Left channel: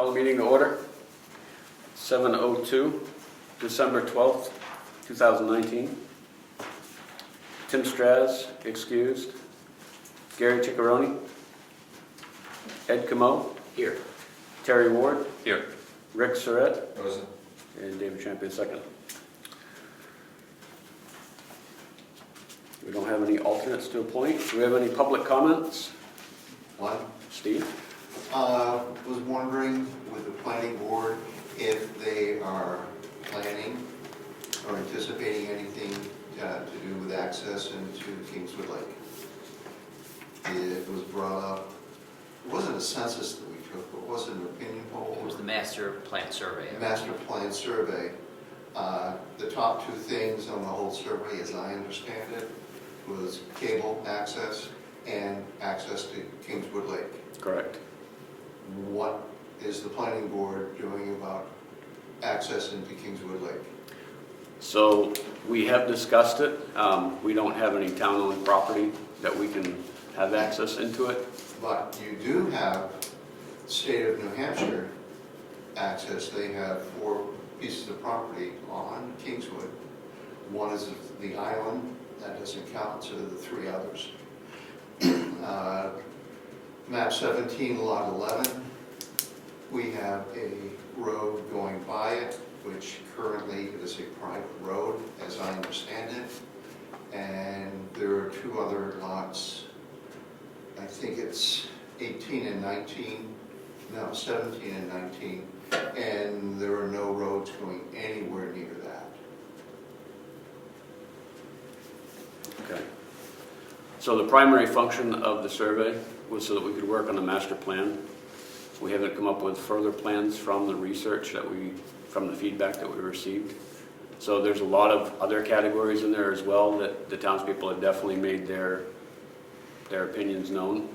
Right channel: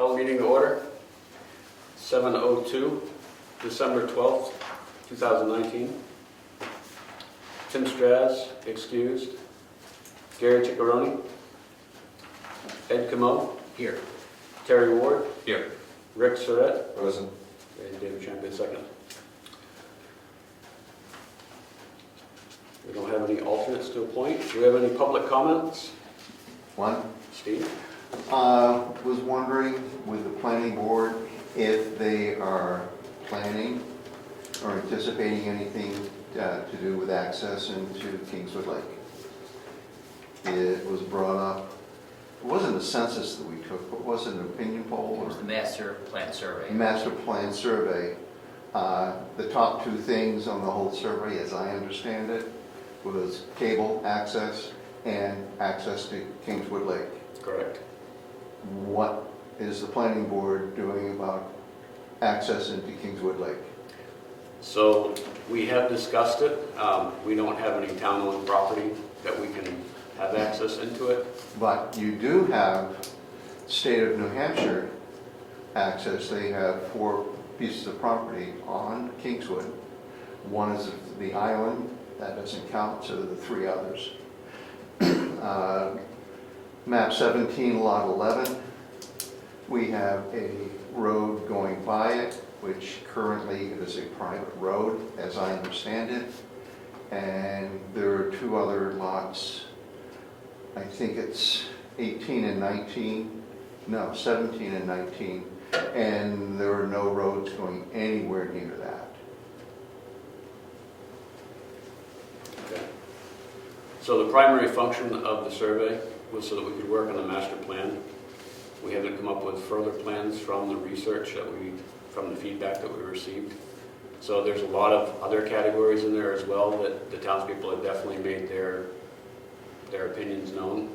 Call meeting to order. 7:02, December 12th, 2019. Tim Straz, excused. Gary Ciccaroni. Ed Camo. Here. Terry Ward. Here. Rick Surratt. Present. And David Champion, second. We don't have any alternates to appoint. Do we have any public comments? One, Steve? was wondering with the planning board if they are planning or anticipating anything to do with access into Kingswood Lake. It was brought up, it wasn't a census that we took, but was it an opinion poll? It was the master plan survey. Master plan survey. The top two things on the whole survey, as I understand it, was cable access and access to Kingswood Lake. Correct. What is the planning board doing about access into Kingswood Lake? So we have discussed it. We don't have any town-owned property that we can have access into it. But you do have state of New Hampshire access. They have 4 pieces of property on Kingswood. One is the island, that doesn't count, so the 3 others. Map 17, lot 11, we have a road going by it, which currently it is a private road, as I understand it. And there are 2 other lots, I think it's 18 and 19, no, 17 and 19, and there are no roads going anywhere near that. Okay. So the primary function of the survey was so that we could work on a master plan. We haven't come up with further plans from the research from the feedback that we received. So there's a lot of other categories in there as well that the townspeople have definitely made their opinions known.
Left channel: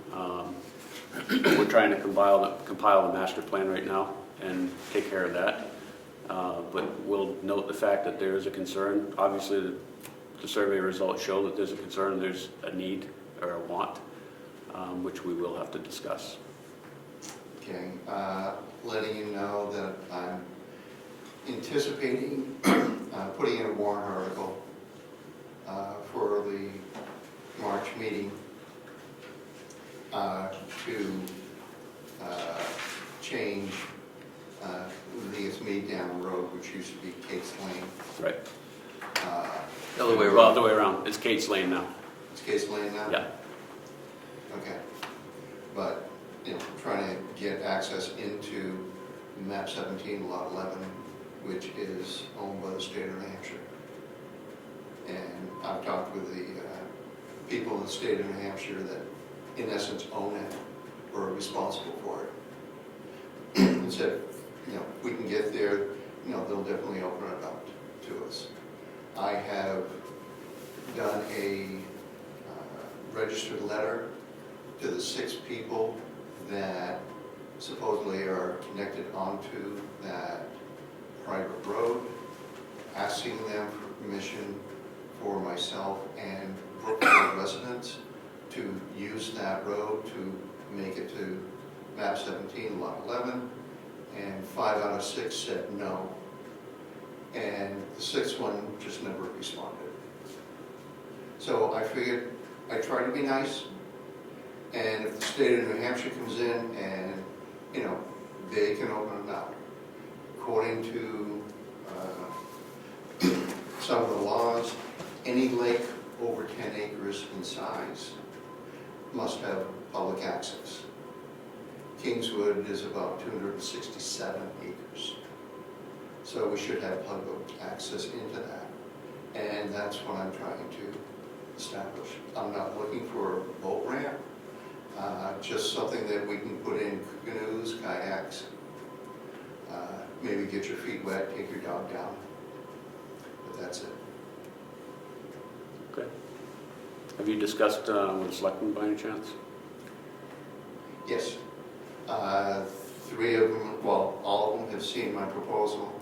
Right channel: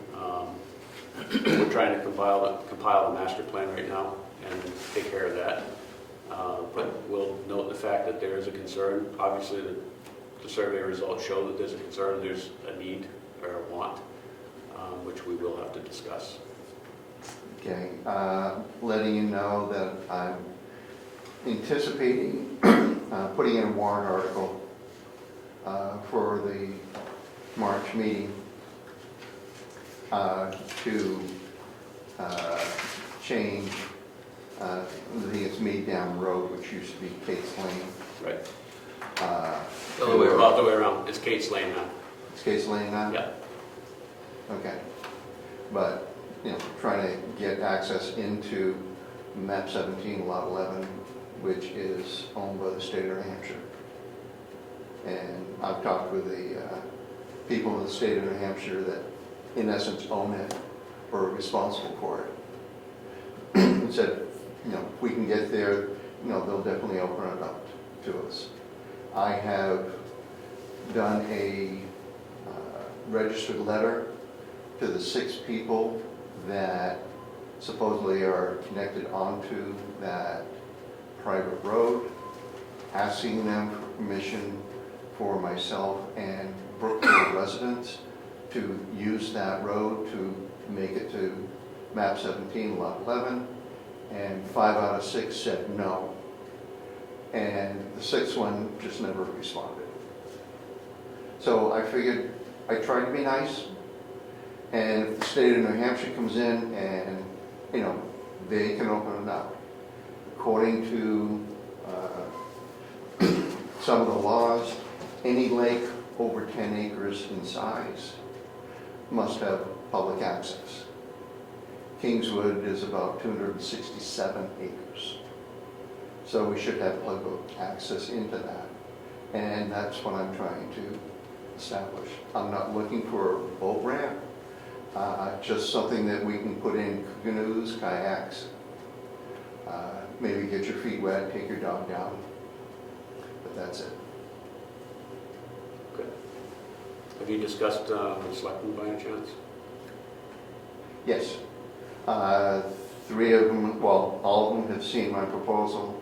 We're trying to compile a master plan right now and take care of that. But we'll note the fact that there is a concern. Obviously, the survey results show that there's a concern, there's a need or a want, which we will have to discuss. Okay, letting you know that I'm anticipating putting in a warrant article for the March meeting to change, I think it's Mead Down Road, which used to be Kate's Lane. Right. The other way Well, around. the way around. It's Kate's Lane now. It's Kate's Lane now? Yeah. Okay. But, you know, trying to get access into map 17, lot 11, which is owned by the state of New Hampshire. And I've talked with the people in the state of New Hampshire that in essence own it or are responsible for it. And said, you know, if we can get there, you know, they'll definitely open it up to us. I have done a registered letter to the 6 people that supposedly are connected onto that private road, asking them for permission for myself and Brookfield residents to use that road to make it to map 17, lot 11, and 5 out of 6 said no. And the 6th one just never responded. So I figured I'd try to be nice, and if the state of New Hampshire comes in and, you know, they can open it up. According to some of the laws, any lake over 10 acres in size must have public access. Kingswood is about 267 acres. So we should have public access into that. And that's what I'm trying to establish. I'm not looking for a boat ramp, just something that we can put in canoes, kayaks, maybe get your feet wet, take your dog down, but that's it. Okay. Have you discussed with selectmen by any chance? Yes. 3 of them, well, all of them have seen my proposal.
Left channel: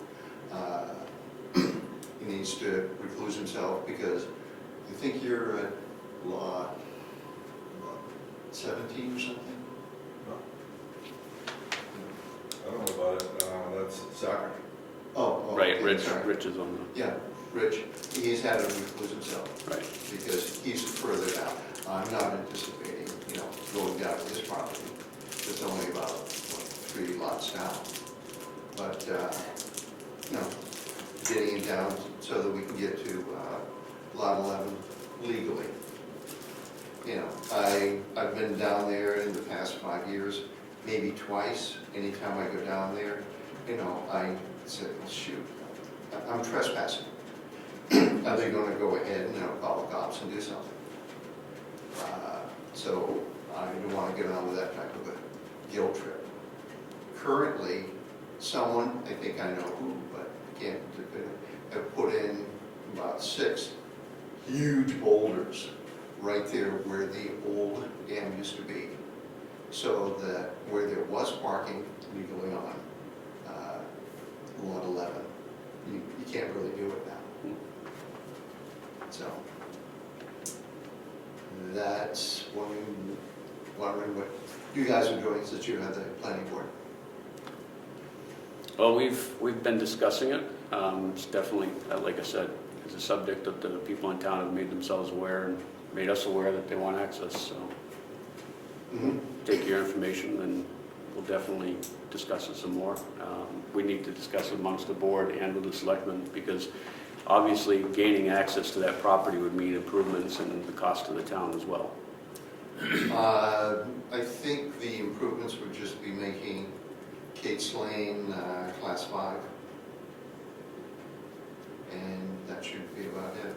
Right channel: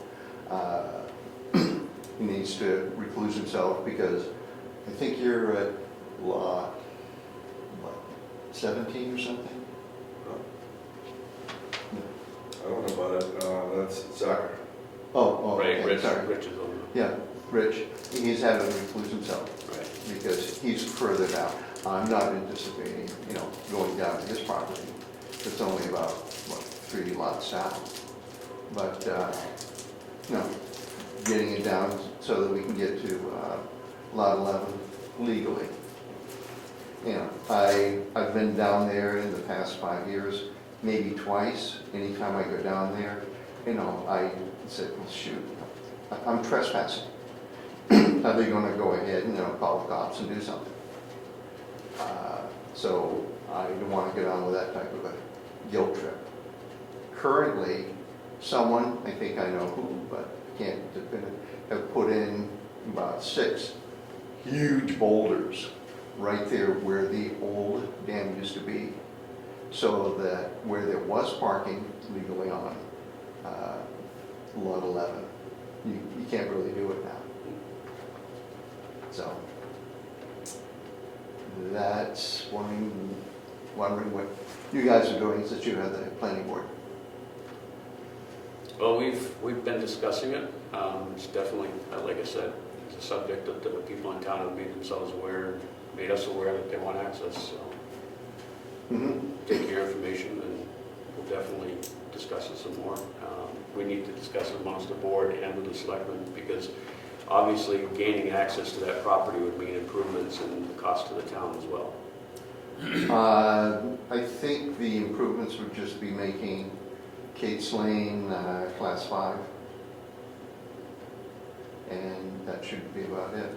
He needs to recluse himself because I think you're at lot, what, 17 or something? I don't know if Soccer. Oh, Right, okay, Rich sorry. is on Yeah, Rich, he's had to recluse himself the, right. because he's further down. I'm not anticipating, going down to his property. It's only about, 3 lots down. But, getting it down so that we can get to lot 11 legally. I've been down there in the past 5 years, maybe twice. Anytime I go down there, I said, well, shoot, I'm trespassing. Are they gonna go ahead and, call the cops and do something? So I don't wanna get on with that type of a guilt trip. Currently, someone, I think I know who, but I can't, have put in about 6 huge boulders right there where the old dam used to be, so that where there was parking legally on lot 11, you can't really do it now. So that's wondering what you guys are doing since you have the planning board. Well, we've been discussing it. It's definitely, like I said, it's a subject that the people in town have made themselves aware and made us aware that they want access. So take your information and we'll definitely discuss it some more. We need to discuss it amongst the board and with the selectmen because obviously gaining access to that property would mean improvements in the cost to the town as well. I think the improvements would just be making Kate's Lane class 5, and that should be about it.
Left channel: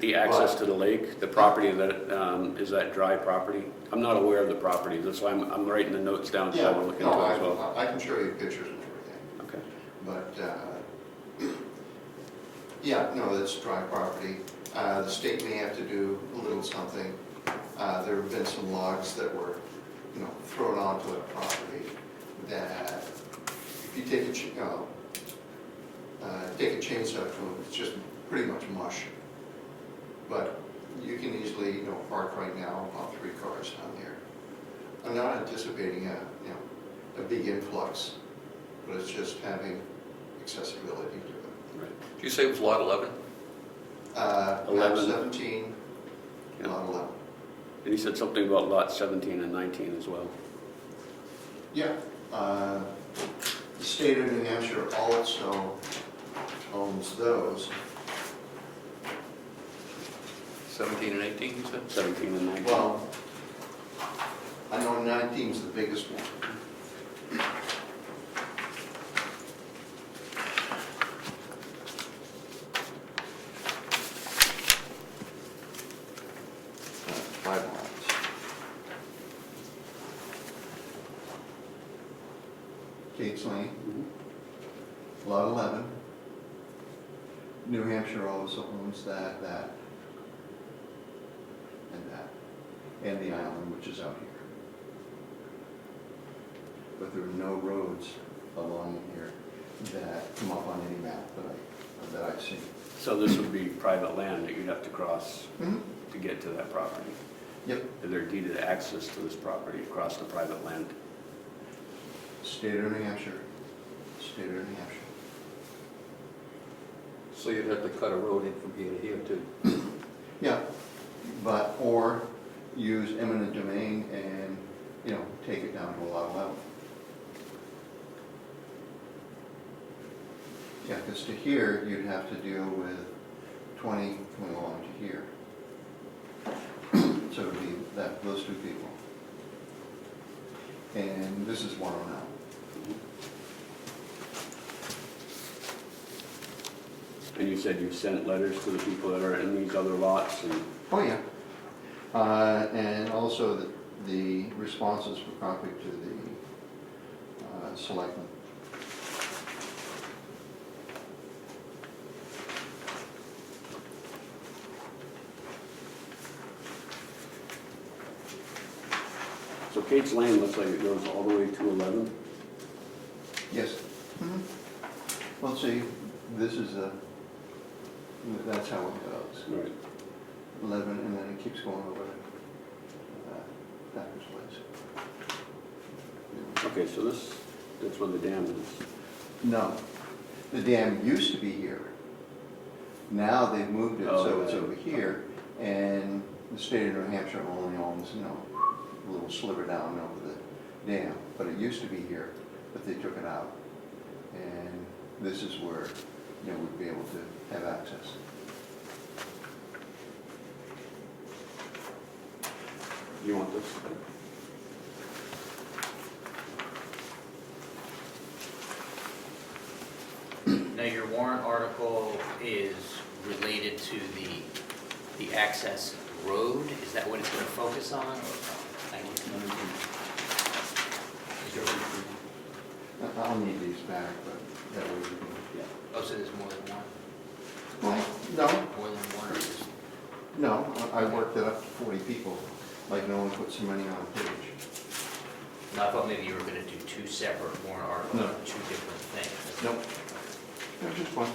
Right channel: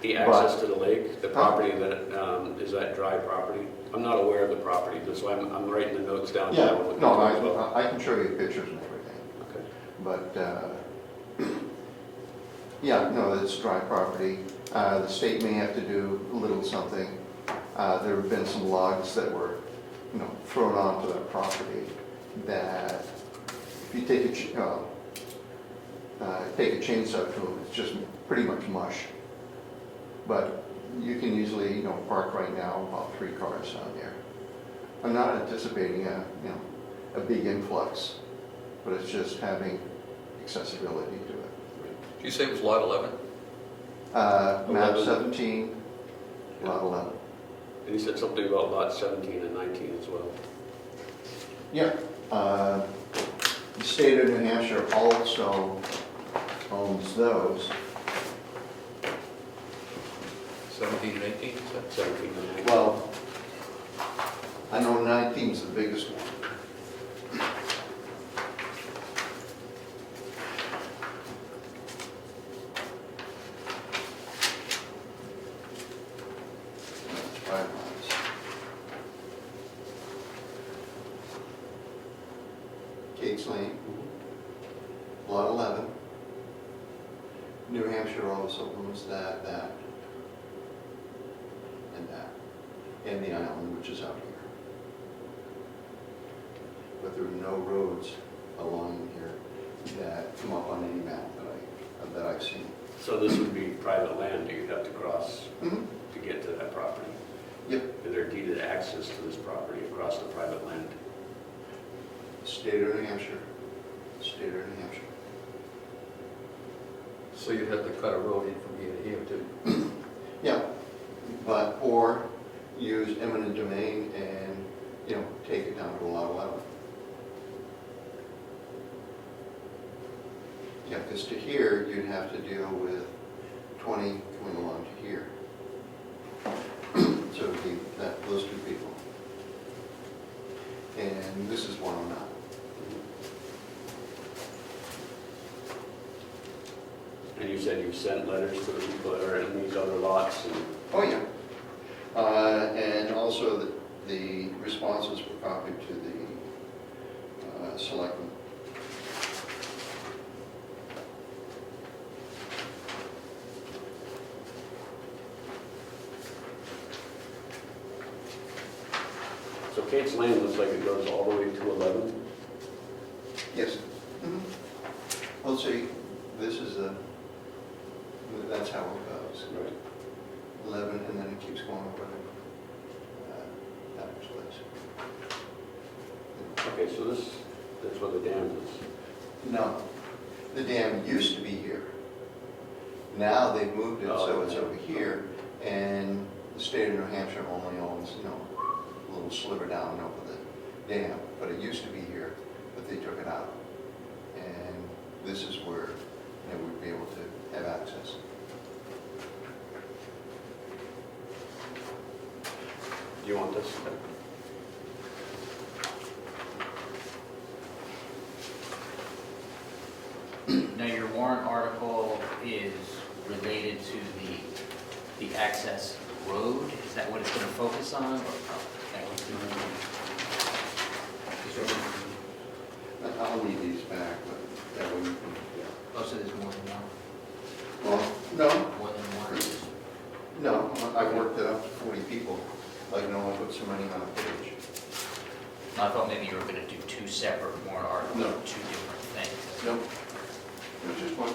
The access to the lake, the property that, is that dry property? I'm not aware of the property, that's why I'm writing the notes down. so Yeah, I'm looking no, into it as well. I can show you pictures and everything, Okay. but, yeah, no, it's dry property. The state may have to do a little something. There have been some logs that were, thrown onto the property that if you take a chainsaw to them, it's just pretty much mush. But you can easily, park right now about 3 cars down there. I'm not anticipating a big influx, but it's just having accessibility to it. Did you say it was lot 11? Map 11. 17, lot 11. And he said something about lot 17 and 19 as well. Yeah. The state of New Hampshire also owns those. 17 and 18, you said? 17 and 19. Well, I know 19 is the biggest one. Five lots. Kate's Lane, lot 11. New Hampshire also owns that, and that, and the island, which is out here. But there are no roads along here that come up on any map that I've seen. So this would be private land that you'd have to cross Mhm. to get to that property. Yep. Is there deeded access to this property across the private land? State of New Hampshire. State of New Hampshire. So you'd have to cut a road in from here to here too? Yeah, but, or use eminent domain and, take it down to lot 11. Yeah, because to here, you'd have to deal with 20 coming along to here. So it would be those 2 people. And this is 109. And you said you sent letters to the people that are in these other lots and Oh, yeah. And also the responses were copied to the selectmen. so Kate's Lane looks like it goes all the way to 11. Yes. Well, see, this is that's how it goes. Right. 11, and then it keeps going over that place. Okay, so That's where the dam is. No, the dam used to be here. Now they've moved it so it's over here, and the state of New Hampshire only owns, a little sliver down over the dam. But it used to be here, but they took it out. And this is where, we'd be able to have access. You want this? Now, your warrant article is related to the access road. Is that what it's going to focus on? I'll need these back, but that way you can, Oh, so there's more than one? well, no, More than one? or just- no, I worked it up to 40 people, like no one put some money on a page. No, I thought maybe you were going to do two separate warrant articles, No. two different things. Nope. There's just one.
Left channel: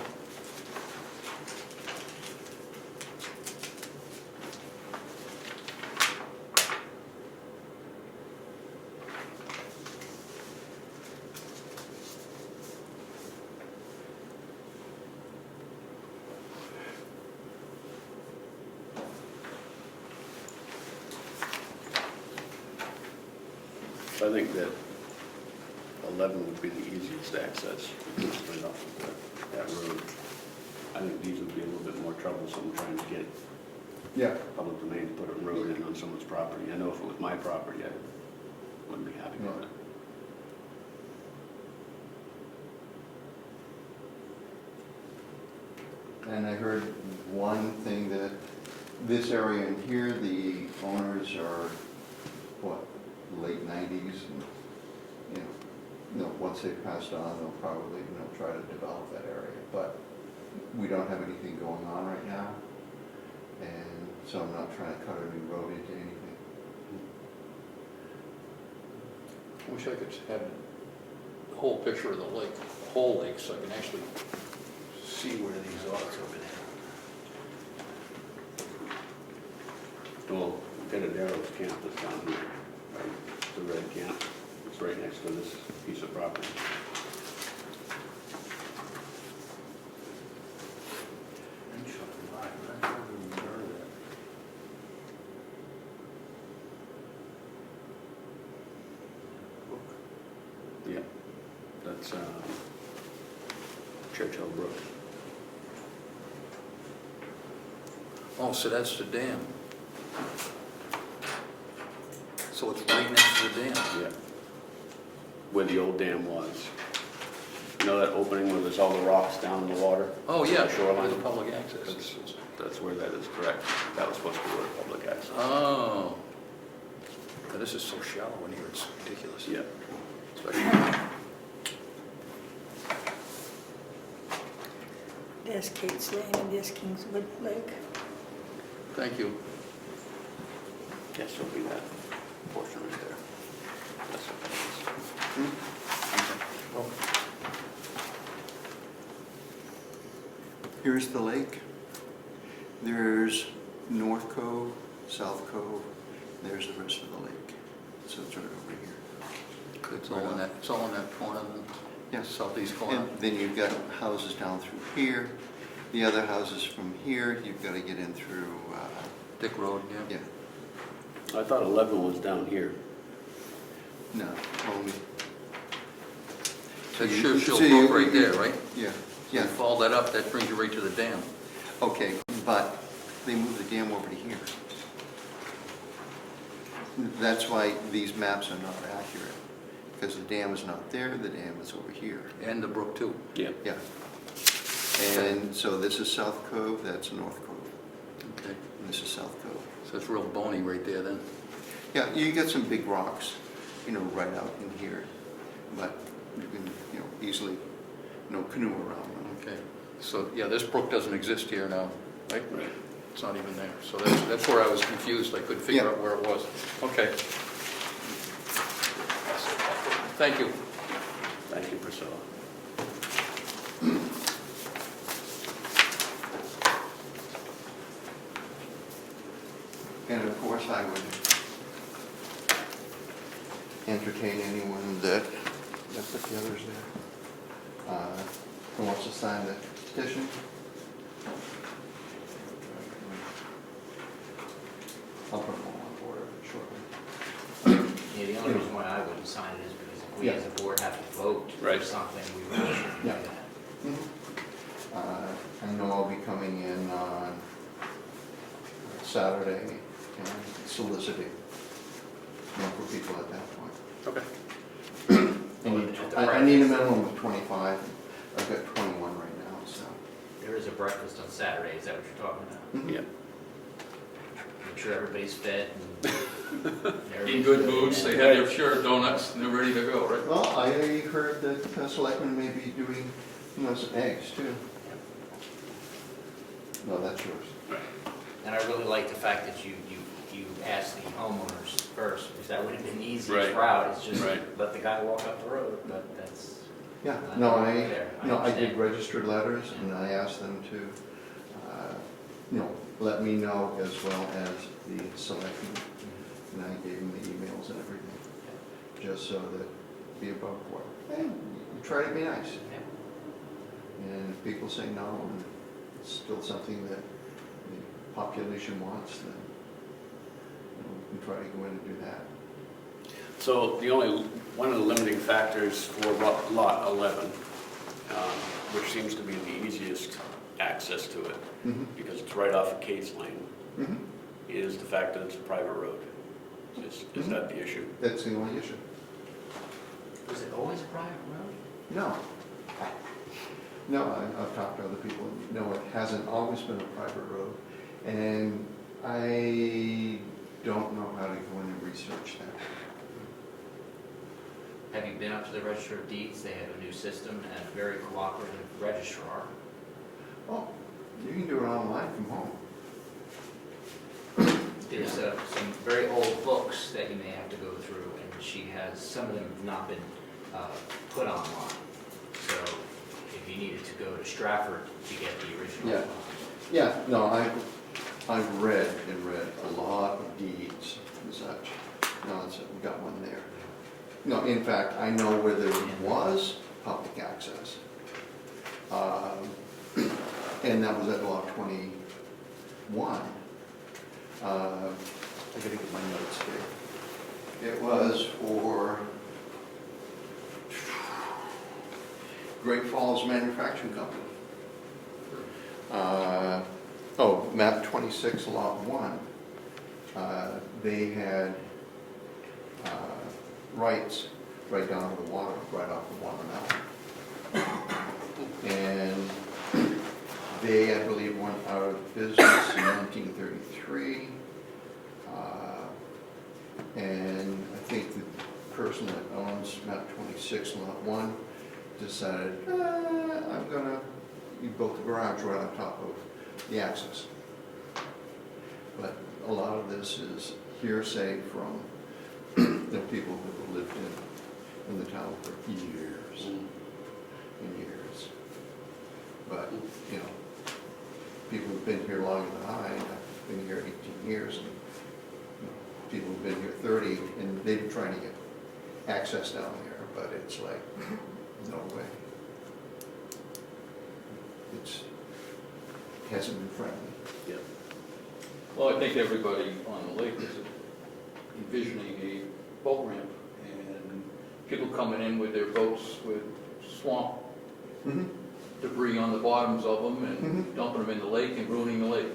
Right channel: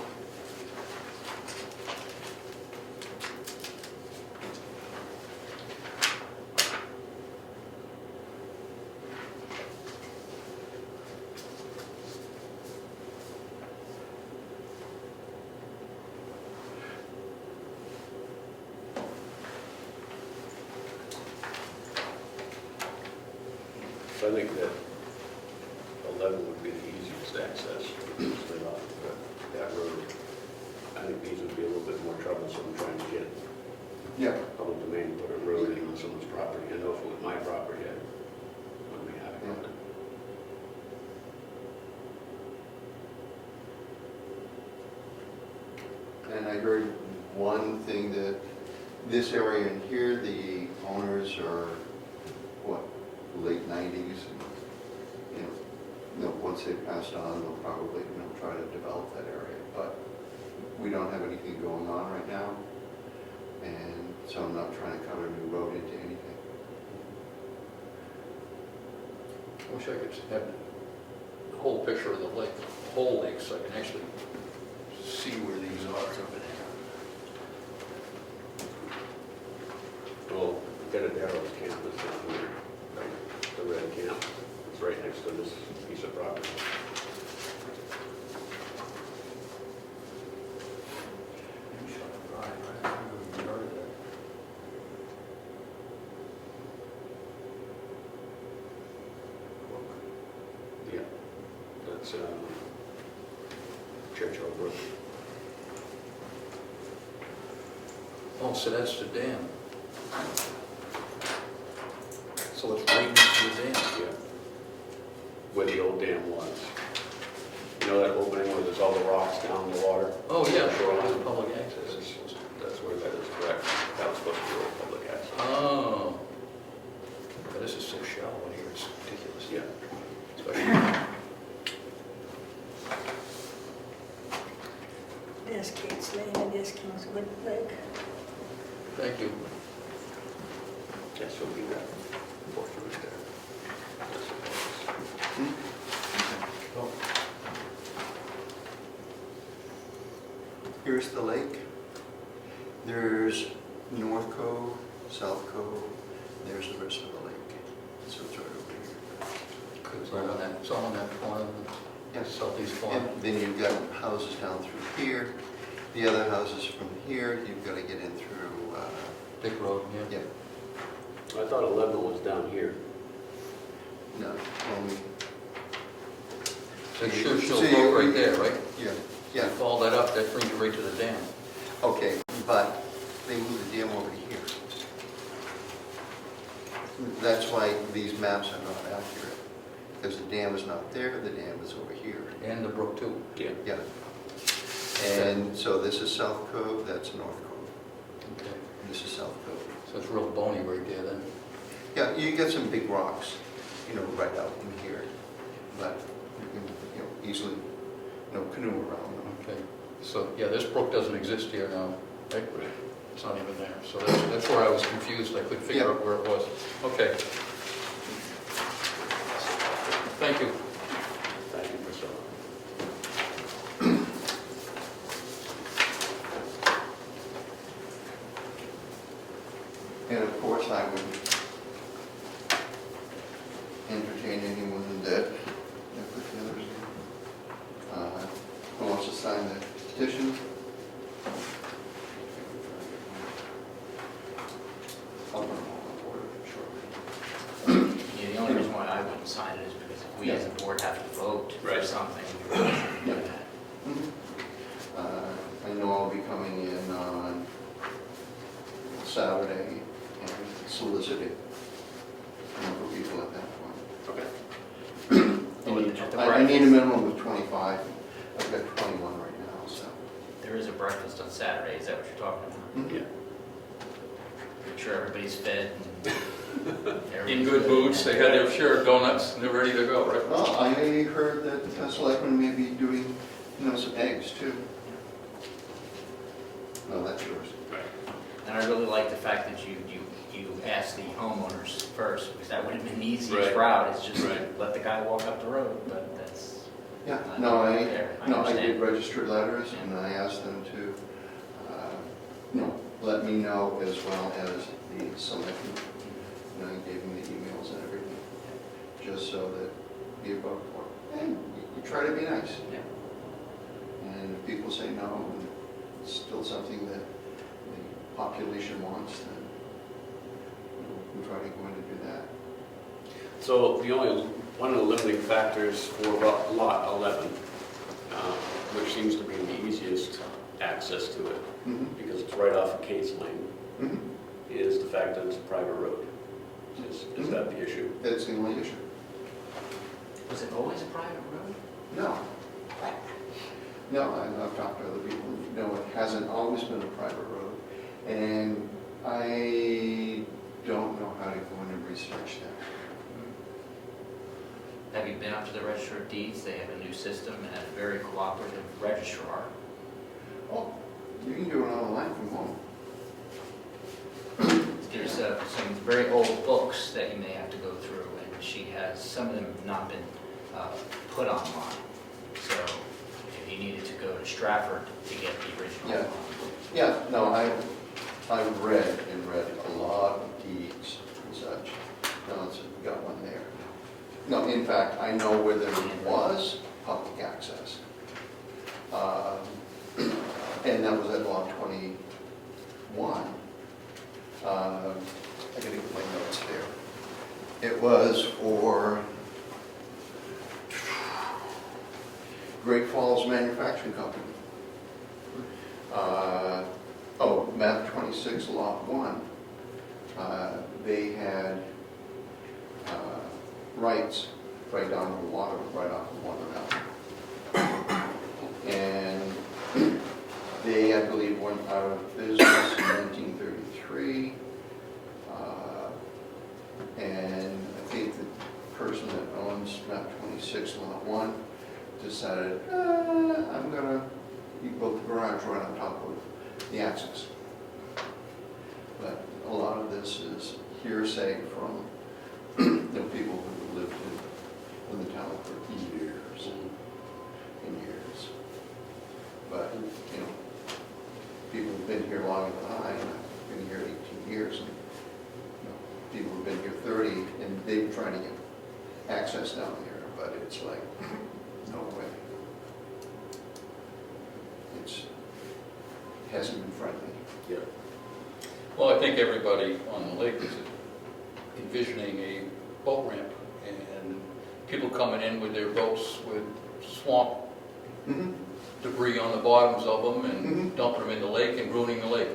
I think that 11 would be the easiest access, right off of that road. I think these would be a little bit more troublesome trying to get Yeah. public domain, put a road in on someone's property. I know if it was my property, I wouldn't be happy with it. And I heard one thing that this area in here, the owners are, what, late 90s? And, once they passed on, they'll probably, try to develop that area. But we don't have anything going on right now. And so I'm not trying to cut a new road into anything. I wish I could have the whole picture of the lake, the whole lake, so I can actually see where these are over there. Well, Darrow's camp is down here, right? The red camp. It's right next to this piece of property. Yeah, that's Churchill Brook. Oh, so that's the dam. So it's right next to the dam. Yeah. Where the old dam was. You know that opening where there's all the rocks down in the water? Oh, yeah, Shoreline. it's public access. That's where that is, correct. That was supposed to be where public access. Oh. But this is so shallow in here, it's ridiculous. Yeah. Especially- There's Kate's Lane, there's Kingswood Lake. Thank you. Yes, it'll be that portion right there. That's what that is. Here's the lake. There's North Cove, South Cove. There's the rest of the lake. So it's right over here. It's all in that corner, Yeah. the southeast corner. And then you've got houses down through here. The other houses from here, you've got to get in through, Dick Road, yeah. yeah, I thought 11 was down here. no, only, That's you- Churchill so you- Brook right there, right? yeah, You yeah, follow that up, that brings you right to the dam. okay, but they moved the dam over to here. That's why these maps are not accurate, because the dam is not there, the dam is over here. And the brook too. Yeah. Yeah. And so this is South Cove, that's North Cove, Okay. and this is South Cove. So it's real bony right there then. Yeah, you get some big rocks, right out in here, but you can, easily, canoe around them. Okay. So, yeah, this brook doesn't exist here now, right? Right. It's not even there. So that's where I was confused. I couldn't figure Yeah. out where it was. Okay. Thank you. Thank you, Priscilla. And of course, I would entertain anyone that, we as a board have to vote for Right. something, we really should do Yeah. that. I know I'll be coming in on Saturday and solicit it, for people at that point. Okay. At the I need a breakfast. minimum of 25. I've got 21 right now, so. There is a breakfast on Saturday, is that what you're talking about? Yeah. Make sure everybody's fed and In good moods, they had their share of donuts and they're ready to go, right? Well, I heard that Selectmen may be doing, some eggs too. No, that's yours. And I really like the fact that you asked the homeowners first, because that would have been the easiest Right. route, is just Right. let the guy walk up the road, but that's. Yeah, not no, fair. I understand. did registered letters and I asked them to, let me know as well as the Selectmen. And I gave them the emails and everything, just so that the above board, hey, you try to be nice. Yeah. And if people say no, and it's still something that the population wants, then we can try to go in and do that. So one of the limiting factors for lot 11, which seems to be the easiest access to it, because it's right off of Kate's Lane, Mhm. is the fact that it's a private road. Is that the issue? That's the only issue. Was it always a private road? No. No, I've talked to other people. No, it hasn't always been a private road. And I don't know how to go in and research that. Have you been up to the Register of Deeds? They have a new system and a very cooperative registrar. Oh, you can do it online from home. There's some very old books that you may have to go through, and she has, some of them have not been put online. So if you needed to go to Stratford to get the original. Yeah. Yeah, no, I've read a lot of deeds and such. No, it's got one there. No, in fact, I know where there was public access. And that was at lot 21. I gotta get my notes there. It was for Great Falls Manufacturing Company. Map 26, lot 1. They had rights right down the water, right off the water now. And they, I believe, went out of business in 1933. And I think the person that owns map 26, lot 1, decided, I'm gonna, you built the garage right on top of the access. But a lot of this is hearsay from the people who have lived in the town for years and years. But, people have been here longer than I, and I've been here 18 years. And, people have been here 30, and they've been trying to get access down there, but it's like, no way. It hasn't been friendly. Yeah. Well, I think everybody on the lake is envisioning a boat ramp and people coming in with their boats with swamp Mm-hmm. debris on the bottoms of them Mhm. and dumping them in the lake and ruining the lake.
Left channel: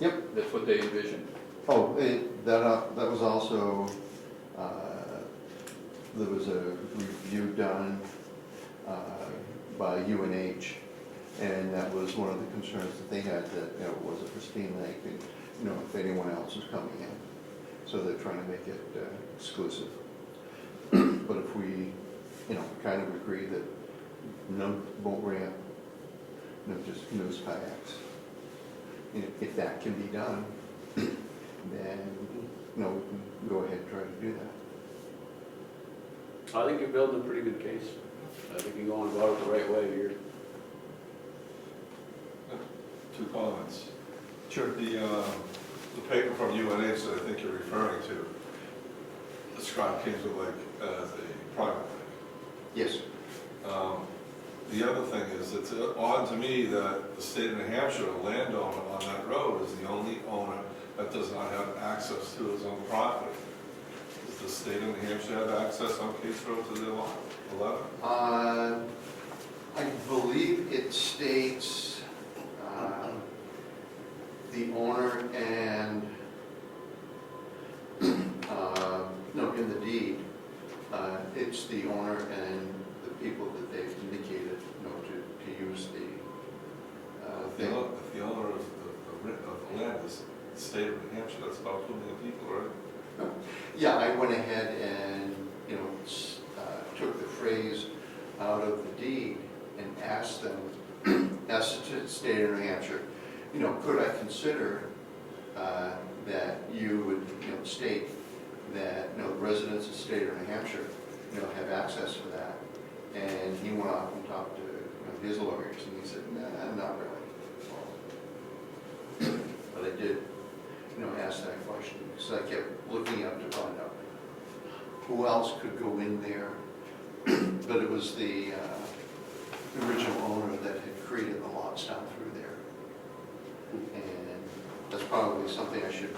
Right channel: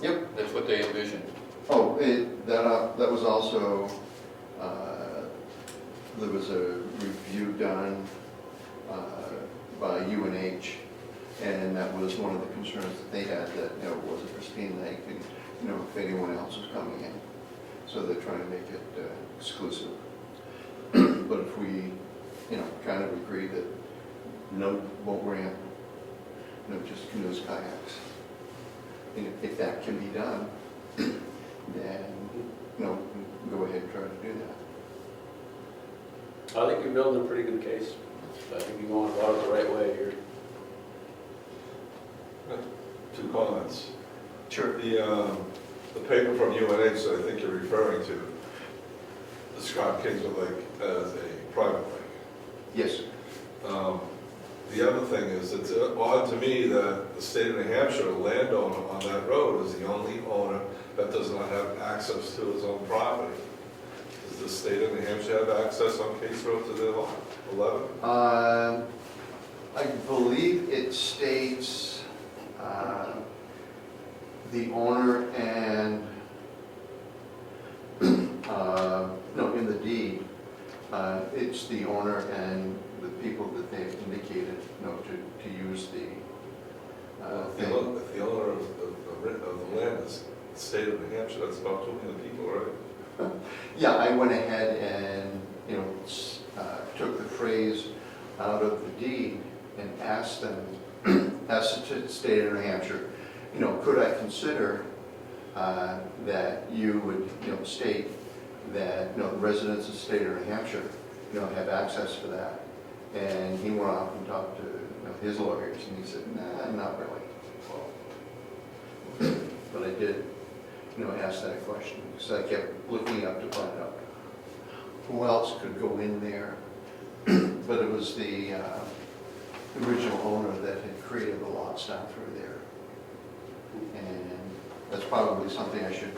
Yep. That's what they envisioned. Oh, that was also, there was a review done by UNH, and that was one of the concerns that they had, that, was a pristine lake, and, if anyone else was coming in. So they're trying to make it exclusive. But if we, kind of agree that no boat ramp, no just canoes, kayaks, if that can be done, then, go ahead and try to do that. I think you're building a pretty good case. I think you're going about it the right way here. Two comments. Sure. The paper from UNH that I think you're referring to described Kingswood Lake as a private lake. Yes. The other thing is, it's odd to me that the state of New Hampshire, the landowner on that road, is the only owner that does not have access to his own property. Does the state of New Hampshire have access on Case Road to their lot 11? I believe it states the owner and, no, in the deed, it's the owner and the people that they've indicated, to use the If thing. the owner of the land is the state of New Hampshire, that's about 2 million people, right? Yeah, I went ahead and, took the phrase out of the deed and asked them, asked the state of New Hampshire, could I consider that you would, state that, the residents of the state of New Hampshire, have access to that? And he went off and talked to his lawyers, and he said, nah, not really. But I did, ask that question, because I kept looking up to find out who else could go in there. But it was the original owner that had created the lots down through there. And that's probably something I should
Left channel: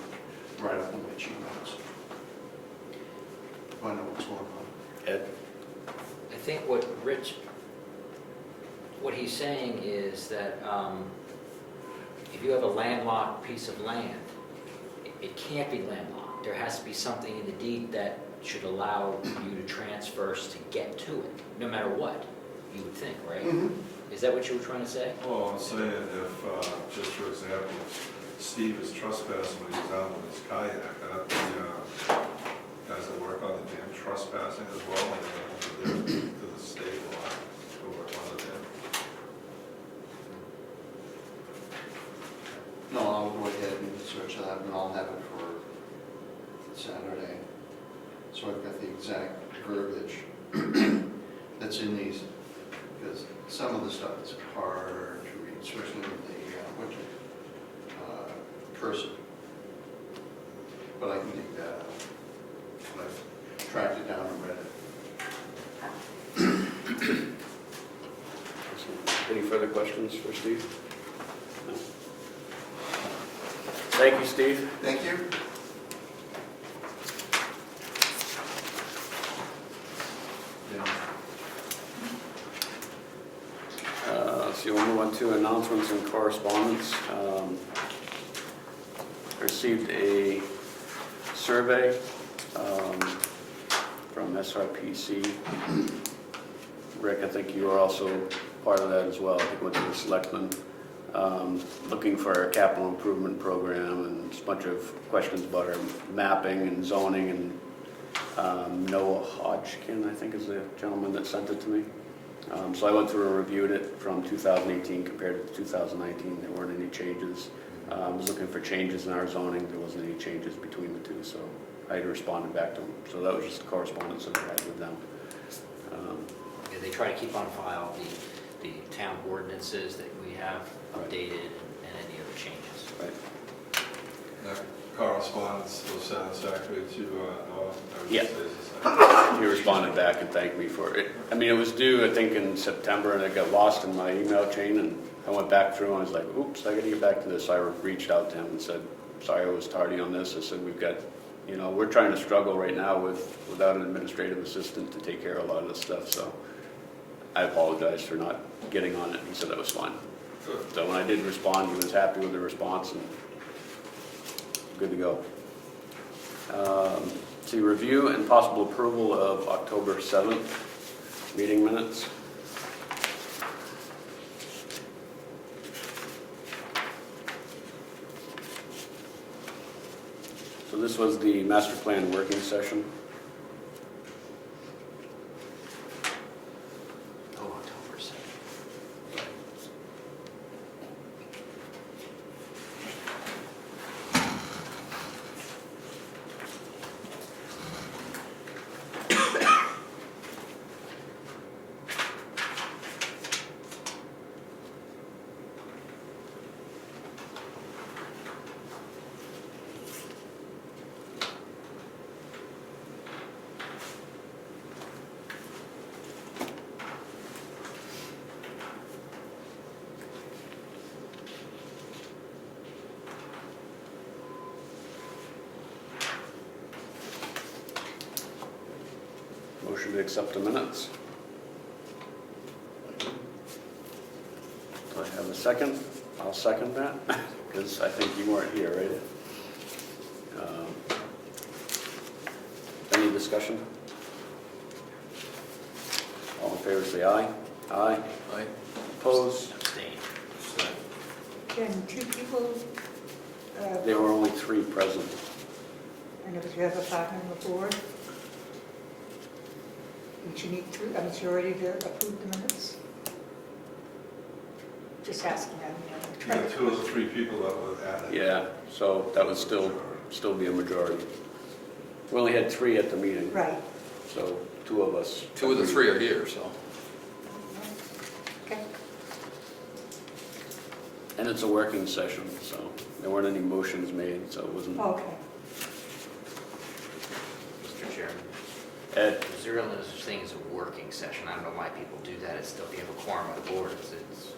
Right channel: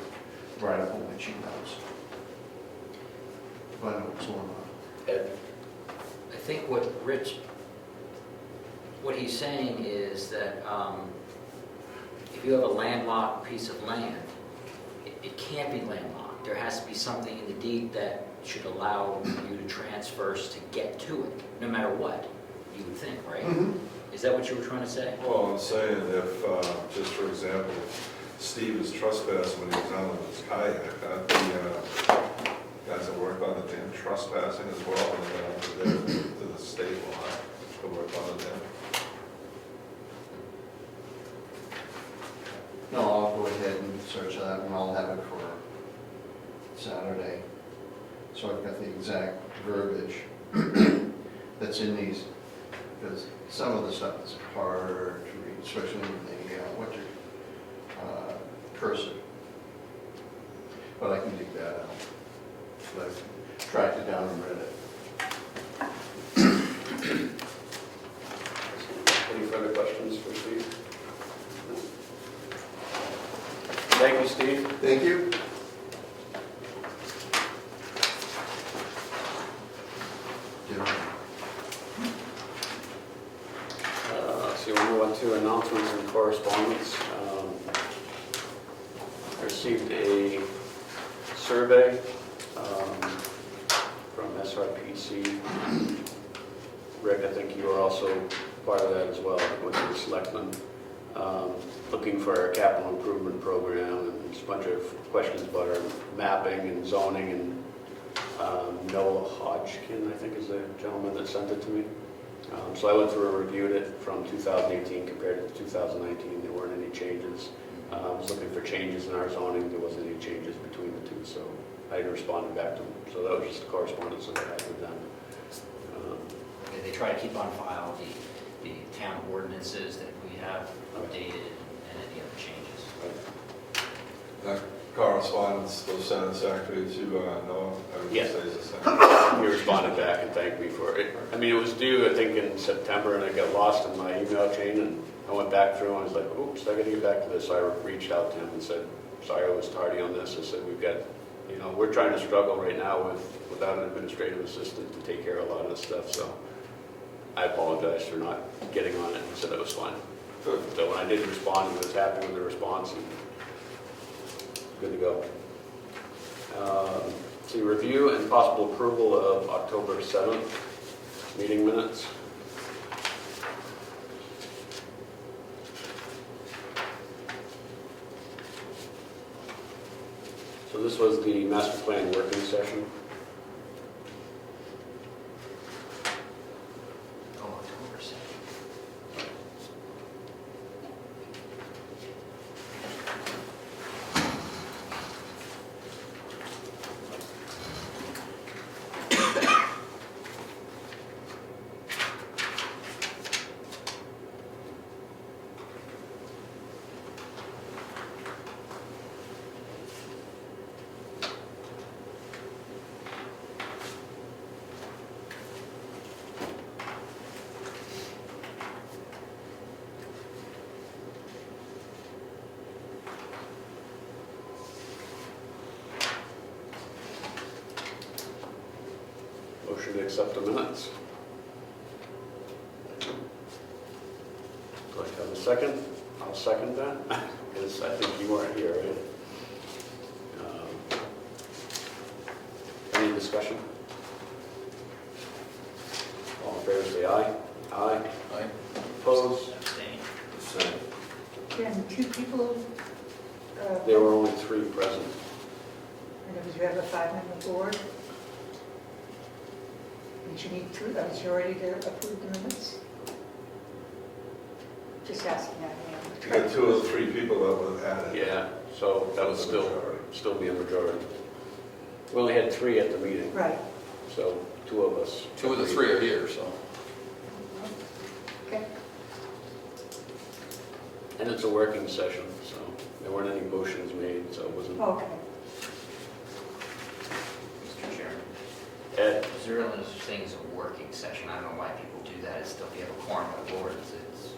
write up on my cheat notes. Find out what's going on. Ed? I think what he's saying is that if you have a landlocked piece of land, it can't be landlocked. There has to be something in the deed that should allow you to transfers to get to it, no matter what, you would think, right? Mhm. Is that what you were trying to say? Well, I'm saying if, just for example, Steve is trespassing when he's out with his kayak, that the guys that work on the dam trespassing as well, and they're going to the state line to work on the dam. No, I'll go ahead and search that, and I'll have it for Saturday. So I've got the exact verbiage that's in these, because some of the stuff is harder to read, especially with the winter cursive. But I can dig that out. But I tracked it down and read it. Any further questions for Steve? No? Thank you, Steve. Thank you. So we'll move on to announcements and correspondence. I received a survey from SRPC. Rick, I think you were also part of that as well. I think it went to the selectmen, looking for a capital improvement program and just a bunch of questions about our mapping and zoning. And Noah Hodgkin, I think, is the gentleman that sent it to me. So I went through and reviewed it from 2018 compared to 2019. There weren't any changes. I was looking for changes in our zoning. There wasn't any changes between the two, so I responded back to them. So that was just the correspondence that I had with them. Yeah, they try to keep on file the town ordinances that we have updated and any other changes. Right. That correspondence was satisfactory to Noah? I would Yeah. say it's the same. He responded back and thanked me for it. I mean, it was due, I think, in September, and it got lost in my email chain, and I went back through and I was like, oops, I gotta get back to this. I reached out to him and said, sorry I was tardy on this. I said, we've got, we're trying to struggle right now without an administrative assistant to take care of a lot of this stuff, so I apologize for not getting on it. He said that was fine. So when I did respond, he was happy with the response, and good to go. See, review and possible approval of October 7th meeting minutes. So this was the master plan working session. Oh, October 2nd. to accept the minutes. Do I have a second? I'll second that, because I think you weren't here, right? Any discussion? All in favor, say aye. Aye. Aye. Opposed? Abstain. Can two people, There were only 3 present. and if you have a 5-member board, would you need a majority to approve the minutes? Just asking that, You got 2 or 3 people that would add it. Yeah, so that would still be a majority. We only had 3 at the meeting, Right, so 2 of us. 2 of the 3 are here, so. okay. And it's a working session, so there weren't any motions made, so it wasn't. Okay. Mr. Chairman, Ed? is there another such thing as a working session? I don't know why people do that. It's still, you have a quorum of the board, it's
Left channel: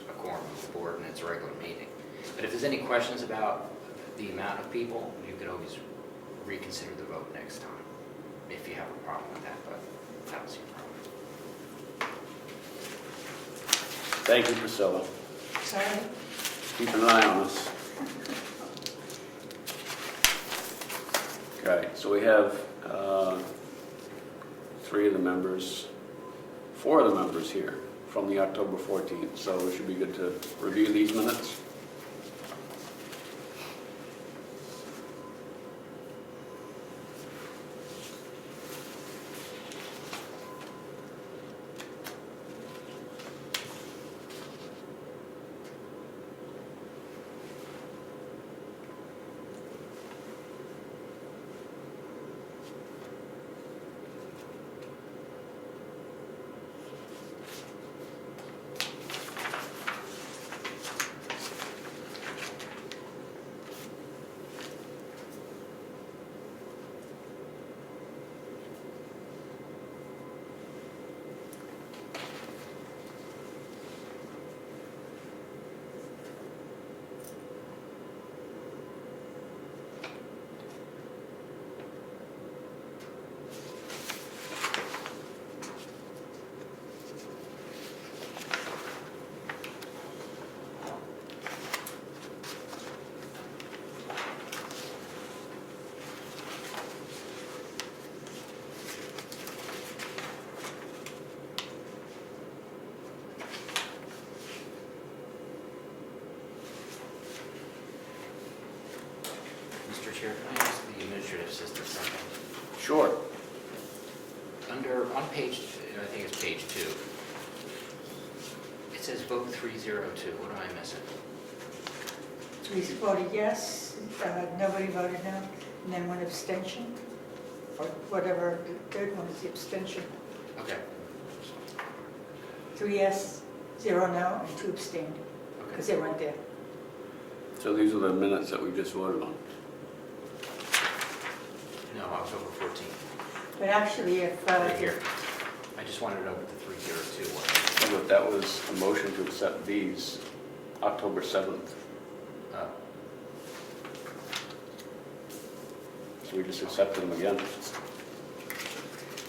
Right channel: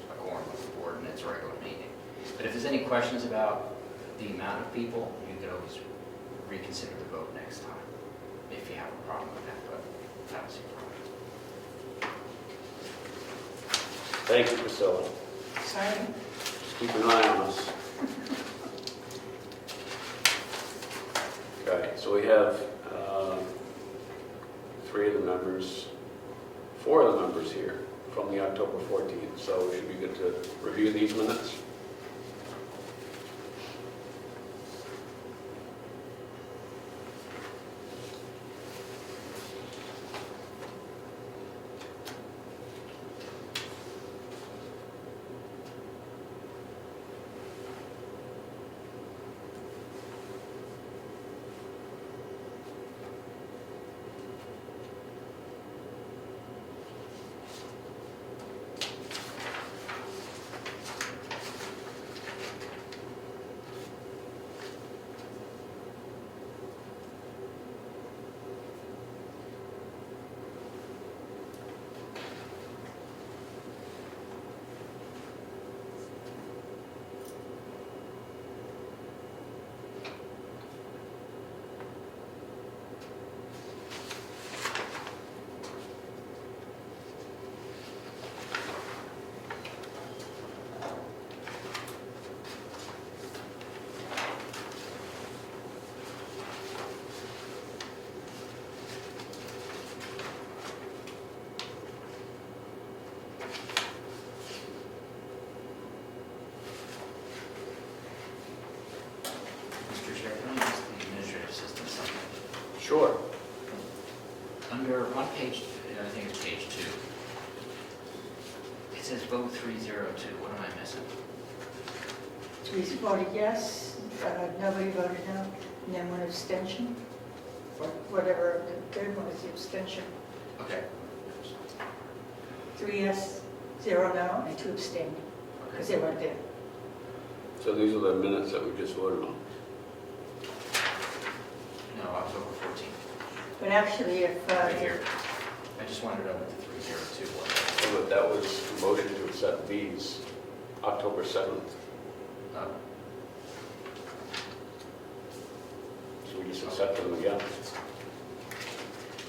a quorum of the board, and it's a regular meeting. But if there's any questions about the amount of people, you could always reconsider the vote next time, if you have a problem with that, but I don't see a problem. Thank you, Priscilla. Sorry. Keep an eye on us. Okay, so we have 3 of the members, 4 of the members here from the October 14th, so we should be good to review these minutes. Mr. Chair, can I ask the administrative assistant something? Sure. On page, I think it's page 2, it says vote 302. What am I missing? Teresa voted yes, nobody voted no, and then 1 abstention, or whatever, the third one is the abstention. Okay. 3 yes, 0 no, and 2 abstained, because they weren't there. So these are the minutes that we just voted on. No, October 14th. But actually, if, Right here. I just wanted to know what the 302 was. So that was a motion to accept these October 7th. Uh, So we just accepted them again.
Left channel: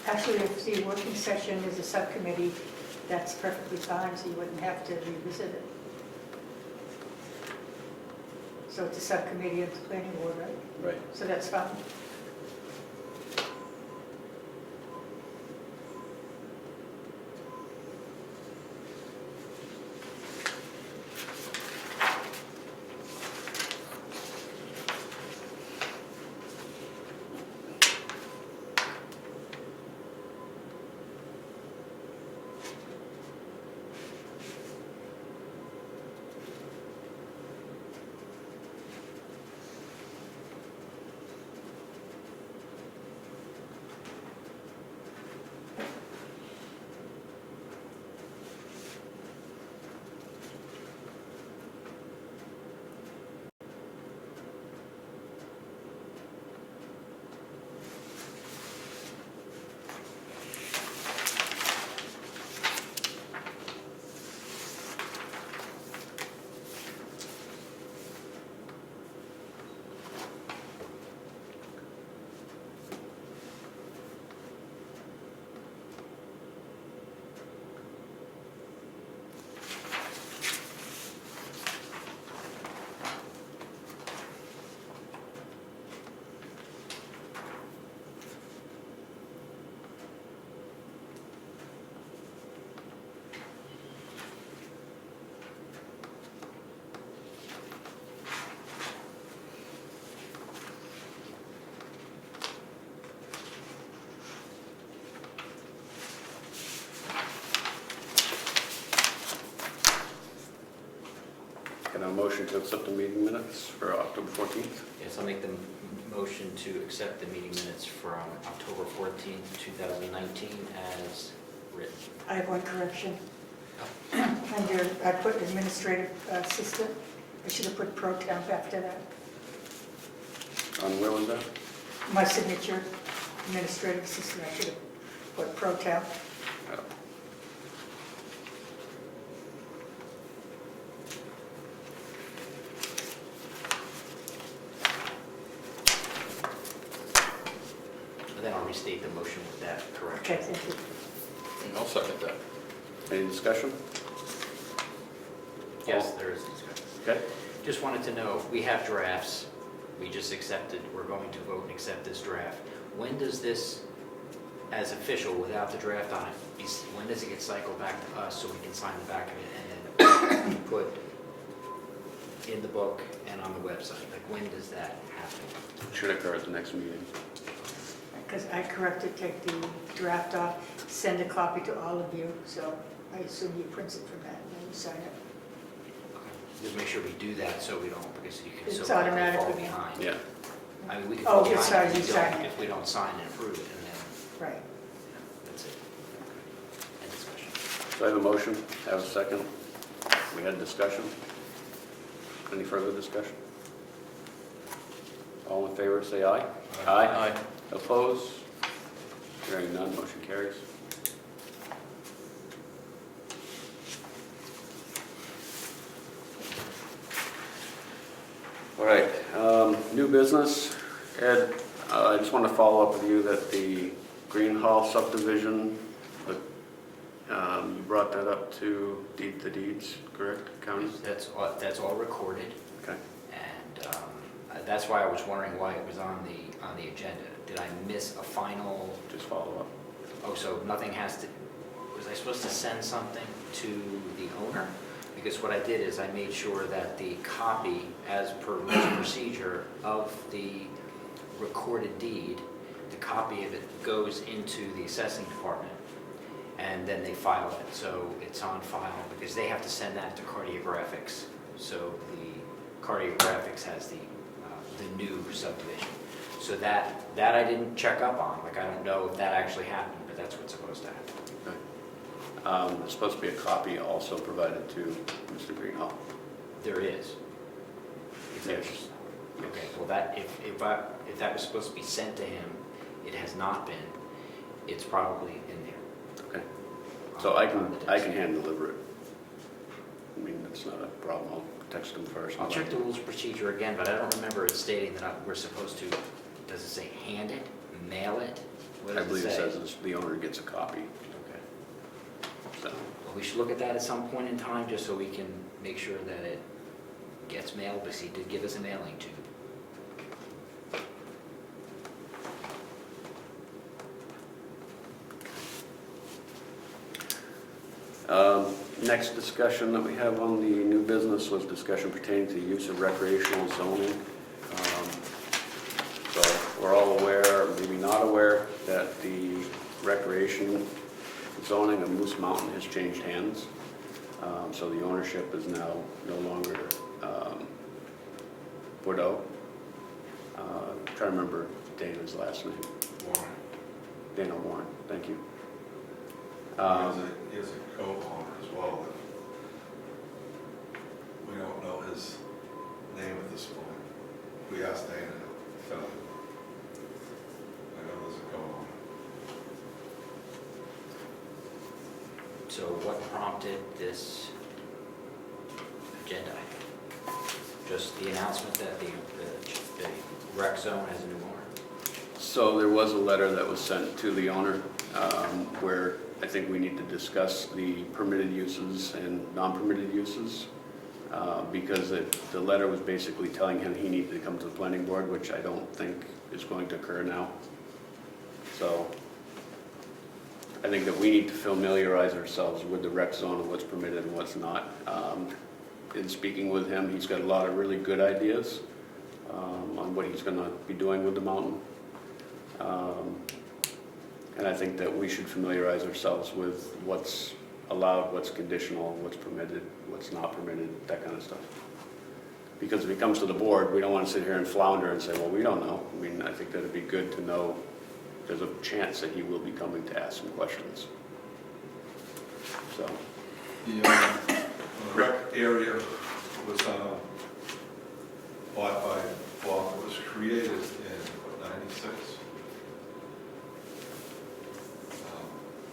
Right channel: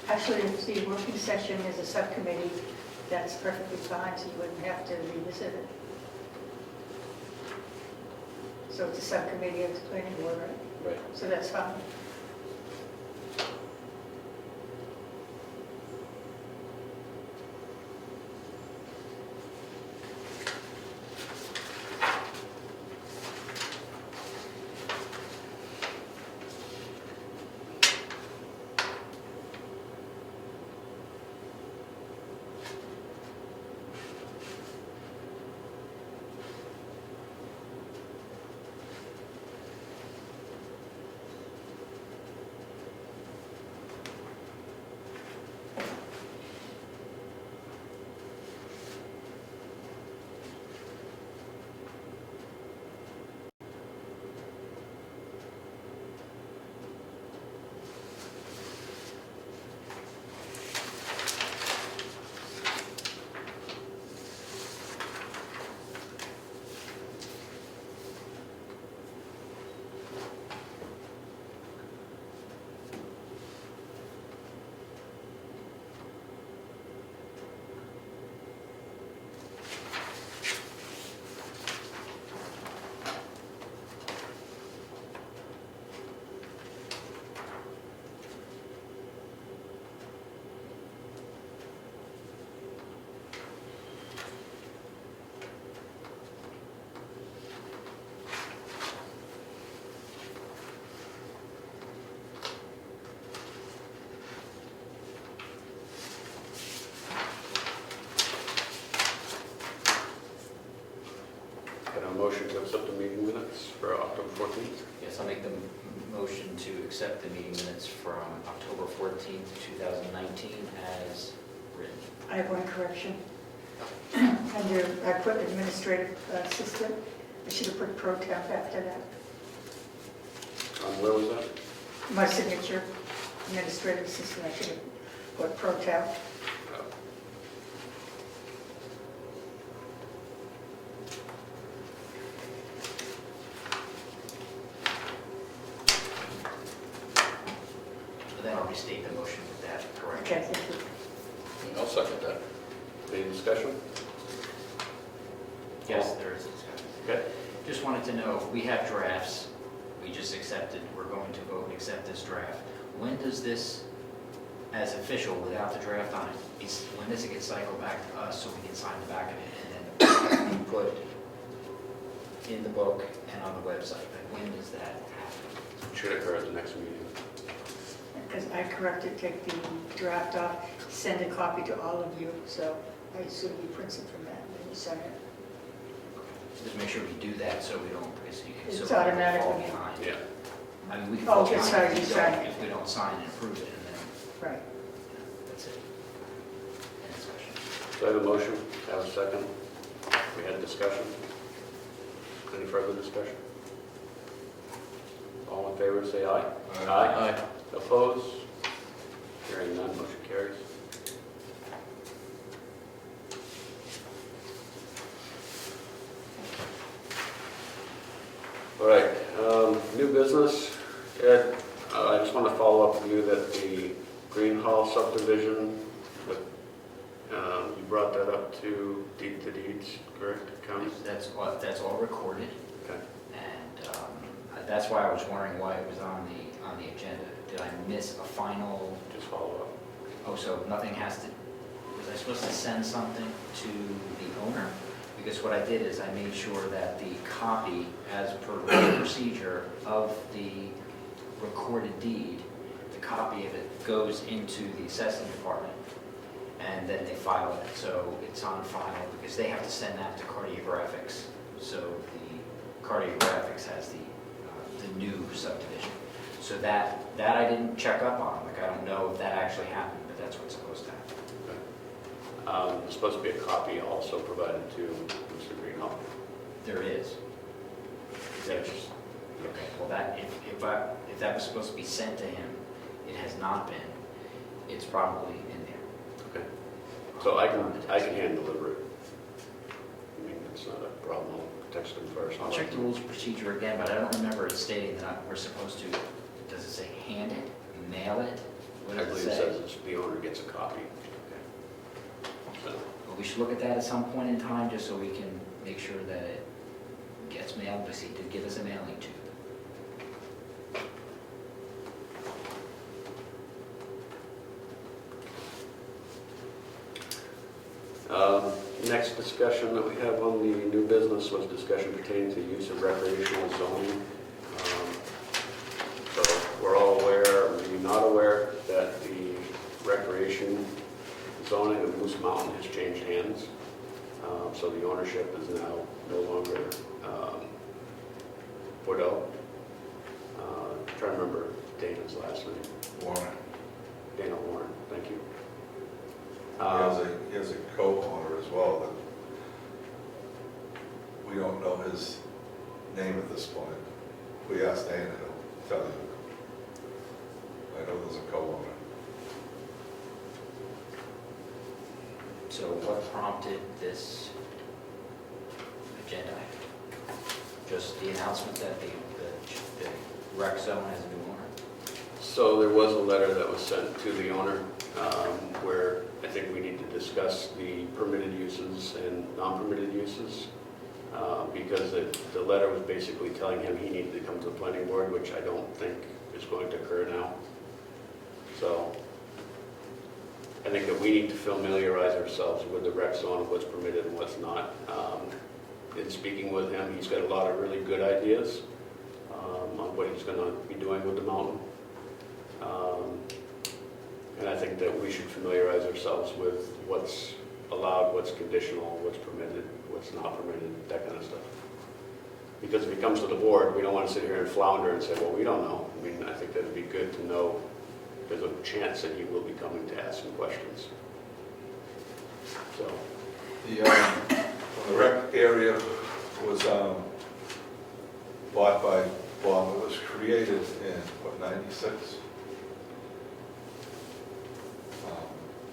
actually, if the working session is a subcommittee, that's perfectly fine, so you wouldn't have to revisit it. So it's a subcommittee of the planning board, right? Right. So that's fine. motion to accept the meeting minutes for October 14th. Yes, I'll make the motion to accept the meeting minutes from October 14th, 2019 as written. I have one correction. Under, I put administrative assistant, I should have put pro temp after that. On where was that? My signature, administrative assistant, I should have put pro temp. Oh. Then I'll restate the motion with that correction. Okay, thank you. I'll second that. Any discussion? Yes, there is discussion. Okay. Just wanted to know, we have drafts, we just accepted, we're going to vote and accept this draft. When does this, as official, without the draft on it, when does it get cycled back to us so we can sign the back of it and then put in the book and on the website? Like, when does that happen? Should occur at the next meeting. Because I corrected, take the draft off, send a copy to all of you, so I assume you print it from that and then you sign it. Just make sure we do that so we don't, because you can It's so quickly automatic. fall behind. Yeah. I mean, we can Oh, fall yes, behind sorry, you sign it. if we don't sign and approve it, and then, Right. that's it. End discussion. So I have a motion, I have a second. We had a discussion. Any further discussion? All in favor, say aye. Aye. Opposed? Hearing none, motion carries. All right, new business. Ed, I just want to follow up with you that the Green Hall subdivision, you brought that up to deed the deeds, correct, county? That's all recorded, Okay. and that's why I was wondering why it was on the agenda. Did I miss a final, Just follow up. oh, so nothing has to, was I supposed to send something to the owner? Because what I did is I made sure that the copy, as per the procedure of the recorded deed, the copy of it goes into the assessing department, and then they file it. So it's on file, because they have to send that to cartographics. So the cartographics has the new subdivision. So that I didn't check up on. Like, I don't know if that actually happened, but that's what's supposed to happen. There's supposed to be a copy also provided to Mr. Greenhall. There is. There's, okay, well, that, if that was supposed to be sent to him, it has not been. It's probably in there. Okay. So I can hand deliver it. I mean, that's not a problem. I'll text him first. I'll check the rules of procedure again, but I don't remember it stating that we're supposed to, does it say hand it, mail it? What I does believe it it say? says the owner gets a copy. Okay. So, Well, we should look at that at some point in time, just so we can make sure that it gets mailed, because he did give us a mailing tube. Next discussion that we have on the new business was discussion pertaining to use of recreational zoning. So we're all aware, or maybe not aware, that the recreation zoning of Moose Mountain has changed hands. So the ownership is now no longer put out. I'm trying to remember Dana's last name. Warren. Dana Warren, thank you. He has a co-owner as well that we don't know his name at this point. If we ask Dana, he'll tell you. I know there's a co-owner. So what prompted this agenda item? Just the announcement that the rec zone has a new owner? So there was a letter that was sent to the owner where I think we need to discuss the permitted uses and non-permitted uses because the letter was basically telling him he needed to come to the planning board, which I don't think is going to occur now. So I think that we need to familiarize ourselves with the rec zone, what's permitted and what's not. In speaking with him, he's got a lot of really good ideas on what he's going to be doing with the mountain. And I think that we should familiarize ourselves with what's allowed, what's conditional, what's permitted, what's not permitted, that kind of stuff. Because if he comes to the board, we don't want to sit here and flounder and say, well, we don't know. I mean, I think that it'd be good to know there's a chance that he will be coming to ask some questions. So, The rec area was bought by, well, it was created in, what, 96?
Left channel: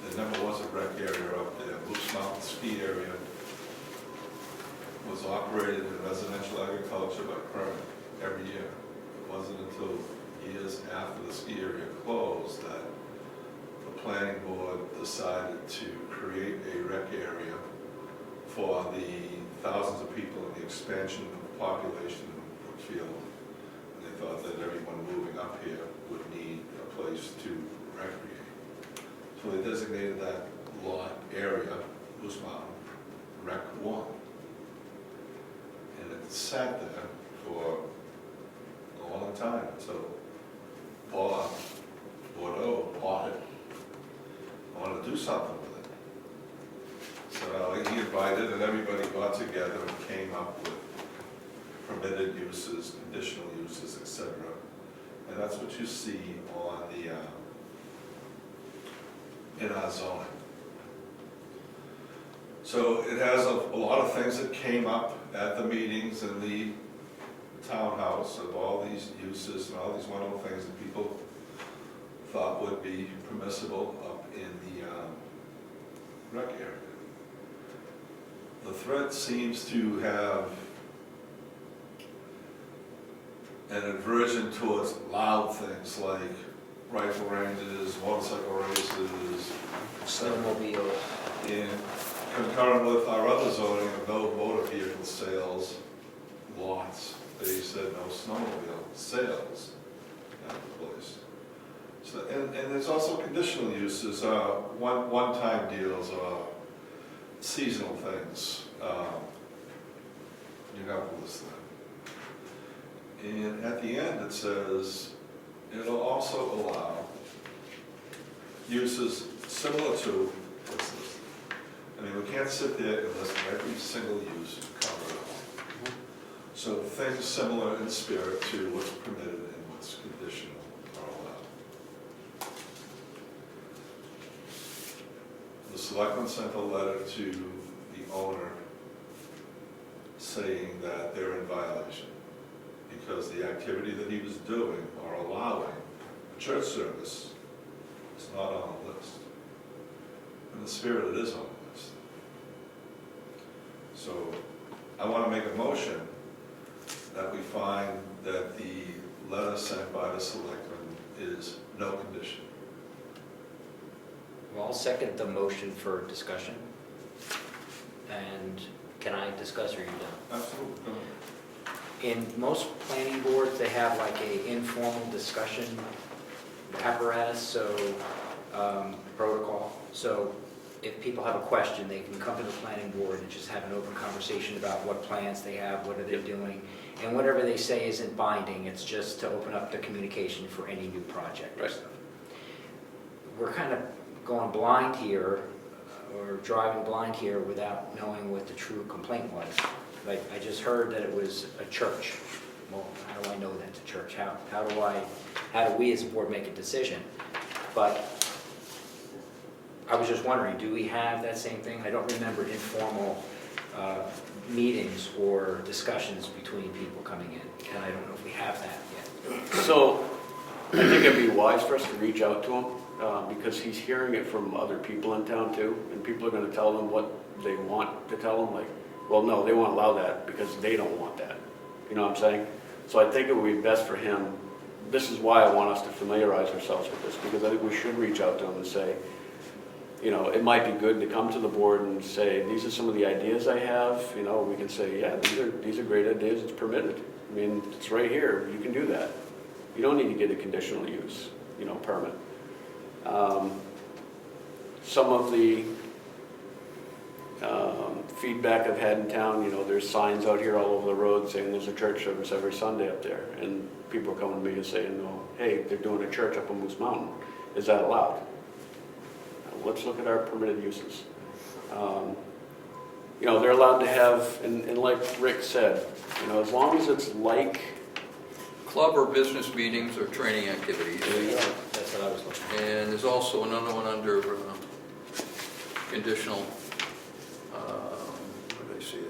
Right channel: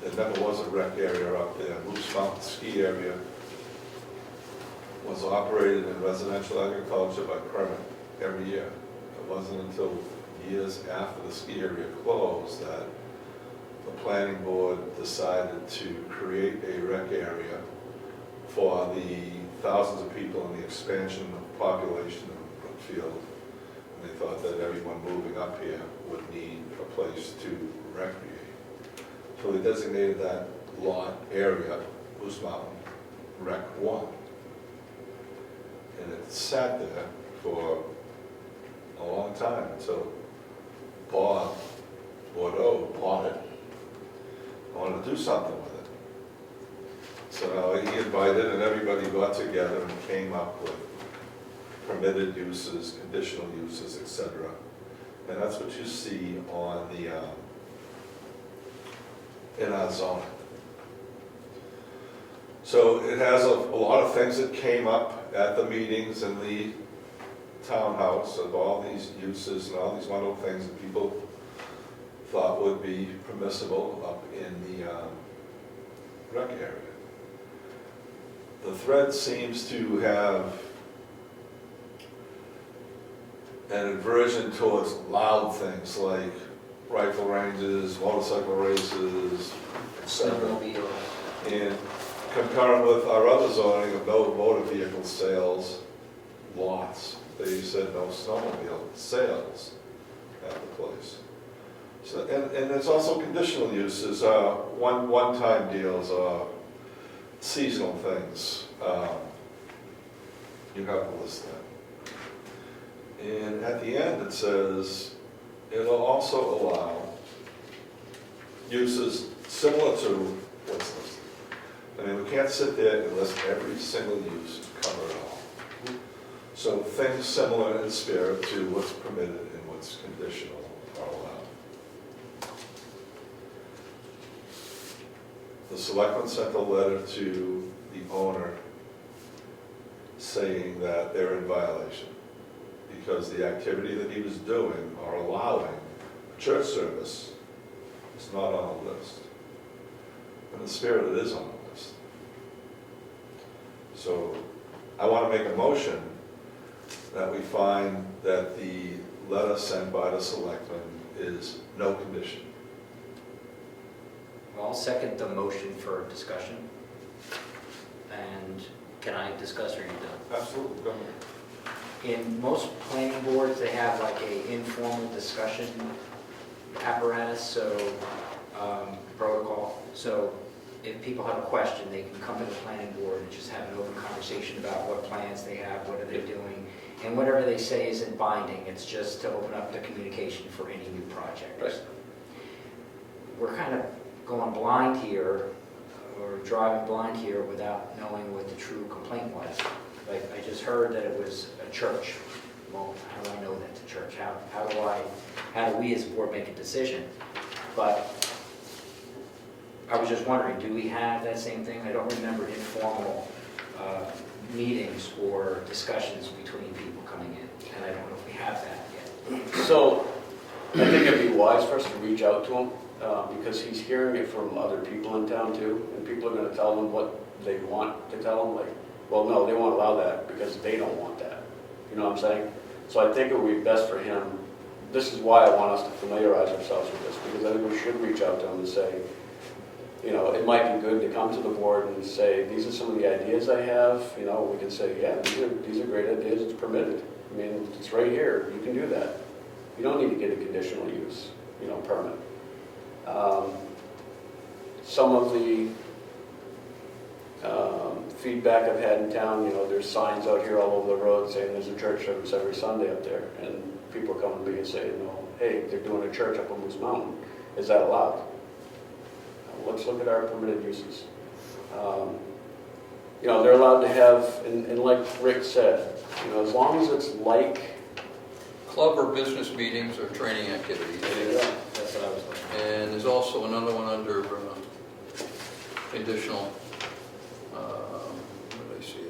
There never was a rec area up there. Moose Mountain Ski Area was operated in residential agriculture by permit every year. It wasn't until years after the ski area closed that the planning board decided to create a rec area for the thousands of people and the expansion of population in Brookfield. And they thought that everyone moving up here would need a place to recreate. So they designated that lot area, Moose Mountain Rec 1. And it sat there for a long time until Bob Bordeaux bought it, wanted to do something with it. So now he invited and everybody got together and came up with permitted uses, conditional uses, etc. And that's what you see on the, in our zoning. So it has a lot of things that came up at the meetings in the townhouse of all these uses and all these wonderful things that people thought would be permissible up in the rec area. The thread seems to have an aversion towards loud things like rifle ranges, motorcycle races, etc. Snowmobile. And concurrent with our other zoning of no motor vehicle sales lots, they said no snowmobile sales at the place. So, and there's also conditional uses, one-time deals or seasonal things. You have to list that. And at the end it says it'll also allow uses similar to what's listed. I mean, we can't sit there and list every single use and cover it all. So things similar in spirit to what's permitted and what's conditional are allowed. The selectmen sent a letter to the owner saying that they're in violation because the activity that he was doing or allowing, a church service, is not on the list. In the spirit, it is on the list. So I want to make a motion that we find that the letter sent by the selectmen is no condition. Well, I'll second the motion for discussion. And can I discuss or are you done? Absolutely, go ahead. In most planning boards, they have like a informal discussion apparatus, so protocol. So if people have a question, they can come to the planning board and just have an open conversation about what plans they have, what are they doing. And whatever they say isn't binding, it's just to open up the communication for any new project. Right. We're kind of going blind here, or driving blind here without knowing what the true complaint was. I just heard that it was a church. Well, how do I know that's a church? How do we as a board make a decision? But I was just wondering, do we have that same thing? I don't remember informal meetings or discussions between people coming in, and I don't know if we have that yet. so I think it'd be wise for us to reach out to him because he's hearing it from other people in town too, and people are going to tell him what they want to tell him, like, well, no, they won't allow that because they don't want that. You know what I'm saying? So I think it would be best for him. This is why I want us to familiarize ourselves with this, because I think we should reach out to him and say, you know, it might be good to come to the board and say, these are some of the ideas I have. You know, we can say, yeah, these are great ideas, it's permitted. I mean, it's right here, you can do that. You don't need to get a conditional use, you know, permit. Some of the feedback I've had in town, you know, there's signs out here all over the road saying there's a church service every Sunday up there. And people are coming to me and saying, well, hey, they're doing a church up on Moose Mountain. Is that allowed? Let's look at our permitted uses. you know, they're allowed to have, and like Rick said, you know, as long as it's like, Club or business meetings or training activities. there you go. That's what I was looking And there's also another one under conditional, where did I see it?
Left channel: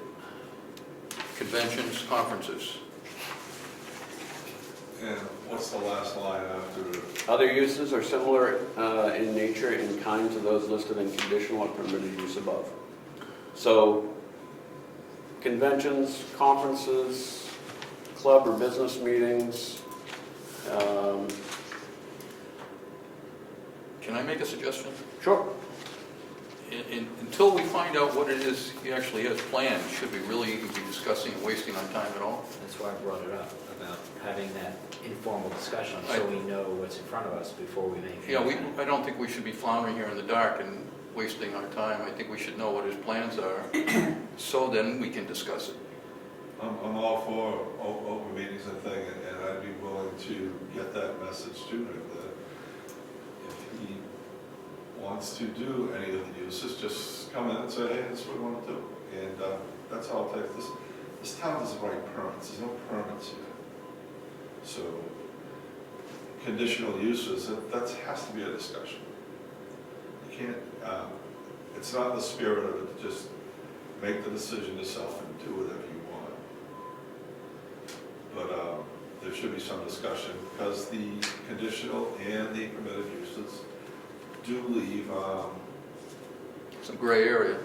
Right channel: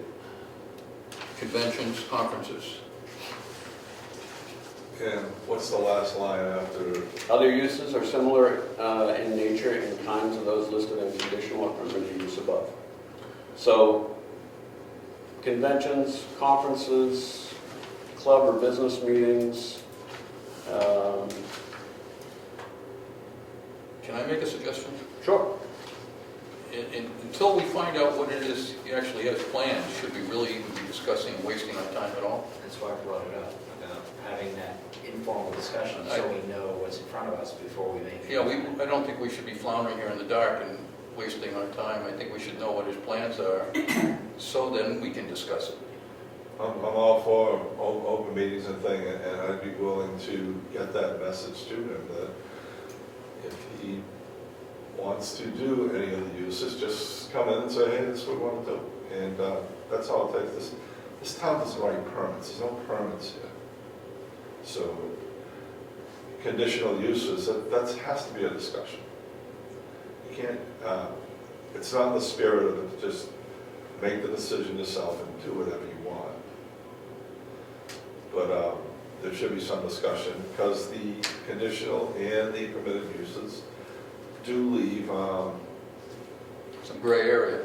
Conventions, conferences. And what's the last line after? Other uses are similar in nature and kind to those listed in conditional or permitted use above. So, conventions, conferences, club or business meetings, Can I make a suggestion? sure. Until we find out what it is he actually has planned, should we really even be discussing, wasting our time at all? for. That's why I brought it up, about having that informal discussion, so we know what's in front of us before we make. Yeah, I don't think we should be floundering here in the dark and wasting our time. I think we should know what his plans are, so then we can discuss it. I'm all for open meetings and thing, and I'd be willing to get that message to him that if he wants to do any of the uses, just come in and say, hey, this is what we want to do. And that's all it takes. This town doesn't write permits, there's no permits yet. So conditional uses, that has to be a discussion. You can't, it's not in the spirit of it to just make the decision yourself and do whatever you want. But there should be some discussion, because the conditional and the permitted uses do leave, Some gray area.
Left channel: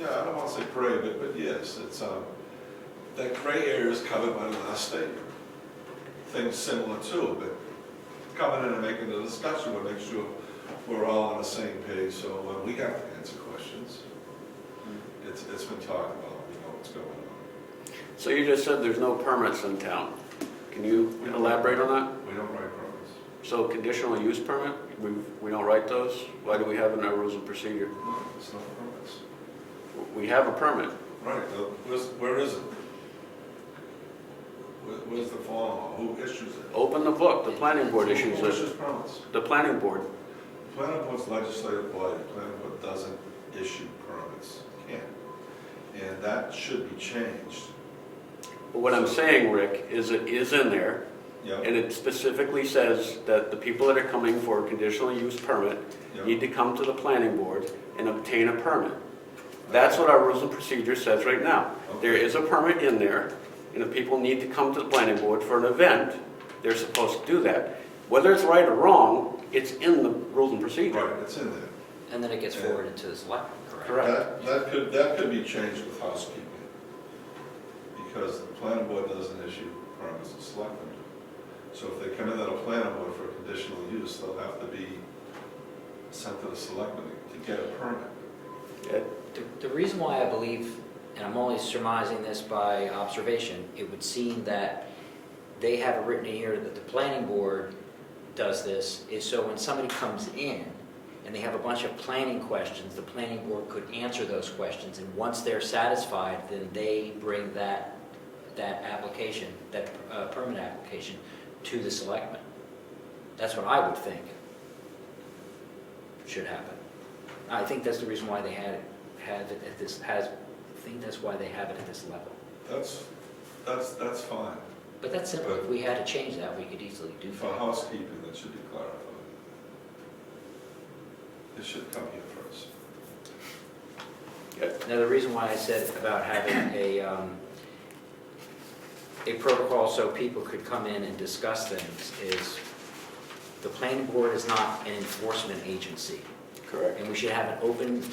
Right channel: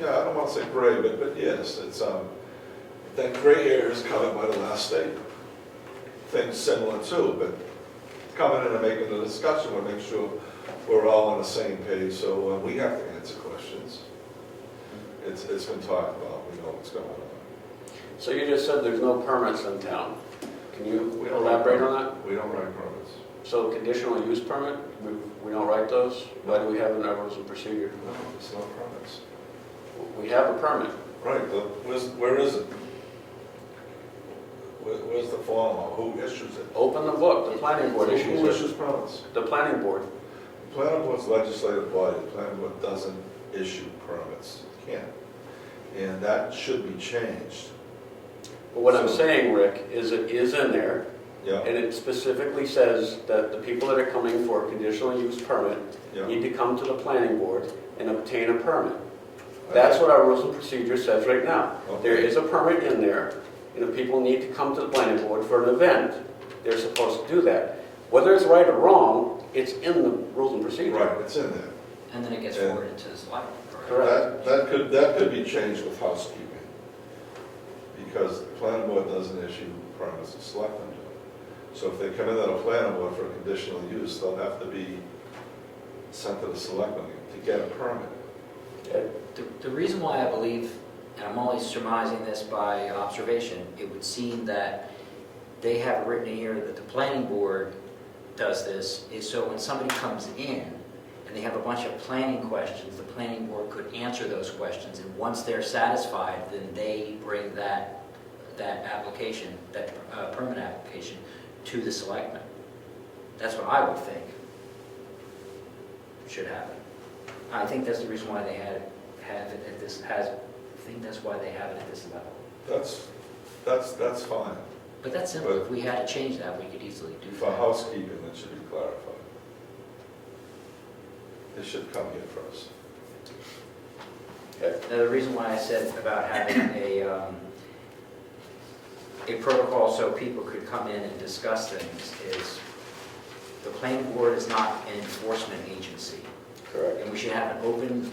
yeah, I don't want to say gray, but yes, it's, that gray area is covered by the last statement. Things similar too, but coming in and making the discussion will make sure we're all on the same page, so we have to answer questions. It's been talked about, we know what's going on. So you just said there's no permits in town. Can you elaborate on that? We don't write permits. So conditional use permit, we don't write those? Why do we have it in our rules of procedure? No, there's no permits. We have a permit. Right, where is it? Where's the form, who issues it? Open the book, the planning board issues Who it. issues permits? The planning board. The planning board's legislative body, the planning board doesn't issue permits, can't. And that should be changed. But what I'm saying, Rick, is it is in there, Yeah, and it specifically says that the people that are coming for a conditional use permit yeah. need to come to the planning board and obtain a permit. That's what our rules of procedure says right now. There is a permit in there, and if people need to come to the planning board for an event, they're supposed to do that. Whether it's right or wrong, it's in the rules and procedure. Right, it's in there. And then it gets forwarded to the select. Correct. That could be changed with housekeeping, because the planning board doesn't issue permits, the selectmen do. So if they come in on a planning board for conditional use, they'll have to be sent to the selectmen to get a permit. Okay. The reason why I believe, and I'm only surmising this by observation, it would seem that they have written here that the planning board does this, is so when somebody comes in and they have a bunch of planning questions, the planning board could answer those questions, and once they're satisfied, then they bring that application, that permit application, to the selectmen. That's what I would think should happen. I think that's the reason why they have it at this, I think that's why they have it at this level. That's fine. But that's simple, if we had to change that, we could easily do For that. housekeeping, it should be clarified. It should come here first. Okay. Now, the reason why I said about having a protocol so people could come in and discuss things is the planning board is not an enforcement agency. Correct. And we should have an open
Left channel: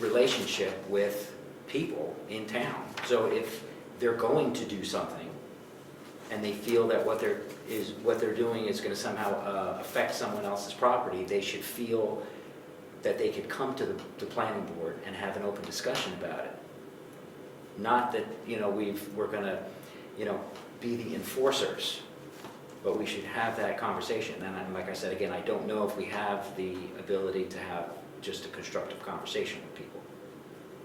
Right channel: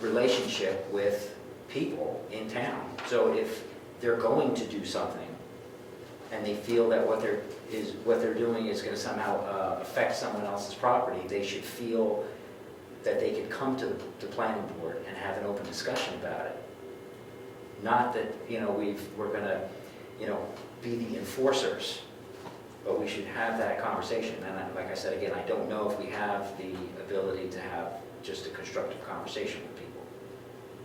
relationship with people in town. So if they're going to do something and they feel that what they're doing is going to somehow affect someone else's property, they should feel that they could come to the planning board and have an open discussion about it. Not that, we're going to, be the enforcers, but we should have that conversation. And like I said, again, I don't know if we have the ability to have just a constructive conversation with people,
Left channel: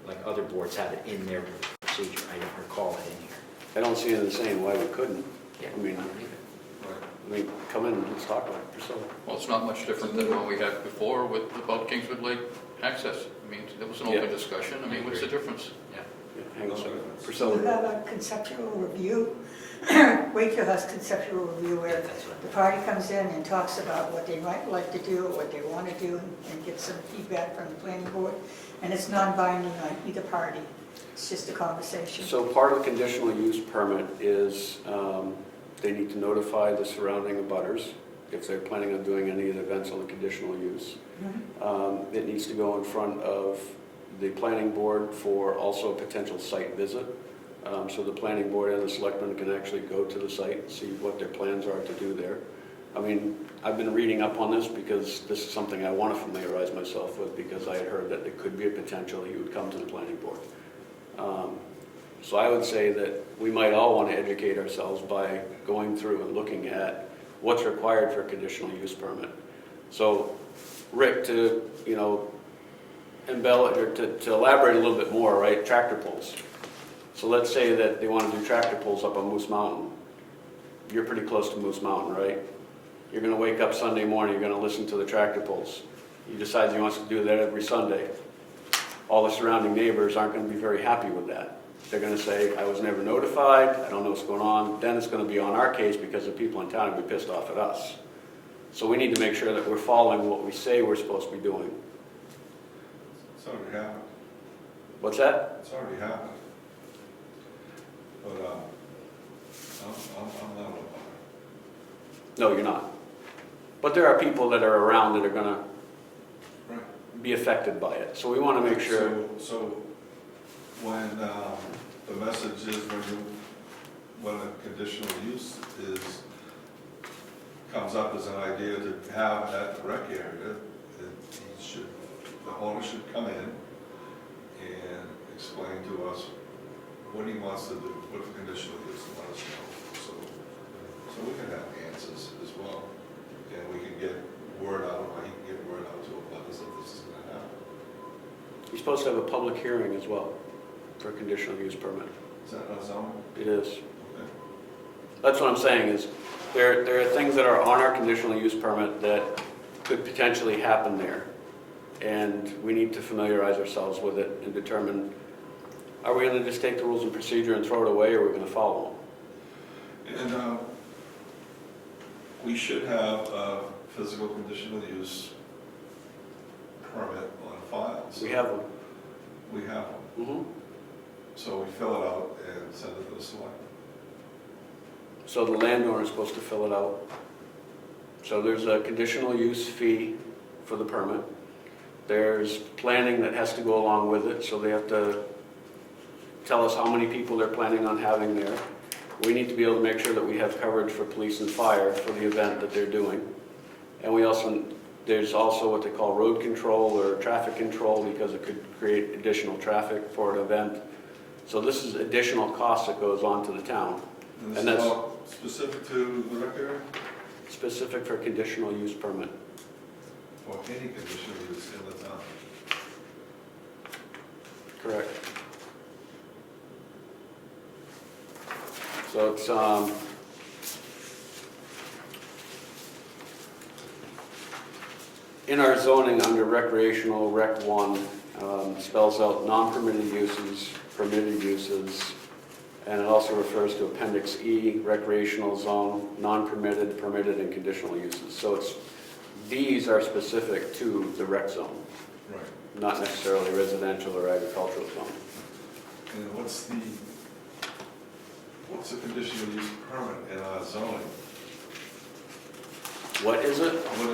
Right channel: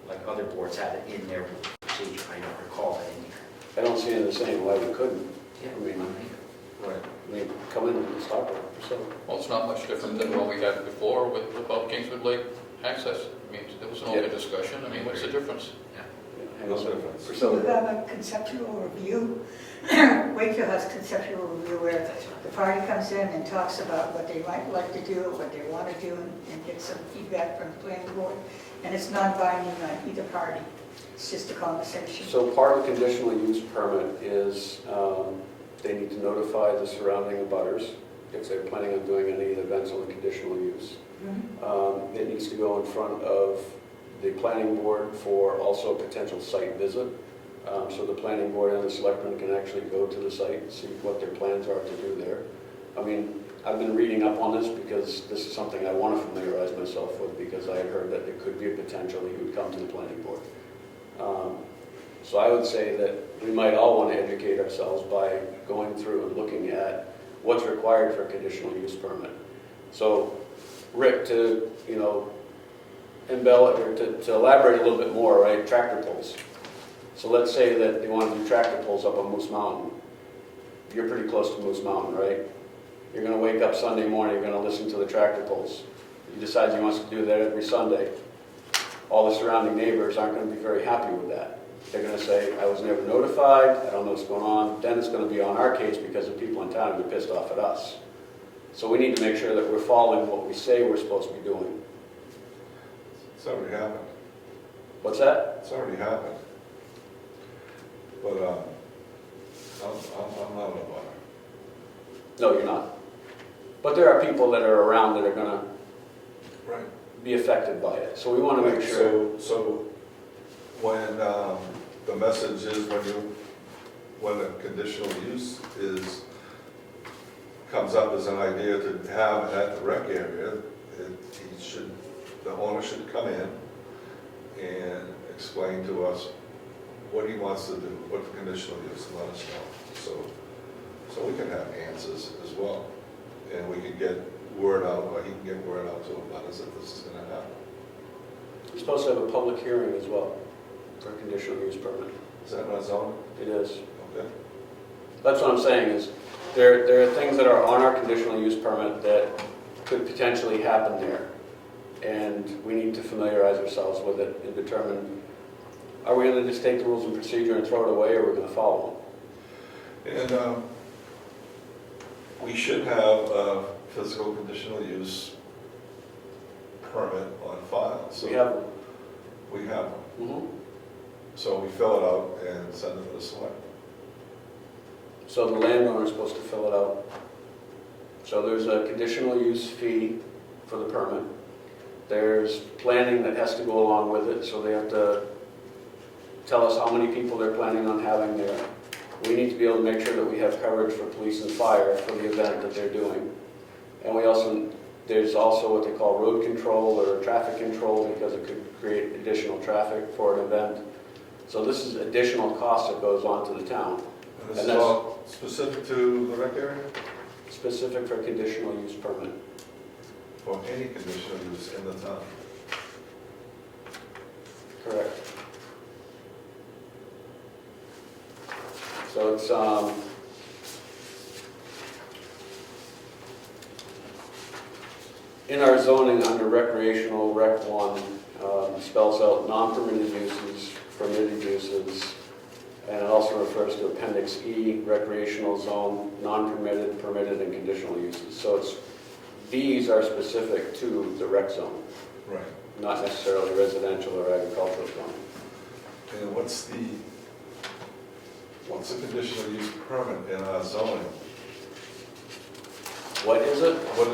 like other boards have it in their procedure. I don't recall it in here. I don't see it the same way we couldn't. Yeah, I mean, I don't either. we come in and let's talk about it. So, Well, it's not much different than what we had before with above Kingswood Lake access. discussion, I mean, what's the difference? Hang on a second. So you Priscilla, have a conceptual review. Wakefield has conceptual review where the party comes in and talks about what they might like to do, what they want to do, and get some feedback from the planning board. And it's non-binding on either party. It's just a conversation. so part of the conditional use permit is they need to notify the surrounding abutters if they're planning on doing any events on the conditional use. Mhm. It needs to go in front of the planning board for also a potential site visit. So the planning board and the selectmen can actually go to the site and see what their plans are to do there. I mean, I've been reading up on this because this is something I want to familiarize myself with because I had heard that there could be a potential he would come to the planning board. So I would say that we might all want to educate ourselves by going through and looking at what's required for a conditional use permit. So Rick, to, embellish, or to elaborate a little bit more, right, tractor pulls. So let's say that they want to do tractor pulls up on Moose Mountain. You're pretty close to Moose Mountain, right? You're going to wake up Sunday morning, you're going to listen to the tractor pulls. He decides he wants to do that every Sunday. All the surrounding neighbors aren't going to be very happy with that. They're going to say, I was never notified, I don't know what's going on. Then it's going to be on our case because the people in town will be pissed off at us. So we need to make sure that we're following what we say we're supposed to be doing. It's already happened. What's that? It's already happened. But, I'm not a butter. No, you're not. But there are people that are around that are going to Right. be affected by it. So we want to make sure. So when, the message is when a conditional use comes up as an idea to have at the rec area, the owner should come in and explain to us what he wants to do, what the conditional use, and let us know. So we can have answers as well. And we can get word out, or he can get word out to others that this is gonna happen. You're supposed to have a public hearing as well for a conditional use permit. Is that not zoning? It is. Okay. That's what I'm saying is, there are things that are on our conditional use permit that could potentially happen there. And we need to familiarize ourselves with it and determine, are we going to just take the rules and procedure and throw it away, or are we going to follow them? And we should have a physical conditional use permit on file. So We have one. We have one. Mhm. So we fill it out and send it to the select. So the landowner is supposed to fill it out. So there's a conditional use fee for the permit. There's planning that has to go along with it, so they have to tell us how many people they're planning on having there. We need to be able to make sure that we have coverage for police and fire for the event that they're doing. And there's also what they call road control or traffic control, because it could create additional traffic for an event. So this is additional cost that goes on to the town, And this And is that's- all specific to the rec area? specific for conditional use permit. Or any conditional use in the town? Correct. So it's, in our zoning under recreational, Rec 1, spells out non-permitted uses, permitted uses, and it also refers to Appendix E, recreational zone, non-permitted, permitted, and conditional uses. So these are specific to the rec zone, Right. not necessarily residential or agricultural zone. And what's the conditional use permit in our zoning? What is it? What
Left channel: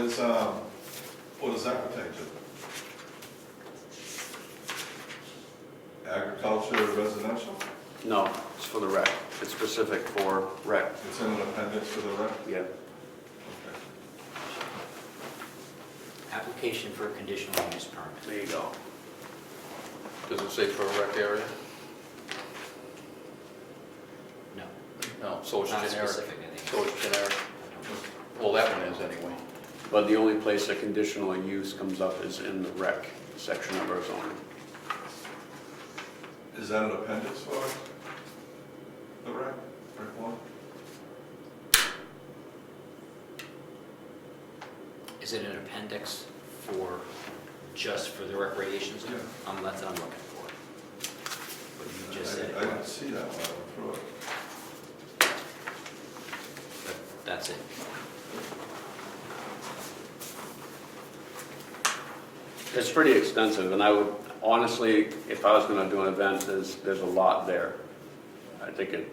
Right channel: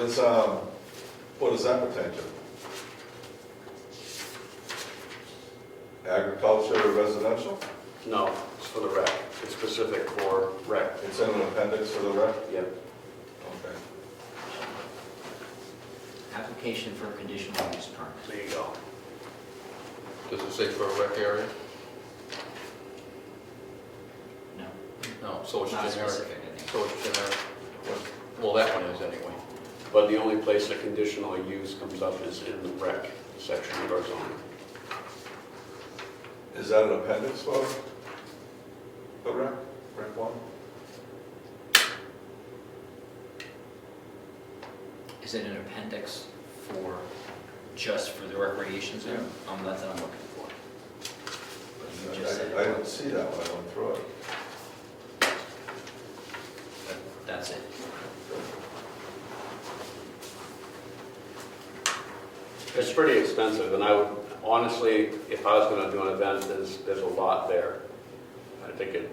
does that pertain to? Agriculture or residential? No, it's for the rec. It's specific for rec. It's in an appendix to the rec? Yeah. Okay. Application for a conditional use permit. There you go. Does it say for a rec area? No, No, so it's not generic. specific, I think. So it's generic. Well, that one is anyway. But the only place that conditional use comes up is in the rec section of our zoning. Is that an appendix for the rec 1? Is it an appendix for just for the recreation zone. That's what I'm looking for. What you just said. I didn't see that when I went through it. But that's it. It's pretty extensive, and I would, honestly, if I was gonna do an event, there's a lot there. I think it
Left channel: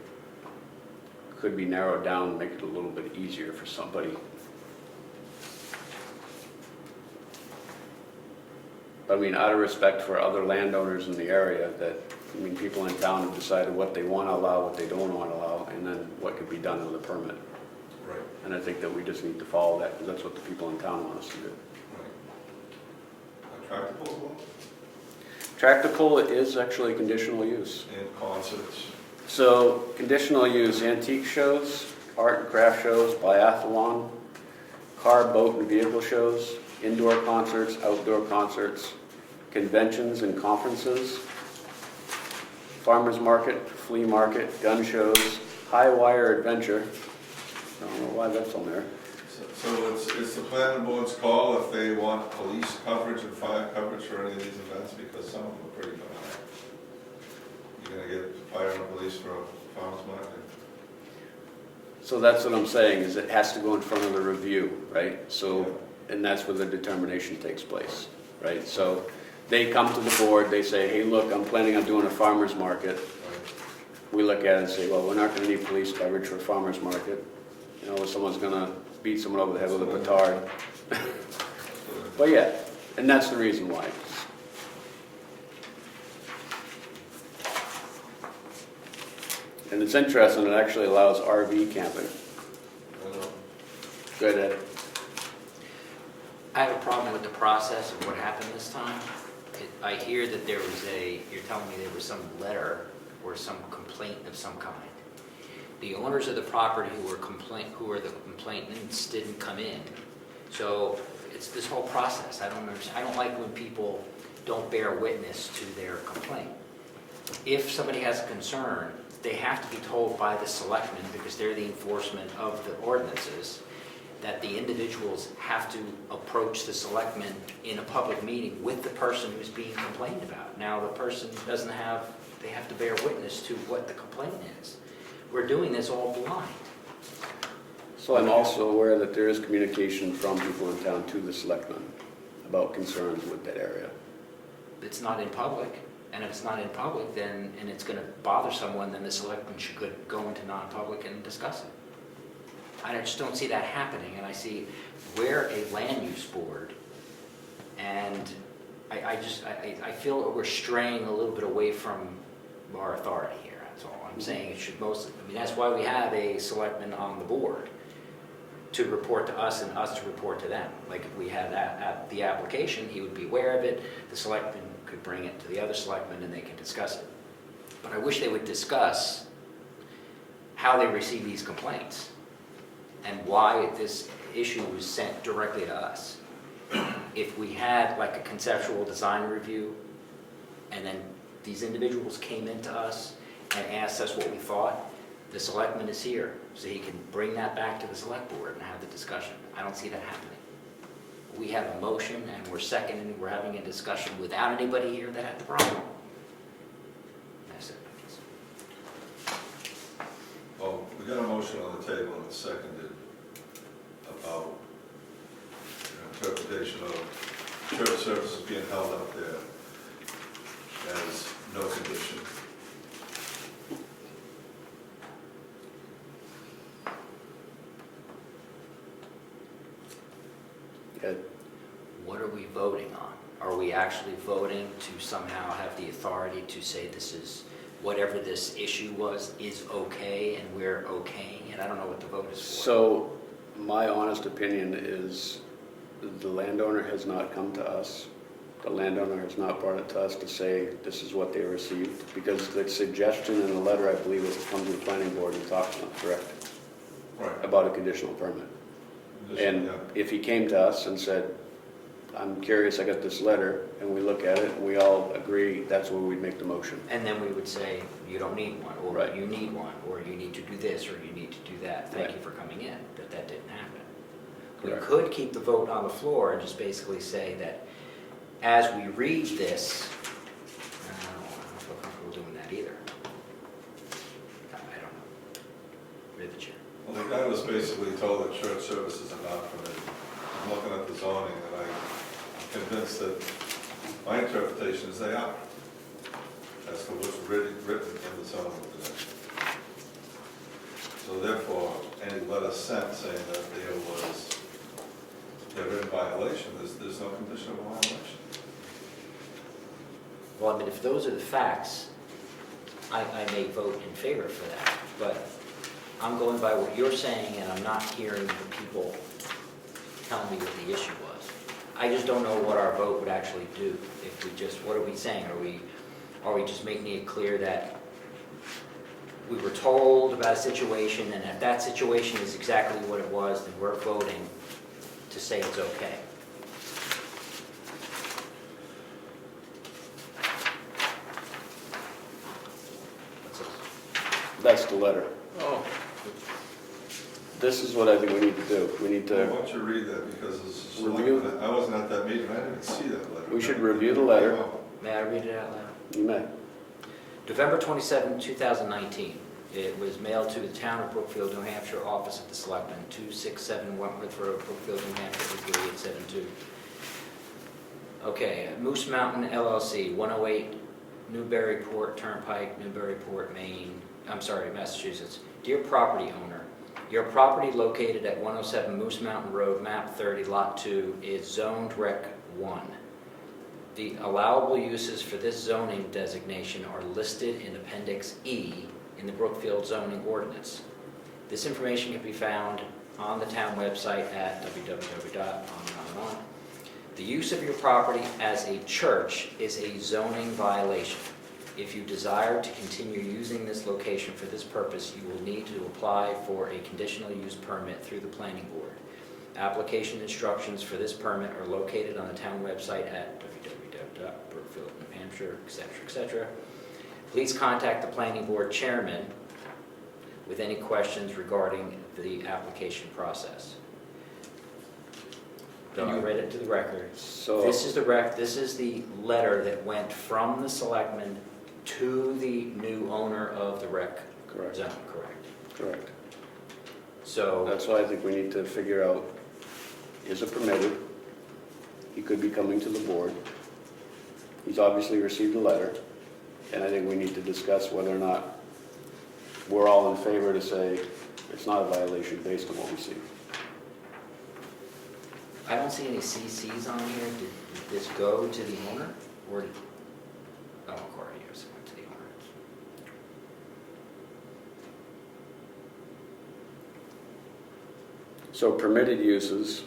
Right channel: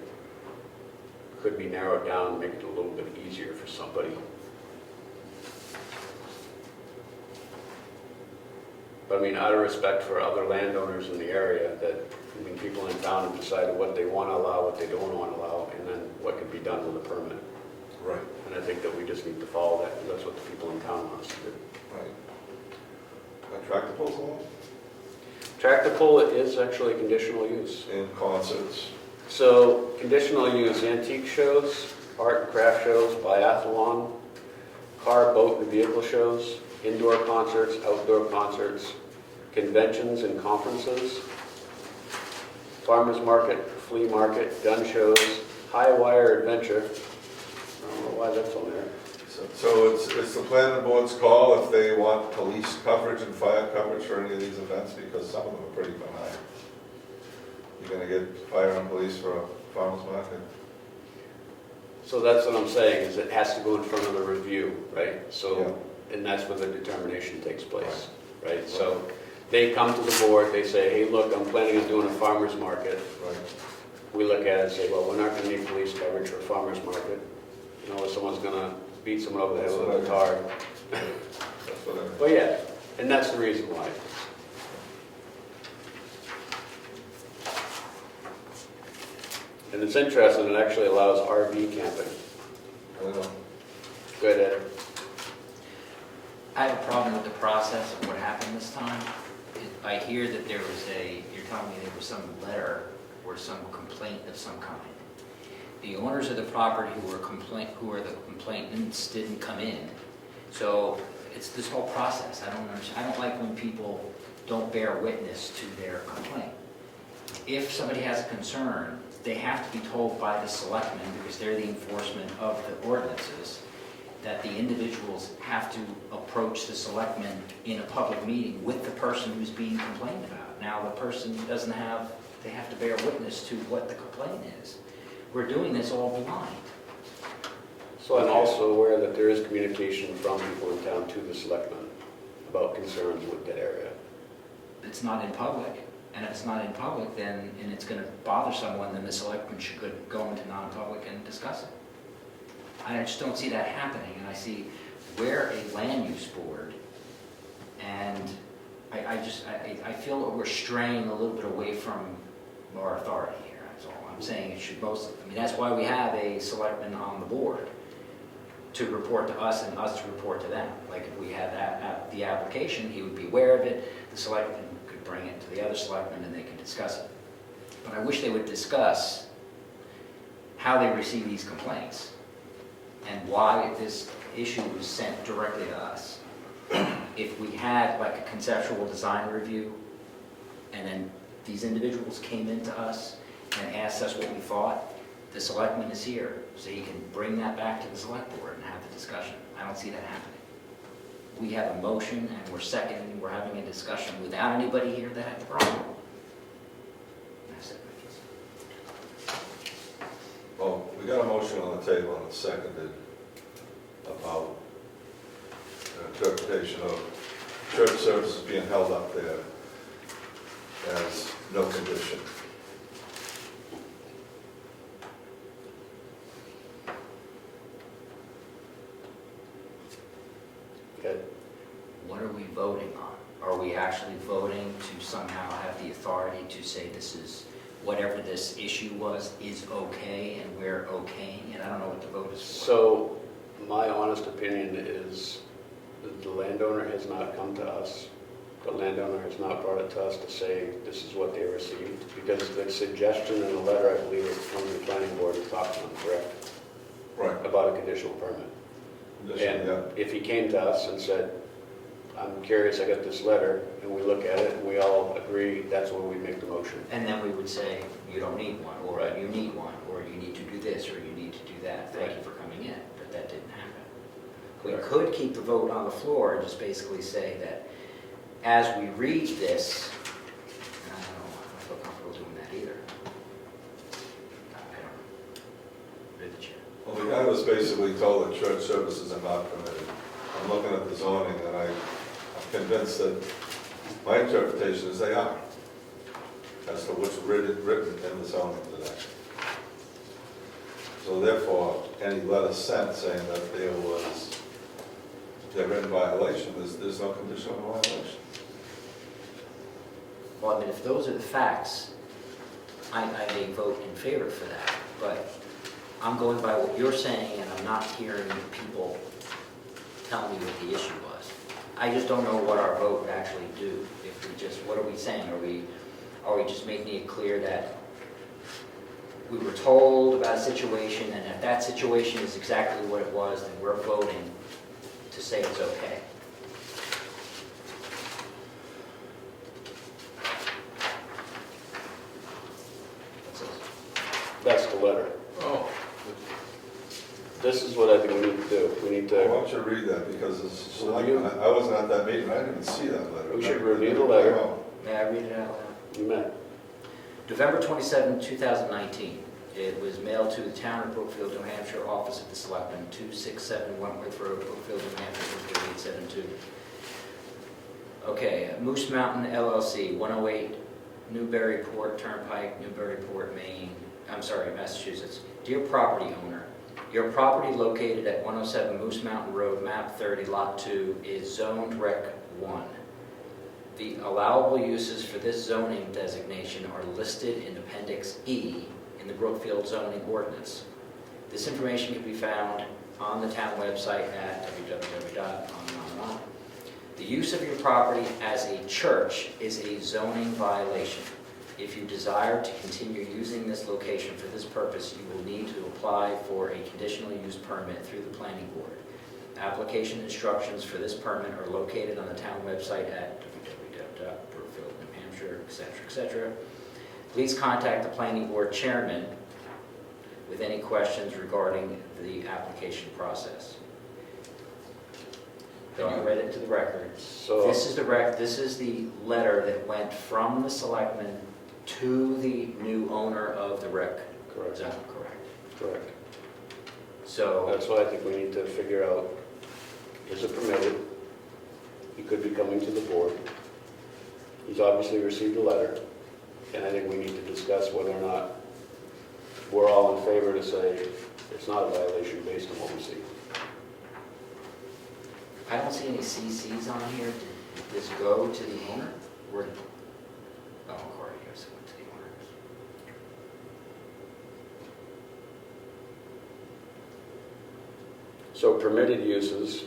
could be narrowed down and make it a little bit easier for somebody. I mean, out of respect for other landowners in the area, that, I mean, people in town have decided what they wanna allow, what they don't wanna allow, and then what can be done with a permit. Right, And I think that we just need to follow that, and that's what the people in town want us to do. right. Tractor pulls along? Tractor pull is actually conditional use. And concerts. So, conditional use, antique shows, art and craft shows, biathlon, car, boat, and vehicle shows, indoor concerts, outdoor concerts, conventions and conferences, farmers market, flea market, gun shows, high wire adventure. I don't know why that's on there. So it's the planning board's call if they want police coverage and fire coverage for any of these events, because some of them are pretty benign. You're gonna get fire and police for a farmer's market? So that's what I'm saying, is it has to go in front of the review, right? So, and that's where the determination takes place, right? So they come to the board, they say, hey, look, I'm planning on doing a farmer's market. Right. We look at it and say, well, we're not gonna need police coverage for a farmer's market. You know, someone's gonna beat someone over the head with a guitar. That's what I- But yeah, and that's the reason why. And it's interesting, it actually allows RV camping. I don't know. Good, Ed. I have a problem with the process of what happened this time. I hear that there was you're telling me there was some letter or some complaint of some kind. The owners of the property who are the complainants didn't come in. So it's this whole process. I don't understand. I don't like when people don't bear witness to their complaint. If somebody has a concern, they have to be told by the selectmen, because they're the enforcement of the ordinances, that the individuals have to approach the selectmen in a public meeting with the person who's being complained about. Now, the person they have to bear witness to what the complaint is. We're doing this all blind. So I'm also aware that there is communication from people in town to the selectmen about concerns with that area. It's not in public, and if it's not in public, and it's gonna bother someone, then the selectmen should go into non-public and discuss it. I just don't see that happening, and I see we're a land use board, and I feel that we're straying a little bit away from our authority here, that's all. I'm saying it should that's why we have a selectman on the board, to report to us and us to report to them. Like if we had the application, he would be aware of it, the selectman could bring it to the other selectmen and they could discuss it. But I wish they would discuss how they receive these complaints and why this issue was sent directly to us. If we had like a conceptual design review and then these individuals came into us and asked us what we thought, the selectman is here, so he can bring that back to the select board and have the discussion. I don't see that happening. We have a motion and we're seconding, we're having a discussion without anybody here that had the problem. That's it. Well, we got a motion on the table and it's seconded about interpretation of church services being held up there as no condition. Okay. What are we voting on? Are we actually voting to somehow have the authority to say this is, whatever this issue was, is okay and we're okaying it? I don't know what the vote is for. So my honest opinion is the landowner has not come to us. The landowner has not brought it to us to say this is what they received, because the suggestion in the letter, I believe, was from the planning board and talked to them, correct? Right. About a conditional permit. And Yeah. if he came to us and said, I'm curious, I got this letter, and we look at it and we all agree, that's when we make the motion. And then we would say, you don't need one, or Right. you need one, or you need to do this, or you need to do that. Thank Right. you for coming in, but that didn't happen. We Correct. could keep the vote on the floor and just basically say that as we read this, I don't feel comfortable doing that either. I don't know. Read the chair. Well, the guy was basically told that church services are not permitted. I'm looking at the zoning, and I'm convinced that my interpretation is they are, as to what's written in the zoning today. So therefore, any letter sent saying that they're in violation, there's no condition of violation. Well, I mean, if those are the facts, I may vote in favor for that, but I'm going by what you're saying, and I'm not hearing people tell me what the issue was. I just don't know what our vote would actually do if we just, what are we saying? Are we just making it clear that we were told about a situation, and if that situation is exactly what it was, then we're voting to say it's okay? That's the letter. Oh, This is what I think we need to do. We need I to, want you to read that, because it's Review. I wasn't at that meeting, I didn't see that letter. We should review the letter. May I read it out loud? you may. November 27, 2019. It was mailed to the town of Brookfield, New Hampshire, office of the Selectmen, 267 Wentworth Road, Brookfield, New Hampshire, 33872. Okay, Moose Mountain LLC, 108 Newburyport Turnpike, Newburyport, Massachusetts. Dear property owner, your property located at 107 Moose Mountain Road, map 30, lot 2, is zoned Rec 1. The allowable uses for this zoning designation are listed in Appendix E in the Brookfield zoning ordinance. This information can be found on the town website at www.on. The use of your property as a church is a zoning violation. If you desire to continue using this location for this purpose, you will need to apply for a conditional use permit through the planning board. Application instructions for this permit are located on the town website at www.brookfield, New Hampshire, etc., etc. Please contact the planning board chairman with any questions regarding the application process. Then you read it to the record. So, This is the letter that went from the selectmen to the new owner of the rec correct, zone, correct? correct. So, That's why I think we need to figure out, is it permitted? He could be coming to the board. He's obviously received a letter, and I think we need to discuss whether or not we're all in favor to say it's not a violation based on what we see. I don't see any CCs on here. Did this go to the owner? Or, oh, according to yours, it went to the owner. So permitted uses,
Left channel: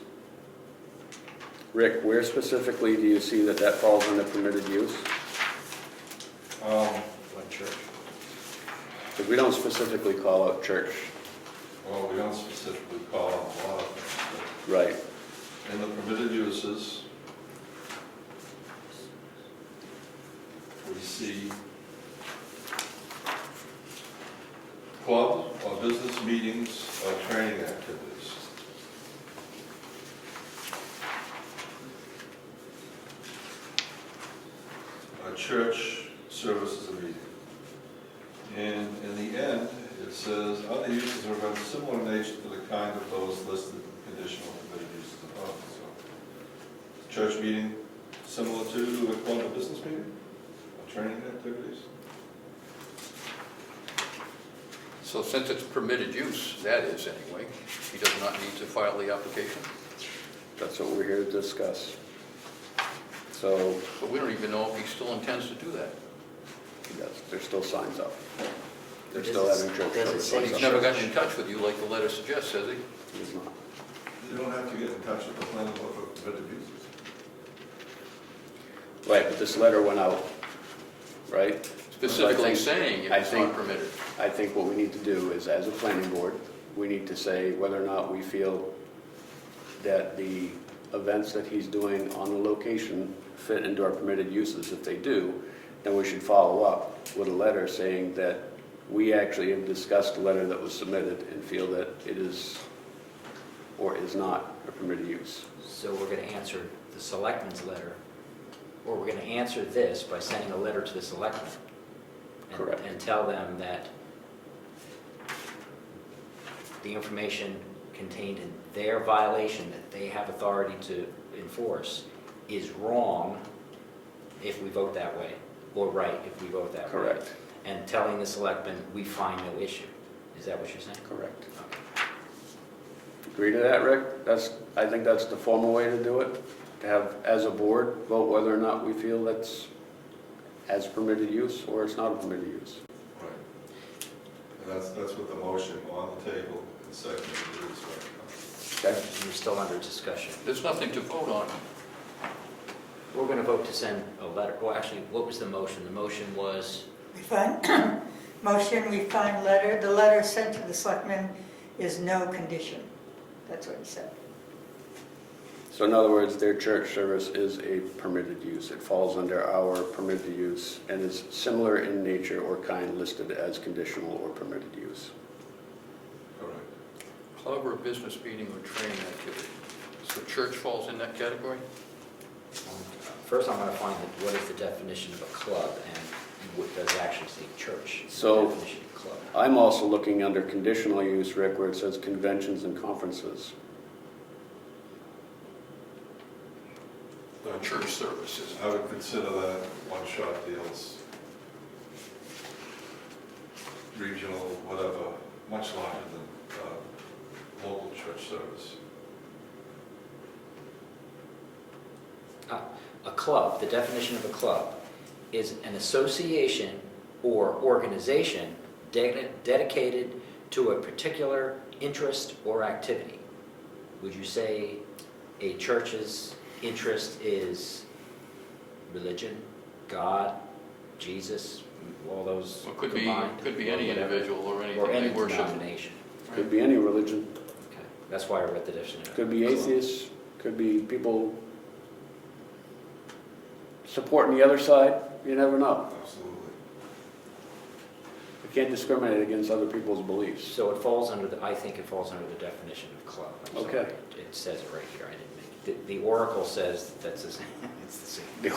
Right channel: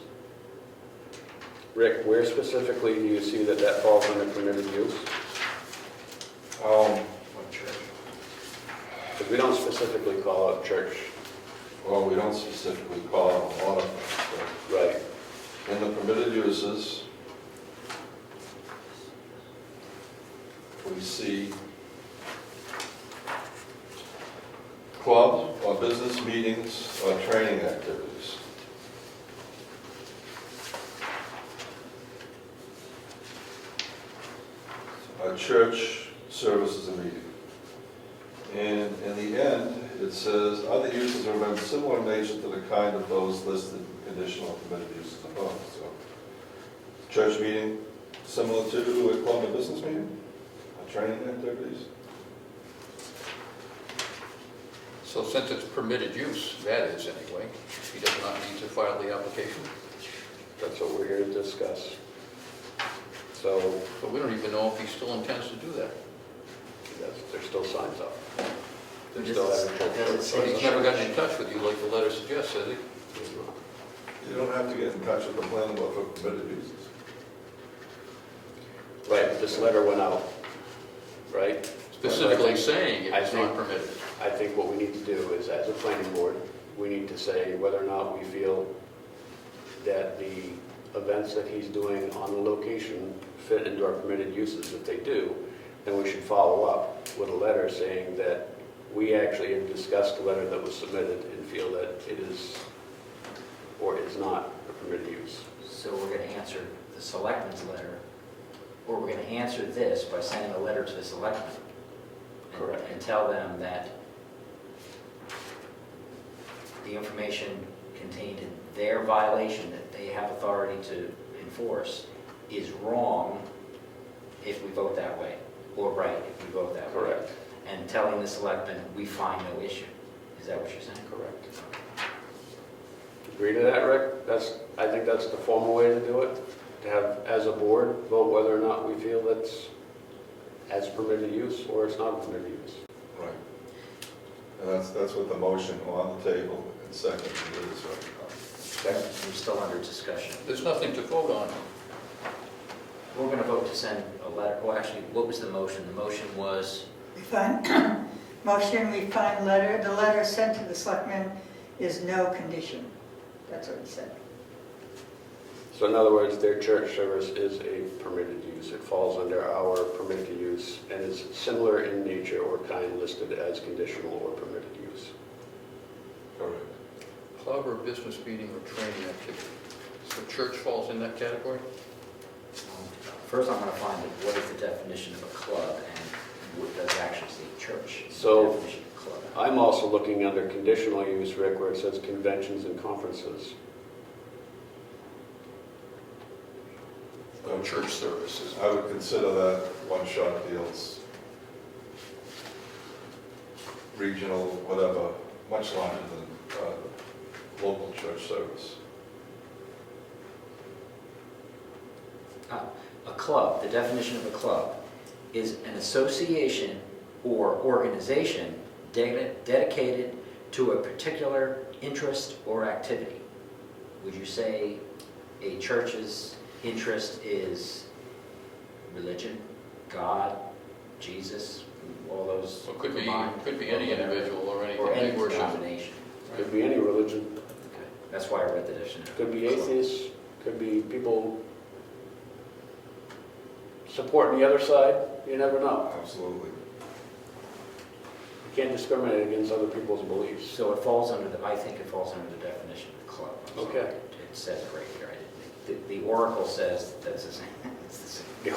Rick, where specifically do you see that that falls under permitted use? Like church. Because we don't specifically call out church. Well, we don't specifically call it a lot of things, Right. but in the permitted uses, we see club or business meetings or training activities. A church services a meeting. And in the end, it says, other uses are of similar nature to the kind of those listed in conditional permitted uses above. So, church meeting, similar to a club or business meeting, or training activities. so since it's permitted use, that is anyway, he does not need to file the application. That's what we're here to discuss. So, But we don't even know if he still intends to do that. there's still signs up. They're Does still it- having church does it services. say But he's never gotten in touch with you like the letter suggests, has he? He's not. You don't have to get in touch with the planning board for permitted uses. Right, but this letter went out, right? Specifically saying I it's think- not permitted. I think what we need to do is, as a planning board, we need to say whether or not we feel that the events that he's doing on the location fit into our permitted uses. If they do, then we should follow up with a letter saying that we actually have discussed the letter that was submitted and feel that it is or is not a permitted use. So we're going to answer the selectmen's letter or we're gonna answer this by sending a letter to the selectmen. Correct. And tell them that the information contained in their violation that they have authority to enforce is wrong if we vote that way, or right if we vote that way. Correct. And telling the selectmen, we find no issue. Is that what you're saying? Correct. Agree to that, Rick? I think that's the formal way to do it, to have, as a board, vote whether or not we feel that's as permitted use or it's not permitted use. Right. And that's what the motion on the table and second is. Okay? We're still under discussion. There's nothing to vote on. We're going to vote to send a letter. Well, actually, what was the motion? The motion was, We find, motion, we find letter, the letter sent to the selectmen is no condition. That's what it said. So in other words, their church service is a permitted use. It falls under our permitted use and is similar in nature or kind listed as conditional or permitted use. Correct. Club or business meeting or training activity. So church falls in that category? first I'm going to find what is the definition of a club and what does actually say church. in the So- definition of club. I'm also looking under conditional use, Rick, where it says conventions and conferences. Or church services? I would consider that one-shot deals, regional, whatever, much larger than local church service. A club, the definition of a club, is an association or organization dedicated to a particular interest or activity. Would you say a church's interest is religion, God, Jesus, all those Well, it combined? could be any individual or Or anything any they worship. denomination. Could be any religion, Okay. That's why I read the definition. could be atheists, could be people supporting the other side, you never know. Absolutely. You can't discriminate against other people's beliefs. So it falls under the, I think it falls under the definition of club. I'm sorry. Okay. It says it right here. The Oracle says that it's the same. It's the same.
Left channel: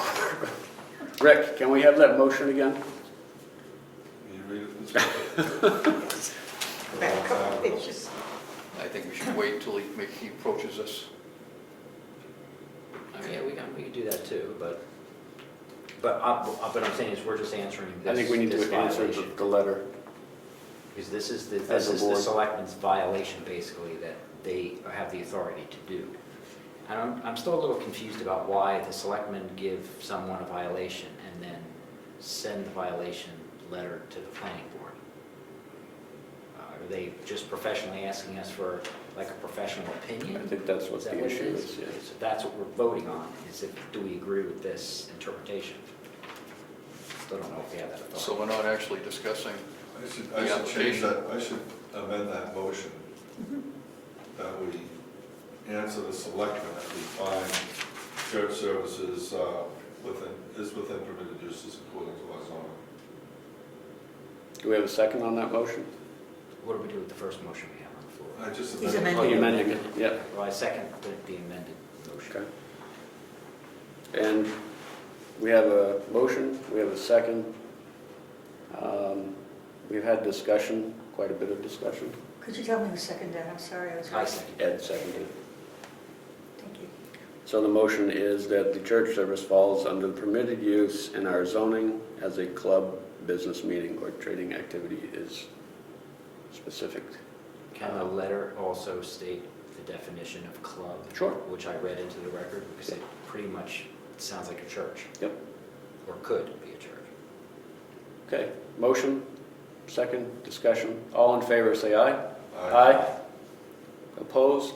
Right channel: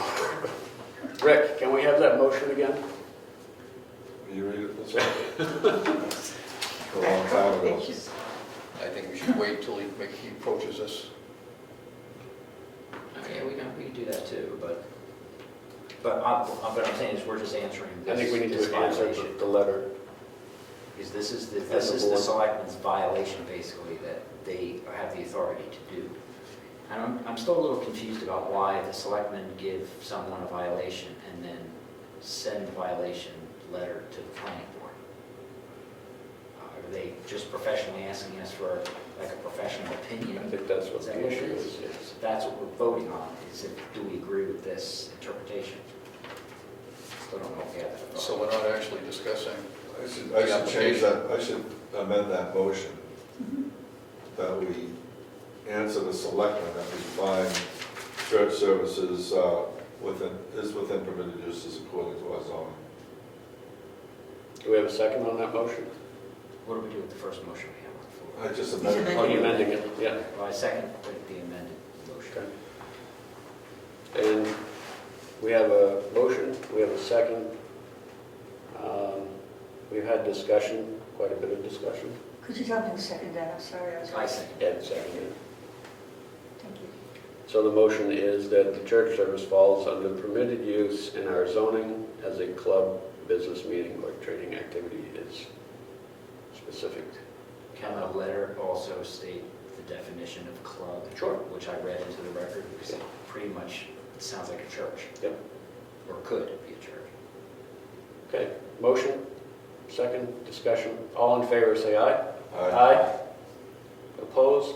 Rick, can we have that motion again? Will you read it this way? A long time ago. I think we should wait until he approaches us. I mean, we can do that too, but I'm saying is we're just answering I think we need this to answer violation. the letter. Because this is As a the board. selectmen's violation, basically, that they have the authority to do. And I'm still a little confused about why the selectmen give someone a violation and then send the violation letter to the planning board. Are they just professionally asking us for like a professional opinion? I think that's what Is that the what it issue is? is, yes. That's what we're voting on, is if, do we agree with this interpretation? Still don't know if we have that authority. So we're not actually discussing. I should change that, I should amend that motion, that we answer the selectmen, that we find church services within permitted uses according to our zoning. Do we have a second on that motion? What do we do with the first motion we have on the floor? I just He's amended. Oh, you're amending it, yeah. Well, I second the amended motion. Okay. And we have a motion, we have a second. We've had discussion, quite a bit of discussion. Could you tell me the second, Dan? I'm sorry, I was. I second. Ed seconded it. Thank you. So the motion is that the church service falls under permitted use in our zoning as a club, business meeting, or trading activity is specific. Can the letter also state the definition of club? Sure. Which I read into the record, because it pretty much sounds like a church. Yep. Or could be a church. Okay, motion, second, discussion. All in favor, say aye. Aye. Opposed?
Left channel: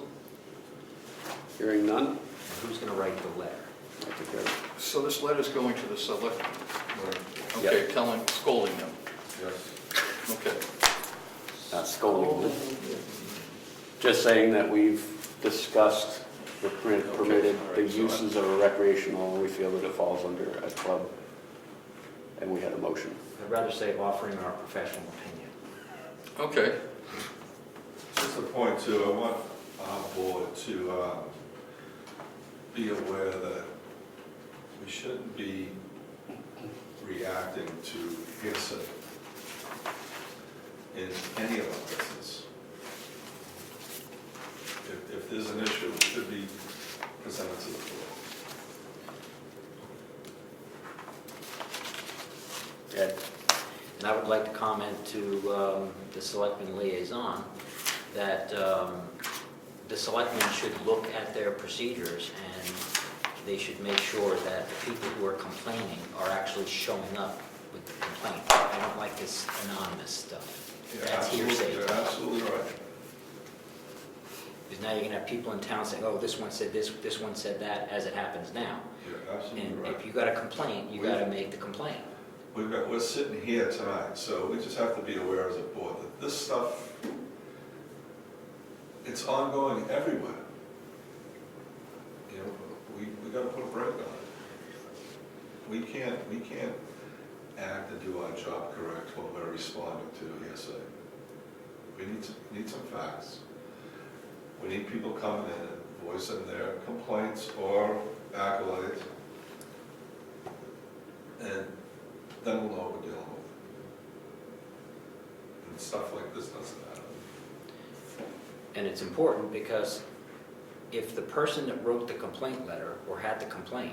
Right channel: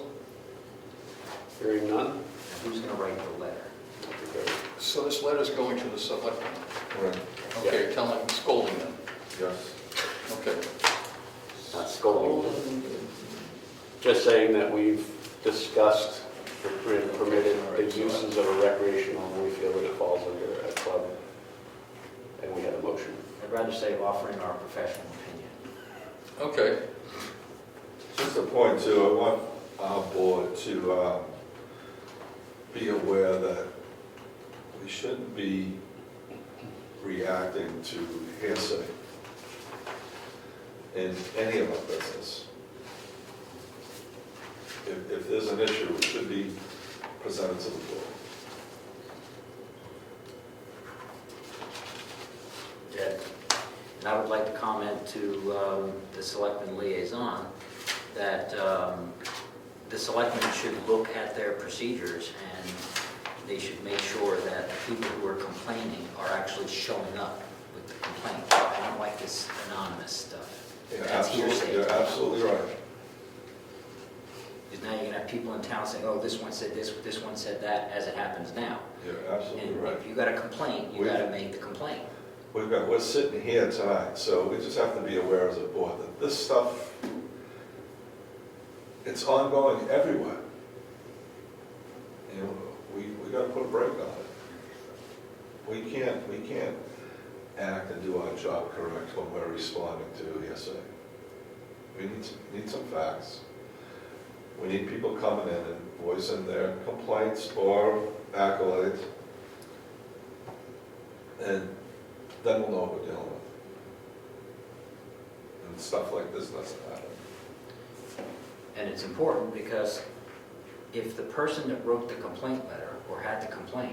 Hearing none? Who's going to write the letter? So this letter's going to the selectmen. Right, Okay, scolding them. yes. Okay. Not scolding. Just saying that we've discussed the permitted, the uses of a recreational, we feel that it falls under a club, and we had a motion. I'd rather say offering our professional opinion. Okay. Just a point too, I want our board to be aware that we shouldn't be reacting to hearsay in any of our business. If there's an issue, it should be presented to the board. Yeah. And I would like to comment to the selectman liaison that the selectmen should look at their procedures and they should make sure that the people who are complaining are actually showing up with the complaint. I don't like this anonymous stuff. That's hearsay. You're absolutely right. Because now you're gonna have people in town saying, oh, this one said this one said that, as it happens now. You're absolutely And right. if you got a complaint, you gotta make the complaint. We're sitting here tonight, so we just have to be aware as a board that this stuff, it's ongoing everywhere. You know, we gotta put a break on it. We can't act and do our job correct when we're responding to hearsay. We need some facts. We need people coming in and voicing their complaints or accolades. And then we'll know what we're dealing with. And stuff like this doesn't happen. And it's important because if the person that wrote the complaint letter or had the complaint,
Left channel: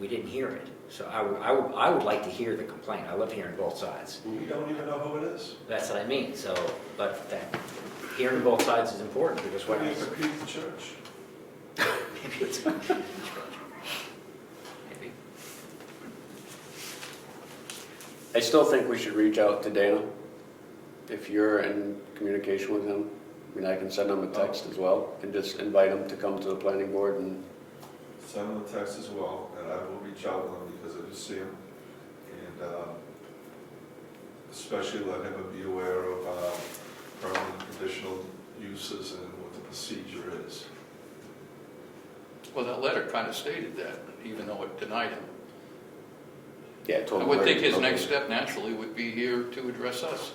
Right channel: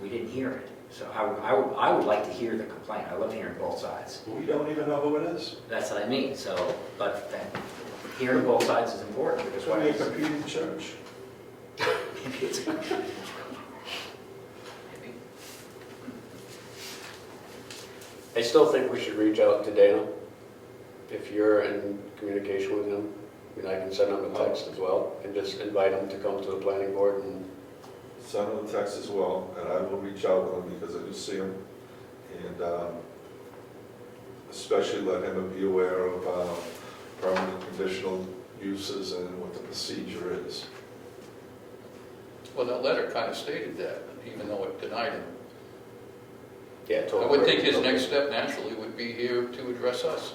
we didn't hear it. So I would like to hear the complaint. I love hearing both sides. We don't even know who it is. That's what I mean. So, but hearing both sides is important because Why are you competing church? maybe it's maybe. I still think we should reach out to Dana. If you're in communication with him, I mean, I can send him a text as well and just invite him to come to the planning board and, Send him a text as well, and I will reach out with him because I just see him. And especially let him be aware of permanent conditional uses and what the procedure is. Well, that letter kind of stated that, even though it denied him. yeah, I totally. would think his next step naturally would be here to address us,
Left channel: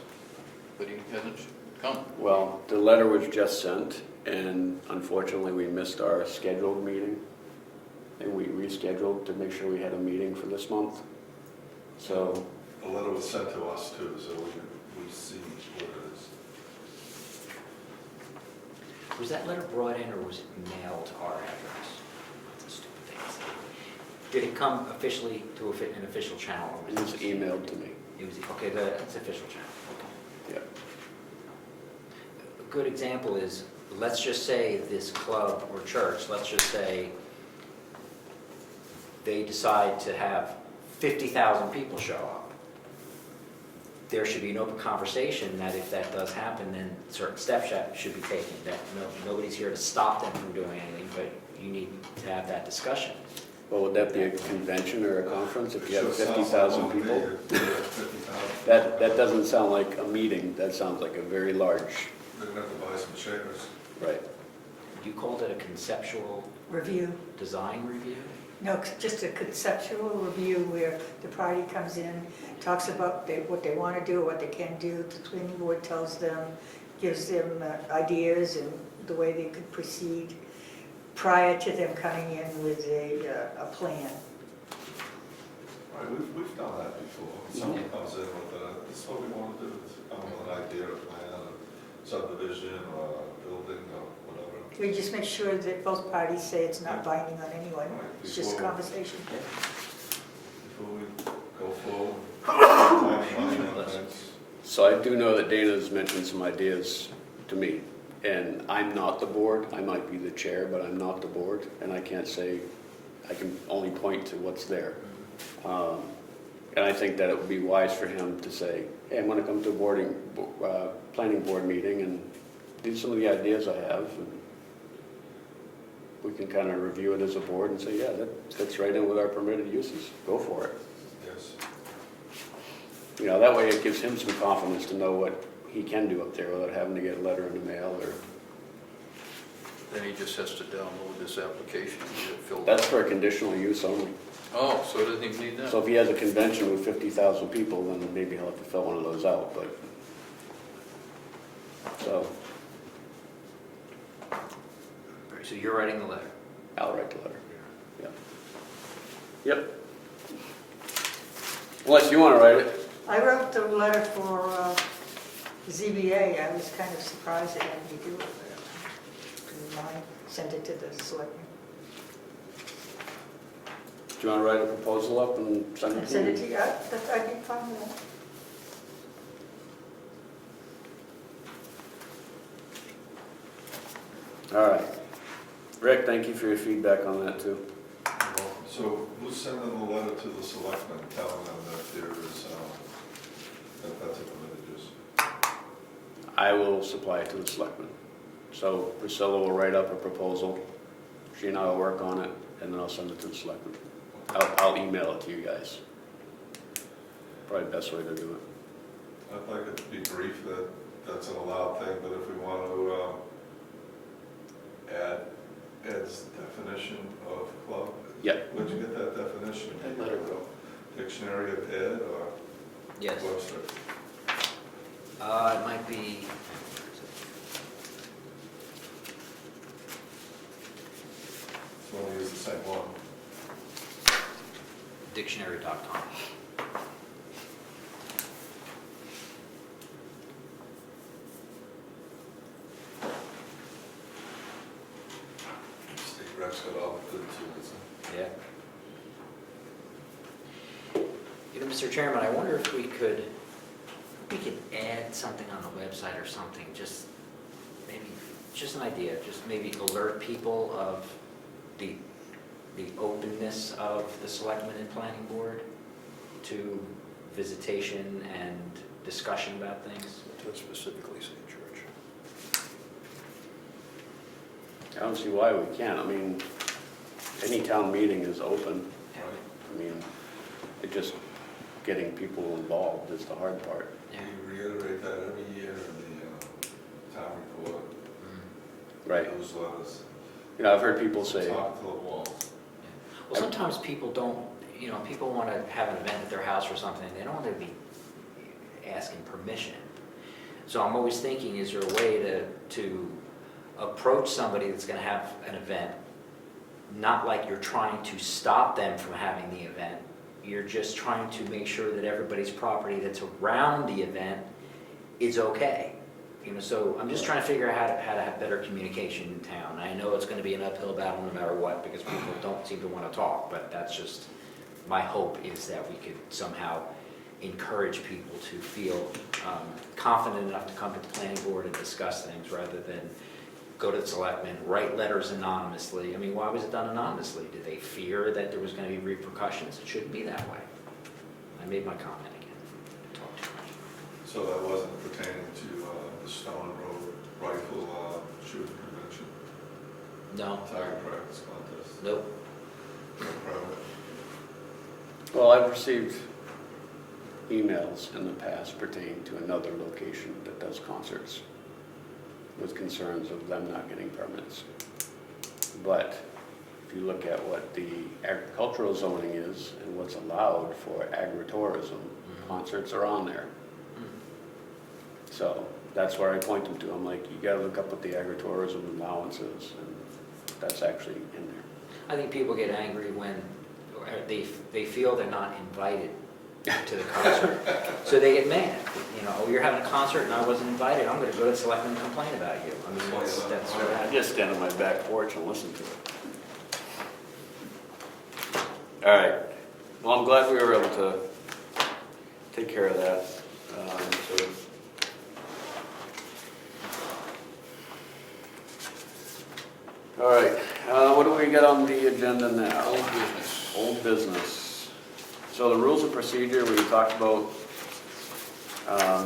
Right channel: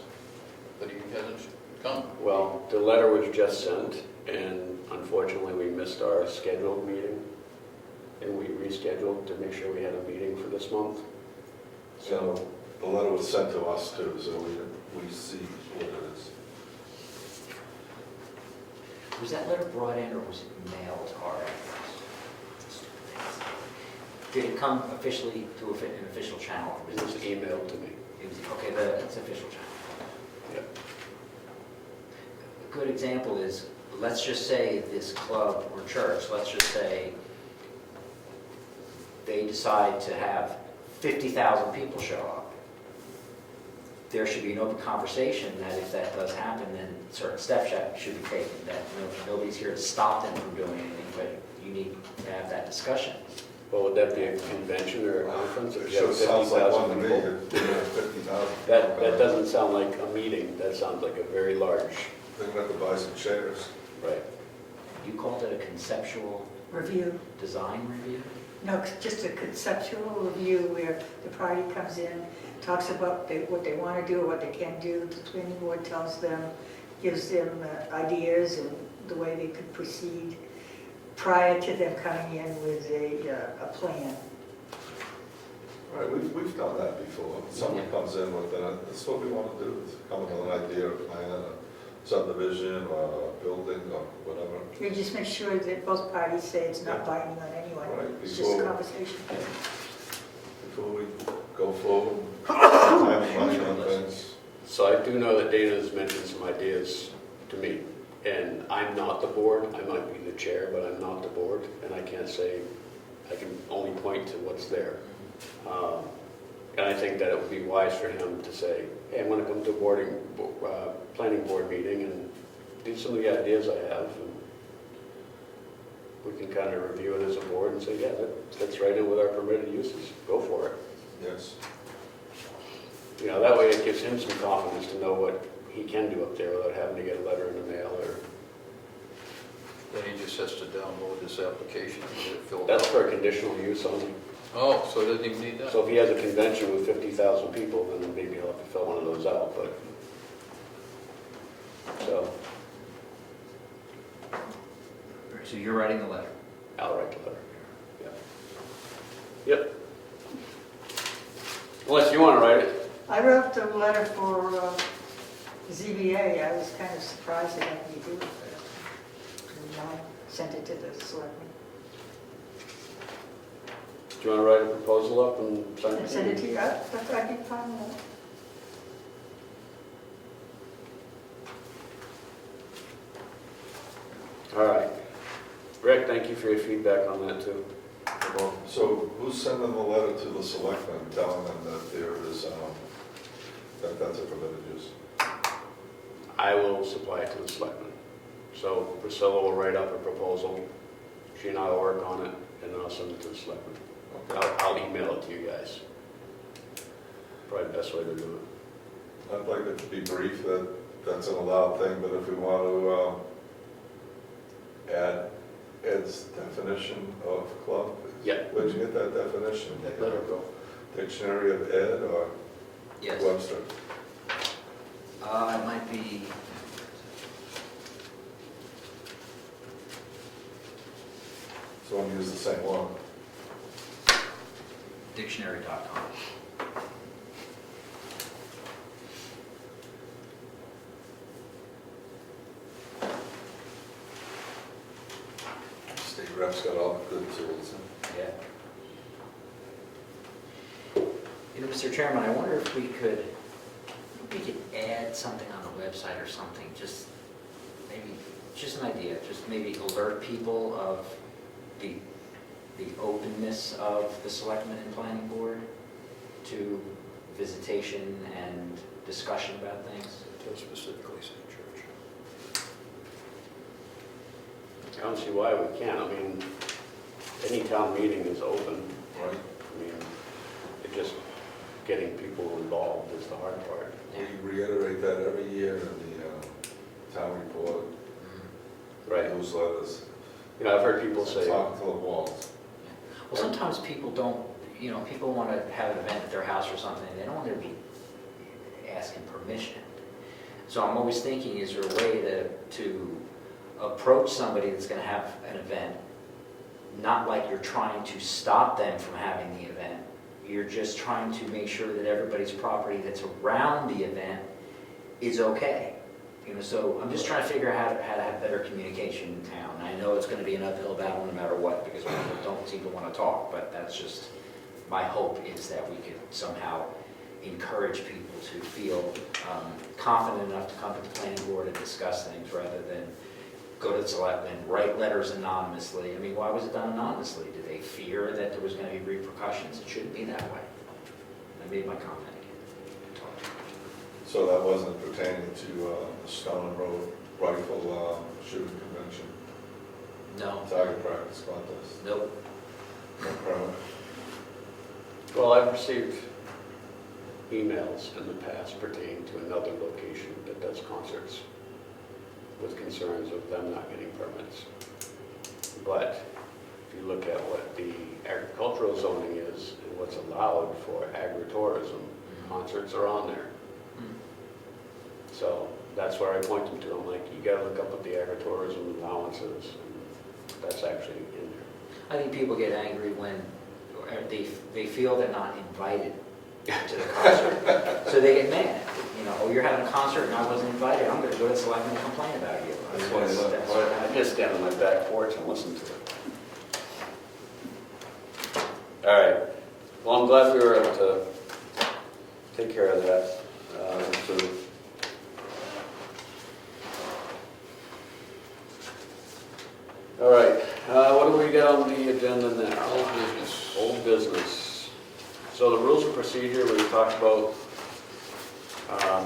but he hasn't come. Well, the letter was just sent, and unfortunately, we missed our scheduled meeting. And we rescheduled to make sure we had a meeting for this month. So, The letter was sent to us too, so we see what it is. Was that letter brought in or was it mailed to our address? Stupid things. Did it come officially to an official channel? it was emailed to me. It was, okay, but it's official channel. Yep. A good example is, let's just say this club or church, let's just say they decide to have 50,000 people show up. There should be an open conversation that if that does happen, then certain steps should be taken, that nobody's here to stop them from doing anything, but you need to have that discussion. Well, would that be a convention or a conference if you have It sure sounds like 50,000 one to me, people? 50,000. That doesn't sound like a meeting, that sounds like a very large, They're gonna have to buy some chairs. right? You called it a conceptual Review. design review? No, just a conceptual review where the party comes in, talks about what they want to do, what they can do. The planning board tells them, gives them ideas and the way they could proceed prior to them coming in with a plan. Right, we've done that before. Someone comes in with, this is what we want to do, is come with an idea, a plan, a subdivision, or a building, or whatever. We just make sure that both parties say it's not binding on anyone. Right, It's just a before- conversation. Before we go forward, time and money on things. So I do know that Dana's mentioned some ideas to me, and I'm not the board, I might be the chair, but I'm not the board, and I can't say, I can only point to what's there. And I think that it would be wise for him to say, hey, I'm gonna come to a planning board meeting and do some of the ideas I have, and we can kind of review it as a board and say, yeah, that fits right in with our permitted uses, go for it. Yes. You know, that way it gives him some confidence to know what he can do up there without having to get a letter in the mail or, Then he just has to download this application and get it filled out. that's for a conditional use only. Oh, so doesn't even need that? So if he has a convention with 50,000 people, then maybe he'll have to fill one of those out, but, so, So you're writing the letter? I'll write the letter, yeah. Yep. Unless you want to write it. I wrote the letter for ZBA. I was kind of surprised they let me do it. And I sent it to the selectmen. Do you want to write a proposal up and send it I to sent me? it to you. I did find that. All right. Rick, thank you for your feedback on that too. So who's sending the letter to the selectmen telling them that there is, that that's a permitted use? I will supply it to the selectmen. So Priscilla will write up a proposal, she and I will work on it, and then I'll send it to the selectmen. I'll email it to you guys. Probably the best way to do it. I'd like it to be brief that that's an allowed thing, but if we want to add Ed's definition of club. Yeah. Where'd you get that definition? Let her go. Dictionary of Ed or Yes. Webster? It might be, So I'll use the same one. dictionary.com. State rep's got all the good tools. Yeah. You know, Mr. Chairman, I wonder if we could add something on the website or something, just maybe, just an idea, just maybe alert people of the openness of the selectmen and planning board to visitation and discussion about things. To specifically say church. I don't see why we can't. I mean, any town meeting is open. Right. I mean, it just getting people involved is the hard part. We reiterate that every year in the town report, Right. newsletters. You know, I've heard people say, Talk to the walls. Well, sometimes people don't, you know, people want to have an event at their house or something, they don't want to be asking permission. So I'm always thinking, is there a way to approach somebody that's going to have an event, not like you're trying to stop them from having the event, you're just trying to make sure that everybody's property that's around the event is okay. You know, so I'm just trying to figure out how to have better communication in town. And I know it's going to be an uphill battle no matter what, because people don't seem to want to talk, but that's just, my hope is that we could somehow encourage people to feel confident enough to come to the planning board and discuss things rather than go to the selectmen, write letters anonymously. I mean, why was it done anonymously? Did they fear that there was going to be repercussions? It shouldn't be that way. I made my comment again. Talked too much. So that wasn't pertaining to the Stone Road rifle shooting convention, No, target practice contest, nope. no permit. well, I've received emails in the past pertaining to another location that does concerts with concerns of them not getting permits. But if you look at what the agricultural zoning is and what's allowed for agritourism, concerts are on there. So that's where I point them to. I'm like, you gotta look up what the agritourism allowances, and that's actually in there. I think people get angry when they feel they're not invited to the concert. So they get mad. You know, oh, you're having a concert and I wasn't invited, I'm gonna go to the selectmen and complain about you. I mean, That's why you left that's the what party. I happens. just stand on my back porch and listen to it. All right. Well, I'm glad we were able to take care of that. So all right, what do we got on the agenda now? Old business. Old business. So the rules of procedure, we talked about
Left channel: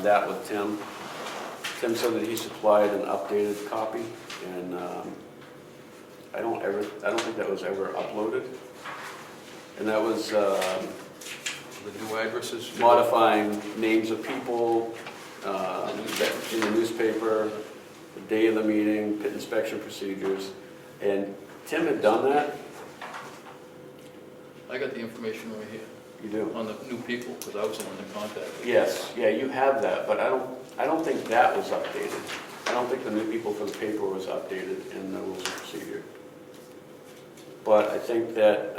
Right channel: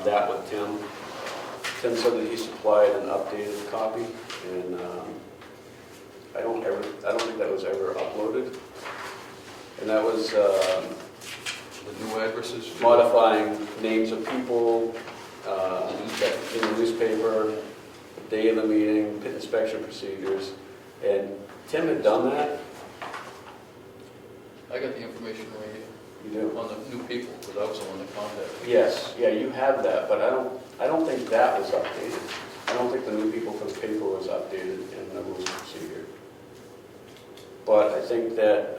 that with Tim. Tim said that he supplied an updated copy, and I don't think that was ever uploaded. And that was The new addresses. modifying names of people, that in the newspaper, the day of the meeting, pit inspection procedures. And Tim had done that. I got the information right here You do? on the new people, because I was the one that contacted. Yes, yeah, you have that, but I don't think that was updated. I don't think the new people for the paper was updated in the rules of procedure. But I think that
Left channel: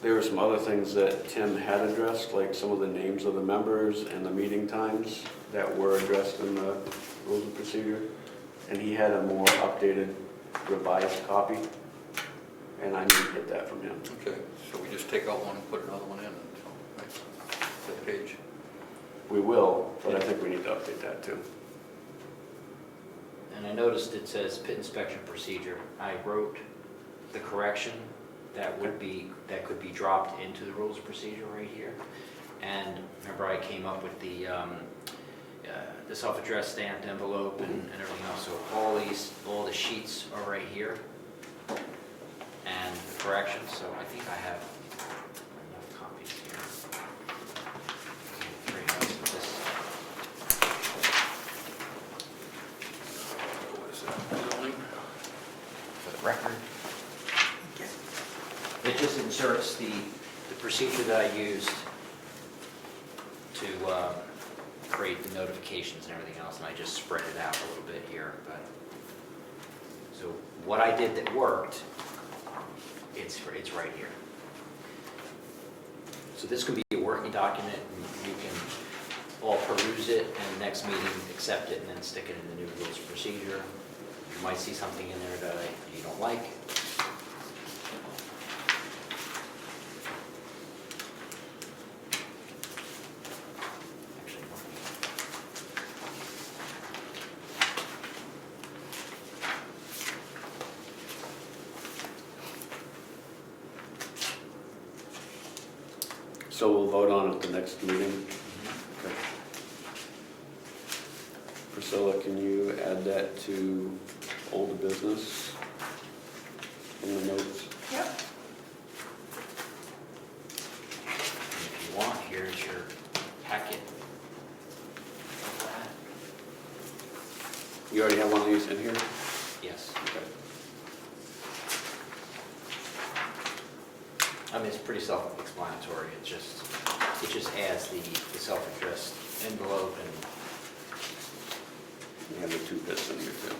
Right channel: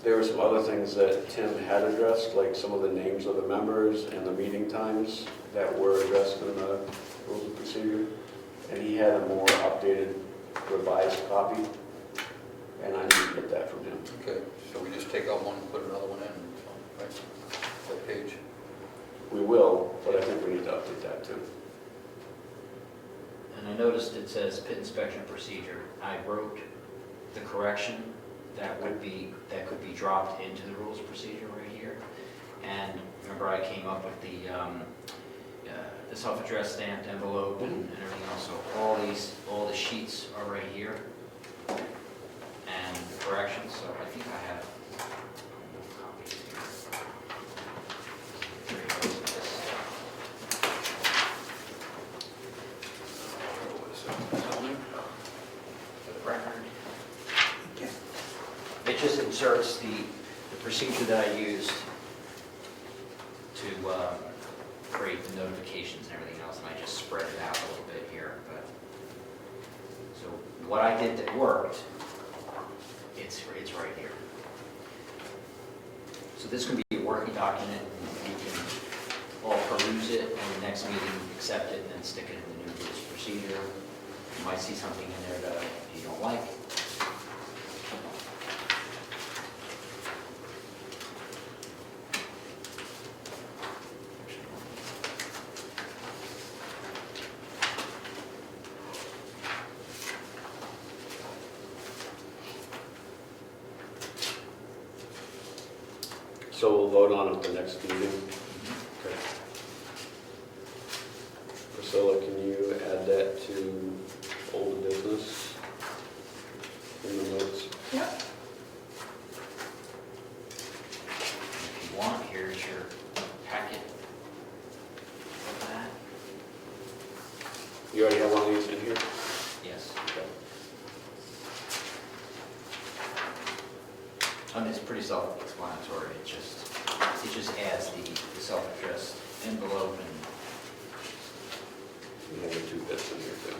There were some other things that Tim had addressed, like some of the names of the members and the meeting times that were addressed in the rules of procedure. And he had a more updated, revised copy, and I need to get that from him. Okay, so we just take out one and put another one in, so, right, that page. We will, but I think we need to update that too. And I noticed it says pit inspection procedure. I wrote the correction that could be dropped into the rules of procedure right here. And remember, I came up with the self-addressed stamped envelope and everything else. So all the sheets are right here. And the corrections, so I think I have enough copies here. 3 copies of this. For the record. It just inserts the procedure that I used to create the notifications and everything else, and I just spread it out a little bit here. But so what I did that worked, it's right here. So this could be a working document, and you can all peruse it, and the next meeting accept it, and then stick it in the new rules of procedure. You might see something in there that you don't like. So we'll vote on it the next meeting. Okay. Priscilla, can you add that to old business in the notes? Yep. If you want, here's your packet of that. You already have one of these in here? Yes. Okay. I mean, it's pretty self-explanatory. It just adds the self-addressed envelope and We have the 2 bits in here too.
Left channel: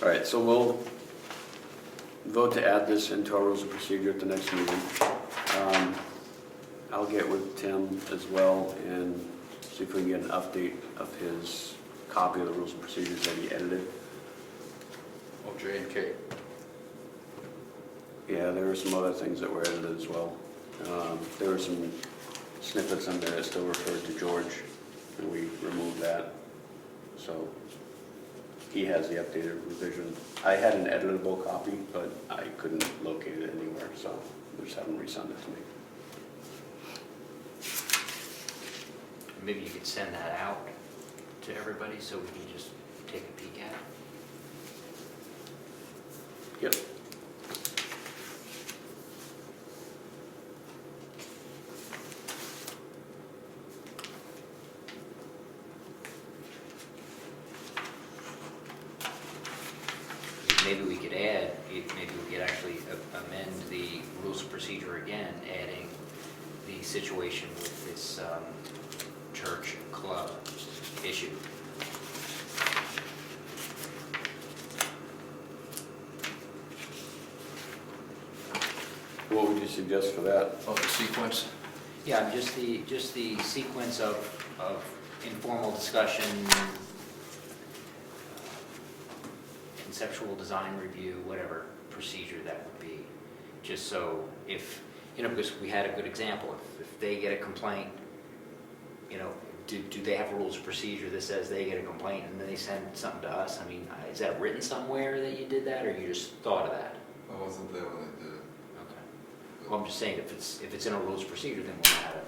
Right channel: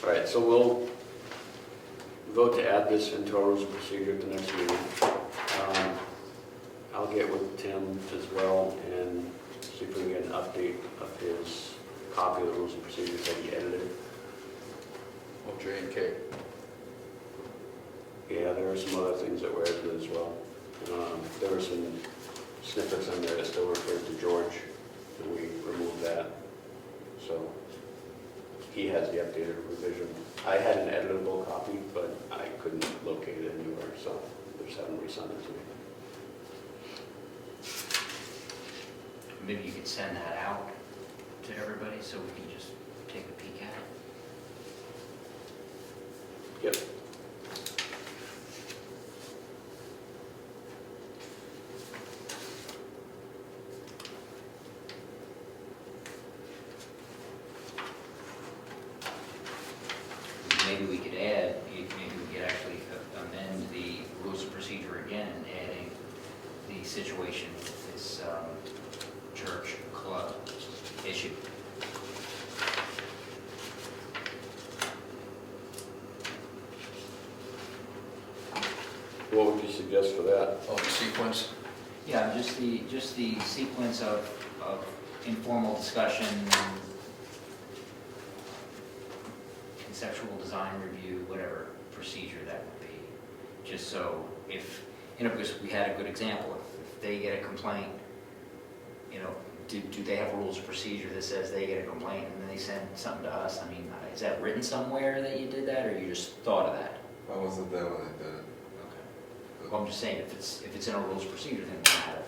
All right, so we'll vote to add this into our rules of procedure at the next meeting. I'll get with Tim as well and see if we can get an update of his copy of the rules and procedures that he edited. Oh, J and K. Yeah, there were some other things that were edited as well. There were some snippets in there that still referred to George, and we removed that. So he has the updated revision. I had an editable copy, but I couldn't locate it anywhere, so I just haven't resent it to me. maybe you could send that out to everybody so we can just take a peek at it. Yep. Maybe we could add, maybe we could actually amend the rules of procedure again, adding the situation with this church club issue. What would you suggest for that? Oh, the sequence? Yeah, just the sequence of informal discussion, conceptual design review, whatever procedure that would be. Just so if, because we had a good example, if they get a complaint, do they have rules of procedure that says they get a complaint and then they send something to us? I mean, is that written somewhere that you did that, or you just thought of that? I wasn't there when they did it. Okay. Well, I'm just saying, if it's in a rules of procedure, then we'll have it.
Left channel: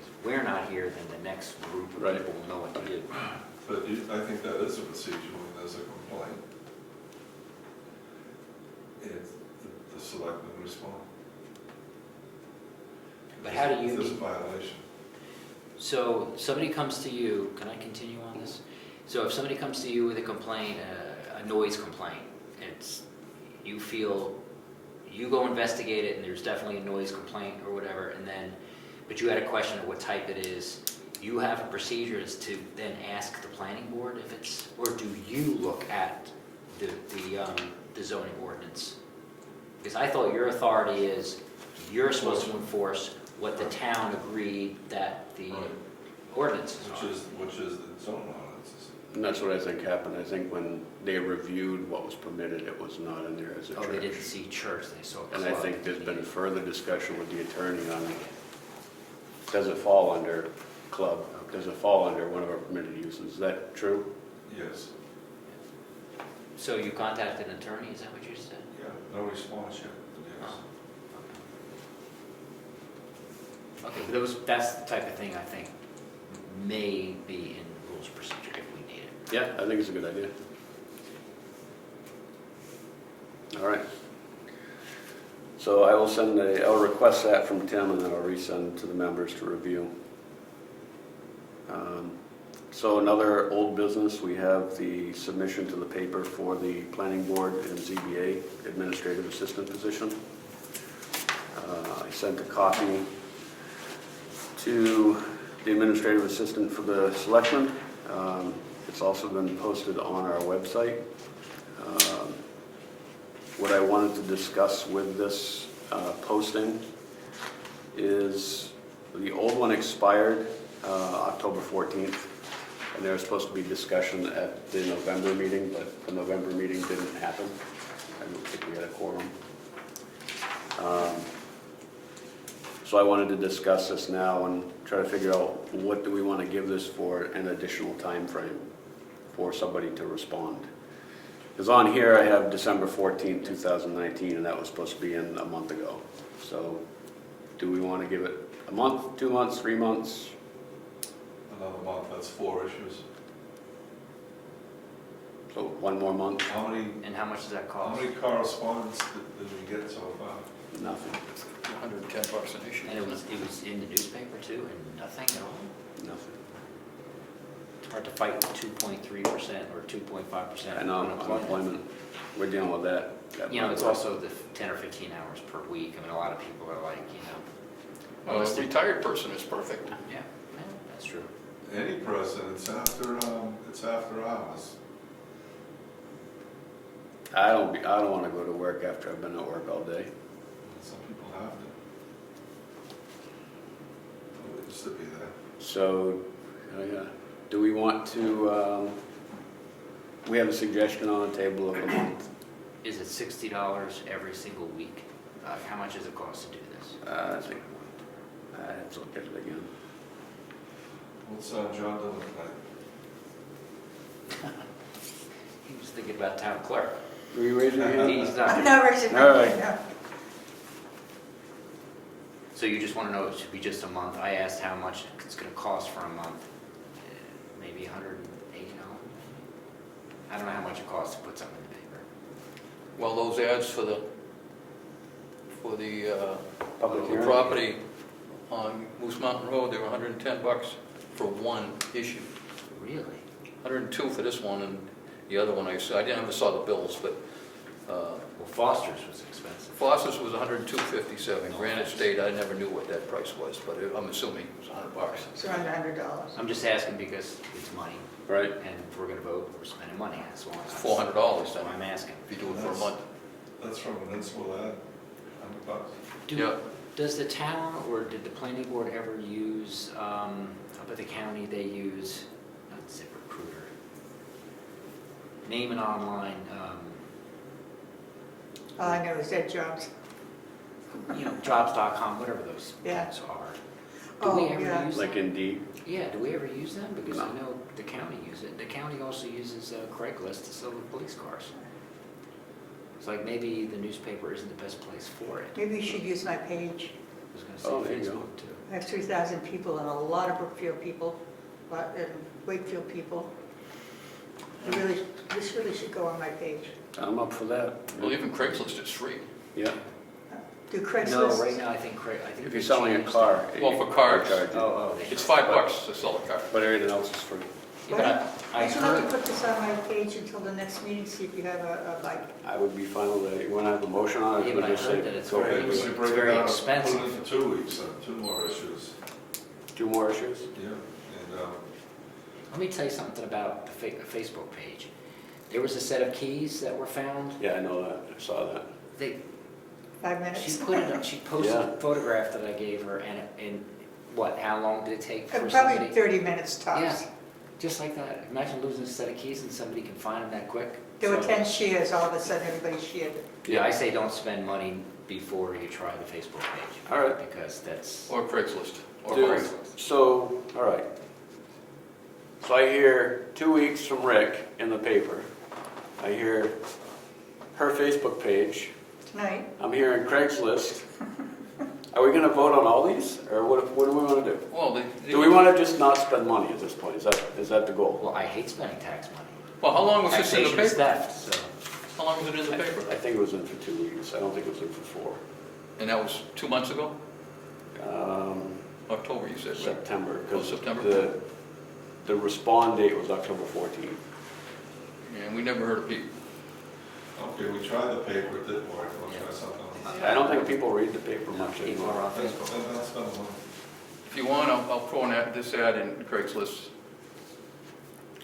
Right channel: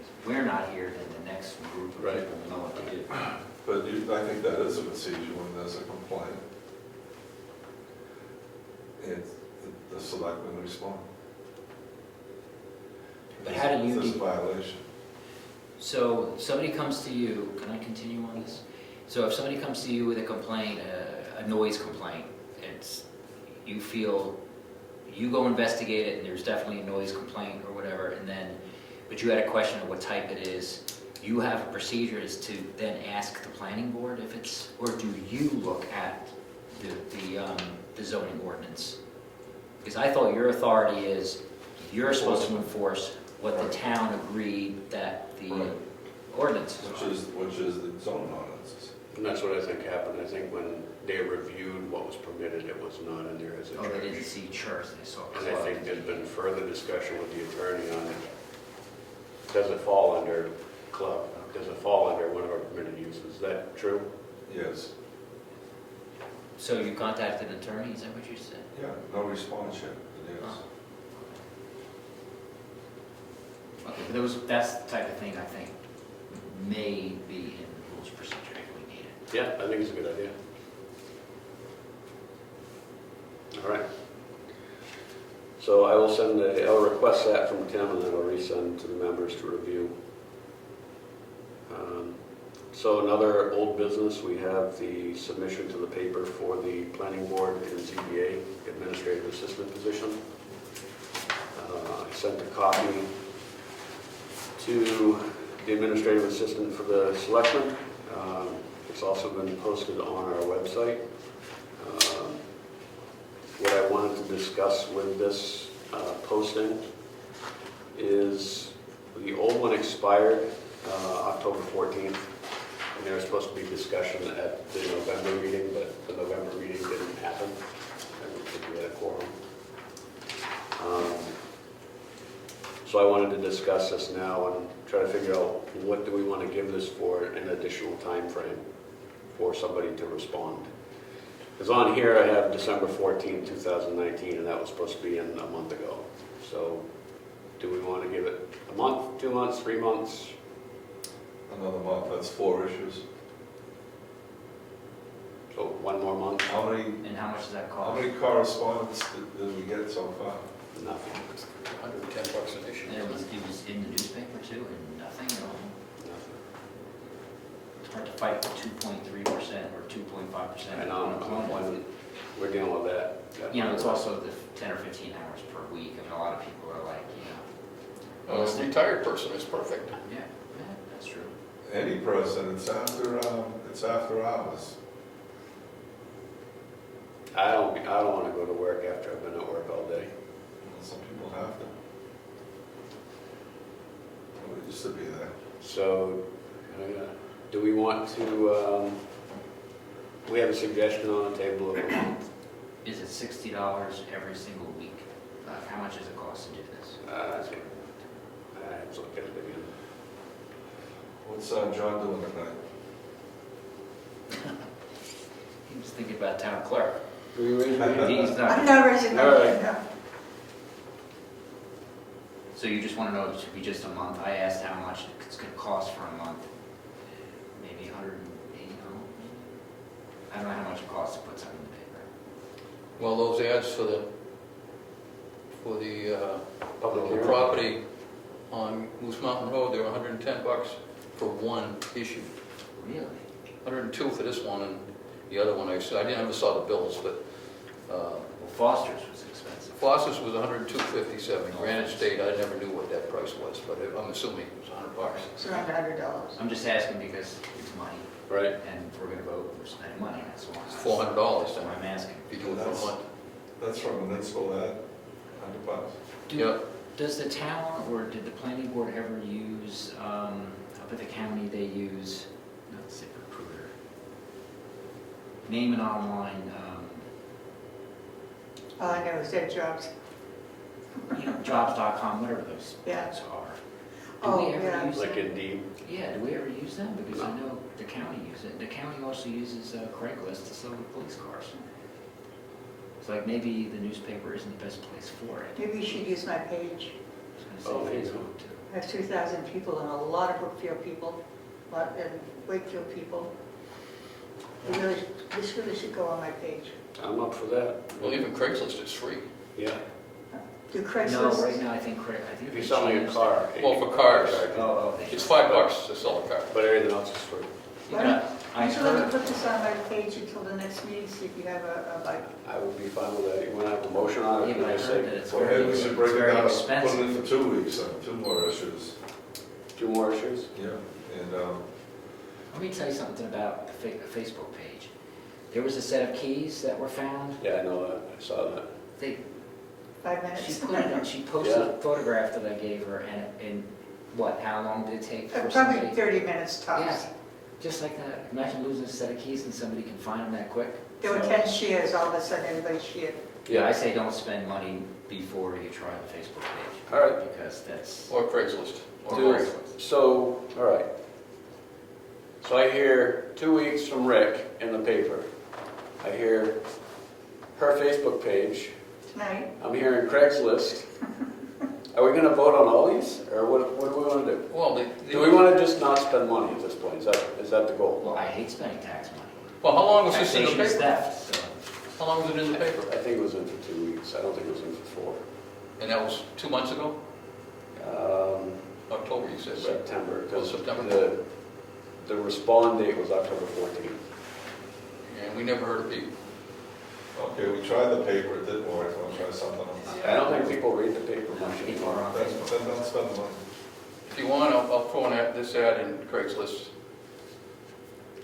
If we're not here, then the next group of Right. people will know what to do. But I think that is a procedure when there's a complaint. And the selectmen respond. But how do you If there's a violation. So somebody comes to you, can I continue on this? So if somebody comes to you with a complaint, a noise complaint, you feel, you go investigate it and there's definitely a noise complaint or whatever, and then, but you had a question of what type it is, you have a procedure is to then ask the planning board if it's, or do you look at the zoning ordinance? Because I thought your authority is, you're supposed to enforce what the town agreed that the Right. ordinance is. Which is the zoning ordinances. And that's what I think happened. I think when they reviewed what was permitted, it was not in there as a Oh, they didn't church. see church, they saw And club. I think there's been further discussion with the attorney on, does it fall under club? Does it fall under one of our permitted uses? Is that true? Yes. So you contacted an attorney, is that what you said? Yeah, no response yet, but yes. Okay, that's the type of thing I think may be in the rules of procedure if we need it. Yeah, I think it's a good idea. All right. So I will request that from Tim, and then I'll resend to the members to review. So another old business, we have the submission to the paper for the planning board and ZBA administrative assistant position. I sent a copy to the administrative assistant for the selectmen. It's also been posted on our website. What I wanted to discuss with this posting is the old one expired October 14th, and there was supposed to be discussion at the November meeting, but the November meeting didn't happen. I don't think we had a quorum. So I wanted to discuss this now and try to figure out what do we want to give this for an additional time frame for somebody to respond. Because on here I have December 14th, 2019, and that was supposed to be in a month ago. So do we want to give it a month, 2 months, 3 months? Another month, that's 4 issues. So 1 more month? How many, And how much does that how cost? many correspondence did we get so far? Nothing. $110 an issue. And it was in the newspaper too, and nothing, Nothing. it's hard to fight 2.3% or 2.5% And unemployment, we're dealing with that. You know, it's also the 10 or 15 hours per week. I mean, a lot of people are like, A retired person is perfect. yeah, that's true. Any person, it's after hours. I don't want to go to work after I've been at work all day. Some people have to. It used to be there. So, do we want to, we have a suggestion on the table of a month. Is it $60 every single week? How much does it cost to do this? I think, let's look at it again. What's John doing tonight? He was thinking about town clerk. Are you raising your hand? He's I'm not. not raising my All right. hand, no. So you just want to know it should be just a month? I asked how much it's going to cost for a month. Maybe $180. I don't know how much it costs to put something in the paper. Well, those ads for the Public hearing? property on Moose Mountain Road, they were $110 for one issue. Really? 102 for this one, and the other one I never saw the bills, but Well, Foster's was expensive. Foster's was $102.57. Granite State, I never knew what that price was, but I'm assuming it was $100. It's around $100. I'm just asking because it's money, Right? and if we're going to vote, we're spending money. That's all. It's $400 That's then, what I'm asking. if you do it for a month. That's from an municipal ad, $100. Yeah. Does the town or did the planning board ever use, up at the county, they use, not ZipRecruiter, name and online, All I know is that jobs. jobs.com, whatever those Yeah. things are. Oh, Do we ever yeah. use Like them? Indeed? Yeah, do we ever use them? Because I No. know the county uses it. The county also uses Craigslist to sell police cars. It's like maybe the newspaper isn't the best place for it. Maybe you should use my page. I was Oh, going there to you say go. Facebook too. I have 2,000 people and a lot of Brookfield people, and Wakefield people. This really should go on my page. I'm up for that. Well, even Craigslist is free. Yeah. Do No, Craigslist? right now I think I think If they you're selling a changed car. Well, for cars. charge you. Oh, they It's $5 to sell a car. But everything else is free. Yeah, but I Would you like to heard, put this on my page until the next meeting, see if you have a like, I would be fine with that. You want to have a motion on it? Yeah, or but I just heard say that it's go very- ahead? Maybe we should break very it out, expensive. put it in for 2 weeks, 2 more issues. 2 more issues? Yeah, and, let me tell you something about the Facebook page. There was a set of keys that were found. Yeah, I know that. I saw that. They, 5 she minutes? put it, she posted Yeah. a photograph that I gave her, and what, how long did it take for Probably somebody? 30 minutes tops. Yeah, just like that. Imagine losing a set of keys and somebody can find them that quick. There were 10 shares, all of a sudden everybody shared. Yeah, I say don't spend money before you try the Facebook page. All right. Because that's. Or Craigslist. Or Do- Craigslist. So, all right. So I hear 2 weeks from Rick in the paper. I hear her Facebook page. Tonight, I'm hearing Craigslist. Are we going to vote on all these, or what do we want to do? Well, Do we want to just not spend money at this point? Is that the goal? Well, I hate spending tax money. Well, how long was this in the Taxation's paper? theft, so. How long was it in the paper? I think it was in for 2 weeks. I don't think it was in for 4. And that was 2 months ago? October, you said, right? September, because Oh, September. the respond date was October 14th. And we never heard of people. okay, we tried the paper, it didn't work, we'll try something else. I don't think people read the paper No, much people are anymore. on Then Facebook. then don't spend the money. If you want, I'll throw this ad in Craigslist.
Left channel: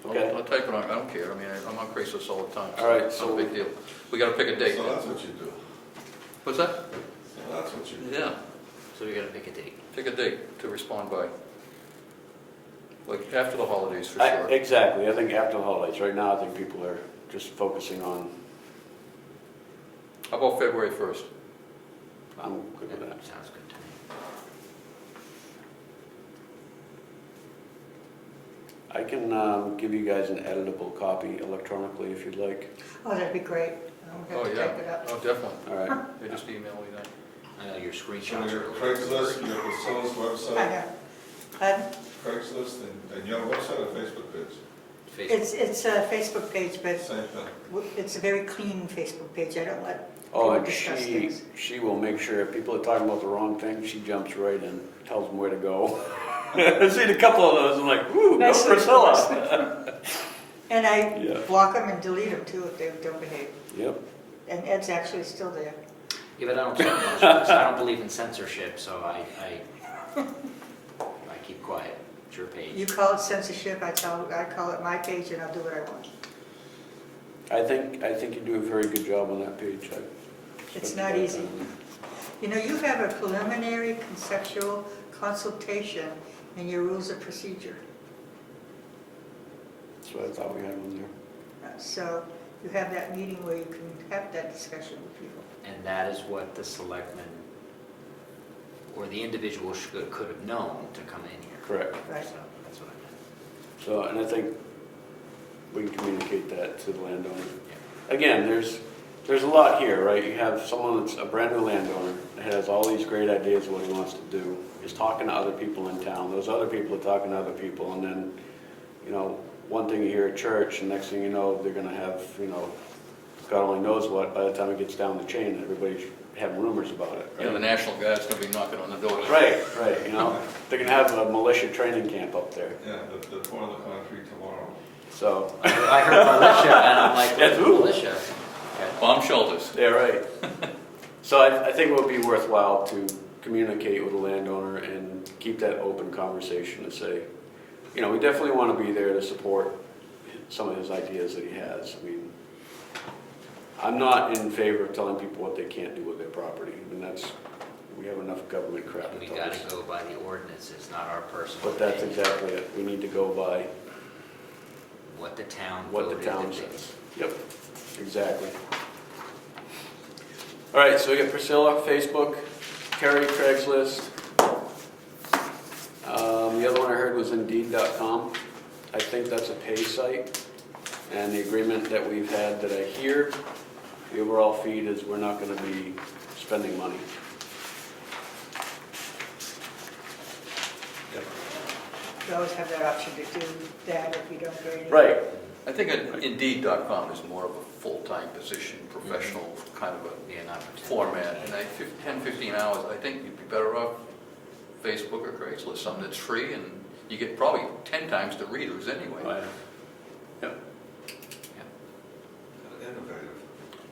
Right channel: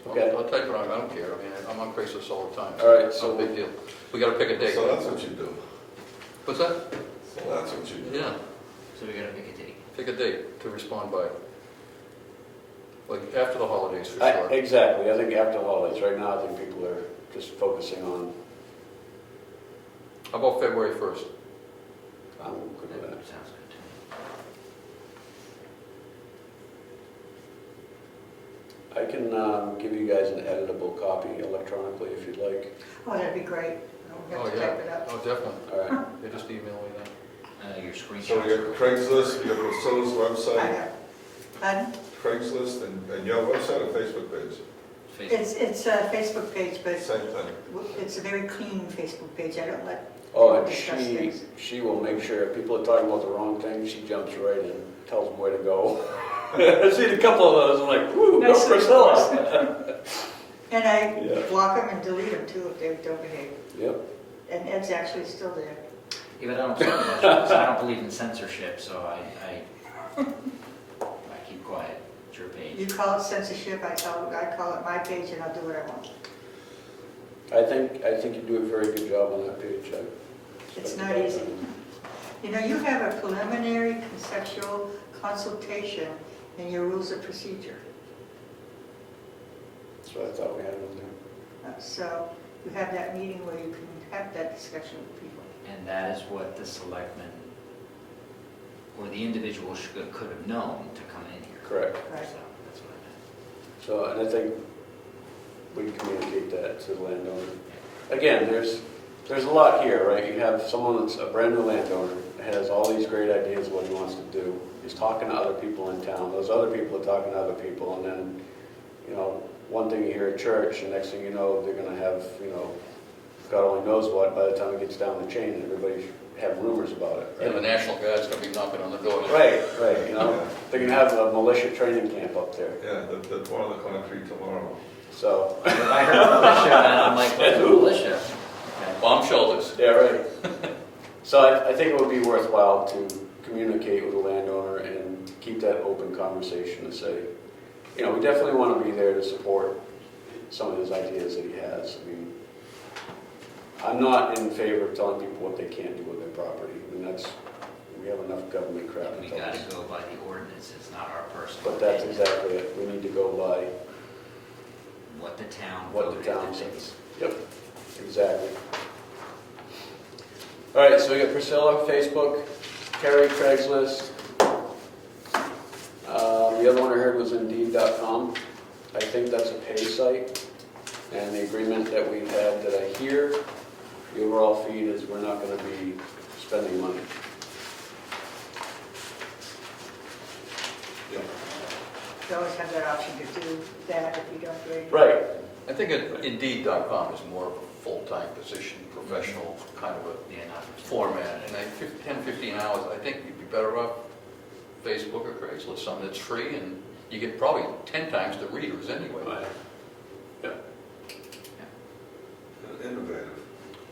Okay. I'll type it on, I don't care, I mean, I'm on Craigslist all the time. All right, It's no so- big deal. We gotta pick a date. So that's what you do. What's that? So that's what you do. Yeah, So we gotta pick a date. pick a date to respond by. Like after the holidays for I- sure. Exactly, I think after the holidays. Right now, I think people are just focusing on, How about February 1st? I'm good with that. Sounds good to me. I can give you guys an editable copy electronically if you'd like. oh, that'd be great. I Oh, don't have to yeah. type it up. Oh, definitely. All right. They just email me that. Your So screenshots. we got Craigslist, we got Priscilla's I website, have, pardon? Craigslist, and your website or Facebook page? Facebook. It's a Facebook page, but Same thing. it's a very clean Facebook page. I don't let Oh, people and discuss things. she will make sure if people are talking about the wrong thing, she jumps right in, tells them where to go. I've seen a couple of those, I'm like, woo, go Nicely Priscilla. And I Yeah. block them and delete them too if they don't behave. Yep, And Ed's actually still there. Yeah, but I don't believe in censorship, so I keep quiet. It's your page. You call it censorship, I call it my page, and I'll do what I want. I think you do a very good job on that page. It's not easy. You know, you have a preliminary conceptual consultation in your rules of procedure. That's what I thought we had on there. So you have that meeting where you can have that discussion with people. And that is what the selectmen, or the individual could have known to come in here. Correct. Right. So that's what I meant. So, and I think we can communicate that to the landowner. Again, there's a lot here, right? You have someone that's a brand new landowner, that has all these great ideas of what he wants to do, is talking to other people in town, those other people are talking to other people, and then, you know, one thing you hear at church, and next thing you know, they're gonna have, you know, God only knows what, by the time it gets down the chain, everybody should have rumors about it. Yeah, the National Guard's gonna be knocking on the door. Right, you know, they're gonna have a militia training camp up there, Yeah, the pour on the concrete tomorrow. so. I heard militia, and I'm like, That's what's who? militia? Okay. Bomb shelters. Yeah, right. So I think it would be worthwhile to communicate with the landowner and keep that open conversation and say, you know, we definitely want to be there to support some of his ideas that he has. I mean, I'm not in favor of telling people what they can't do with their property, and we have enough government crap We to tell gotta us. go by the ordinances, not our personal. But that's opinion. exactly it. We need to go by What the town. what voted the town to do. says. Yep, exactly. All right, so we got Priscilla, Facebook, Terry, Craigslist. The other one I heard was Indeed.com. I think that's a pay site. And the agreement that we've had that I hear, the overall feed is we're not going to be spending money. Yep. You always have that option to do that if you don't get any. Right. I think Indeed.com is more of a full-time position, professional kind of a Yeah, not. format. And 10, 15 hours, I think you'd be better off Facebook or Craigslist, something that's free and you get probably 10 times the readers anyway.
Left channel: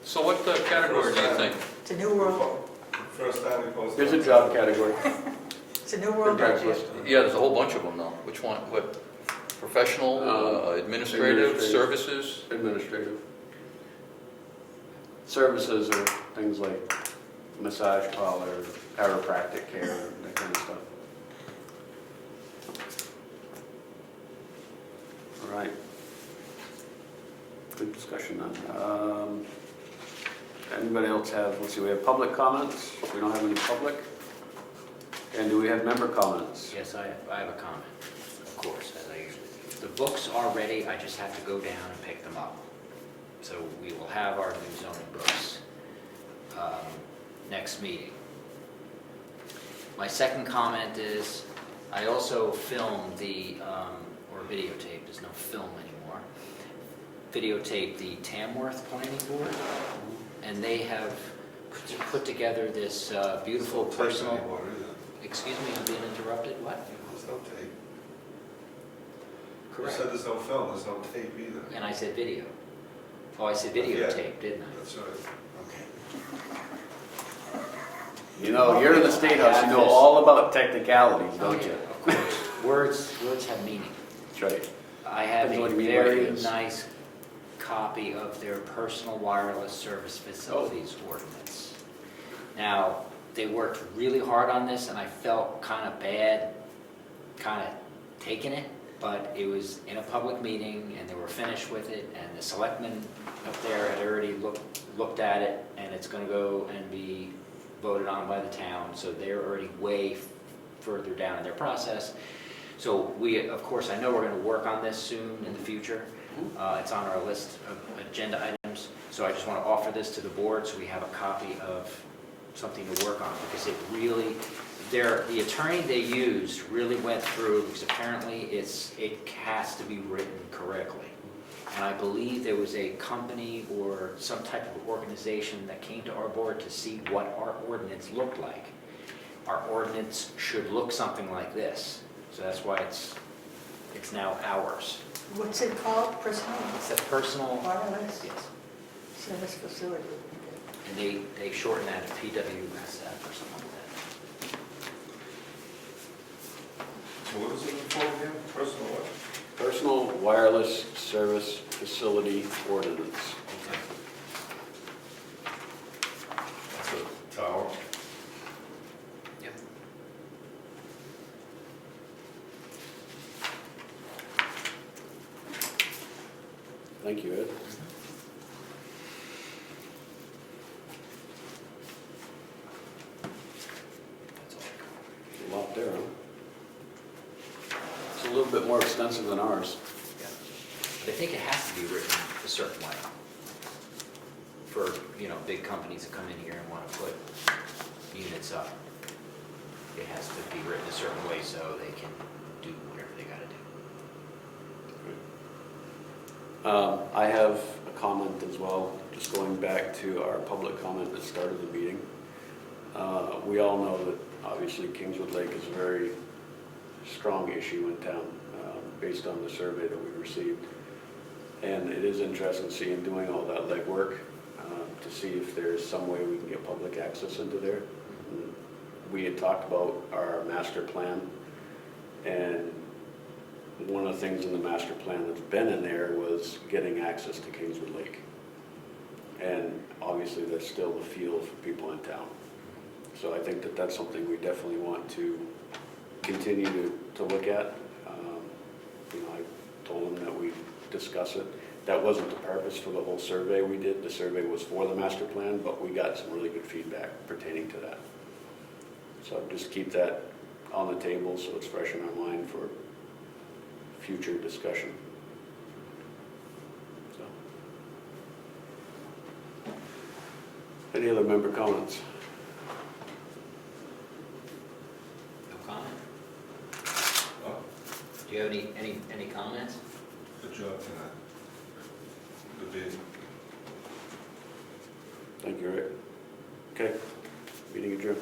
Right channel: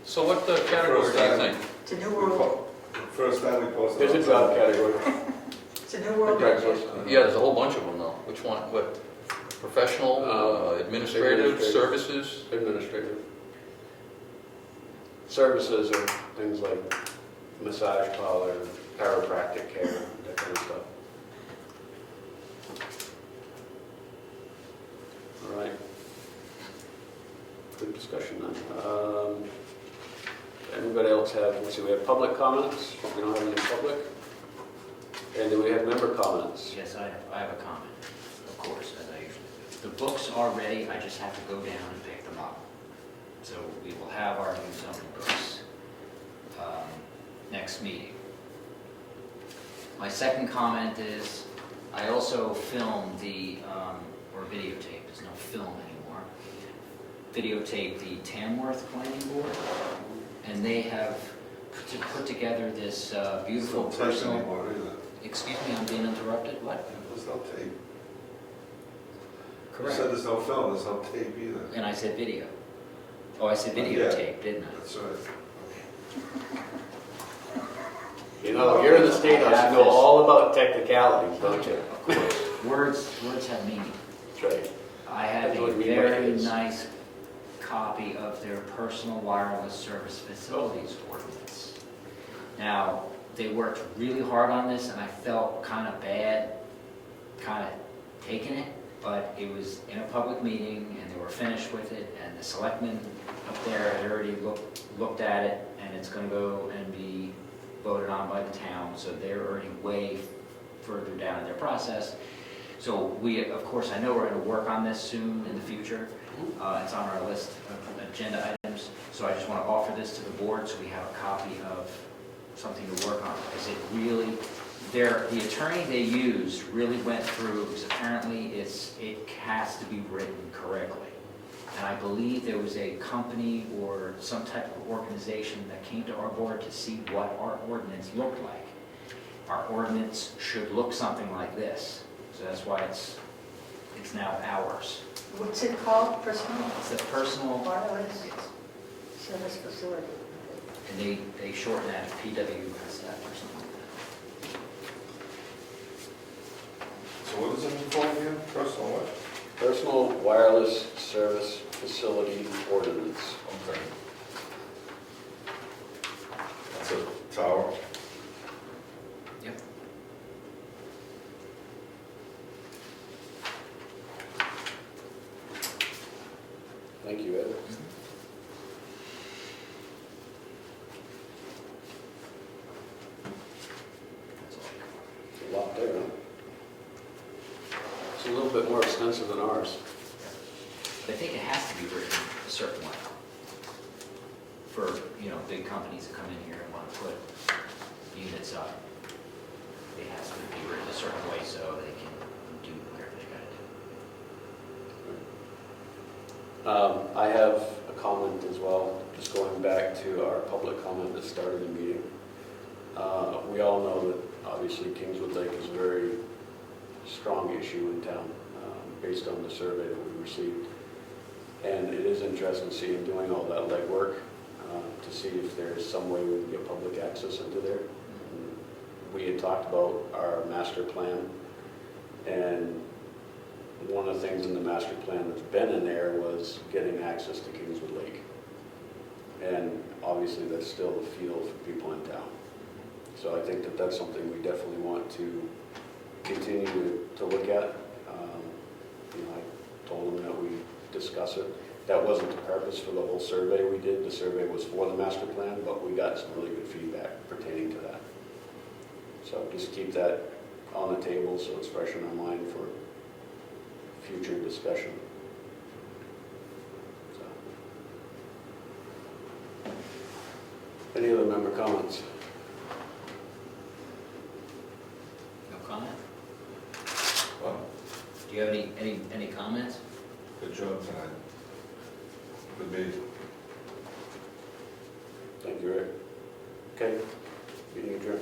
So what category do you think? It's a new world, First time we posted. There's a job category. it's a new world. Craigslist. Yeah, there's a whole bunch of them though. Which one? What? Professional, administrative, administrative. services? Administrative. Services are things like massage parlor, chiropractic care, that kind of stuff. All right. Good discussion then. Anybody else have, let's see, we have public comments. We don't have any public. And do we have member comments? Yes, I have a comment, of course, as I usually do. The books are ready, I just have to go down and pick them up. So we will have our new zoning books next meeting. My second comment is, I also filmed or videotaped, there's no film anymore, videotaped the Tamworth Planning Board, and they have put together this beautiful There's no tape personal... anymore either. Excuse me, I'm being interrupted, what? There's no tape. You Correct. said there's no film, there's no tape either. And I said video. Oh, I said Yeah. videotape, didn't I? That's right. You know, you're in the State House, you know all about technicalities, don't you? Of course. Words have meaning. That's right. I have That's a what meaning very is. nice copy of their personal wireless service facilities ordinance. Now, they worked really hard on this, and I felt kind of bad, kind of taking it, but it was in a public meeting, and they were finished with it, and the selectmen up there had already looked at it, and it's gonna go and be voted on by the town, so they're already way further down in their process. So we, of course, I know we're gonna work on this soon in the future. It's on our list of agenda items, so I just wanna offer this to the board, so we have a copy of something to work on, because it really, the attorney they used really went through, because apparently it has to be written correctly. And I believe there was a company or some type of organization that came to our board to see what our ordinance looked like. Our ordinance should look something like this, so that's why it's now ours. What's it called, personal It's a personal, wireless yes, service facility? and they shorten that to PWSF or something like that. So what is it for again? Personal what? Personal wireless service facility ordinance. Okay. That's a tower. Yep. Thank you, Ed. That's all. There's a lot there, huh? It's a little bit more extensive than ours. But I think it has to be written a certain way. For, big companies to come in here and want to put units up. It has to be written a certain way so they can do whatever they gotta do. I have a comment as well, just going back to our public comment that started the meeting. We all know that obviously Kingswood Lake is a very strong issue in town, based on the survey that we received. And it is interesting seeing doing all that legwork to see if there's some way we can get public access into there. We had talked about our master plan, and one of the things in the master plan that's been in there was getting access to Kingswood Lake. And obviously that's still the feel for people in town. So I think that that's something we definitely want to continue to look at. I told them that we discuss it. That wasn't the purpose for the whole survey we did. The survey was for the master plan, but we got some really good feedback pertaining to that. So just keep that on the table so it's fresh in our mind for future discussion. So. Any other member comments? No comment? Oh, Do you have any comments? good job tonight. Good meeting. Thank you, Rick. Okay, meeting adjourned.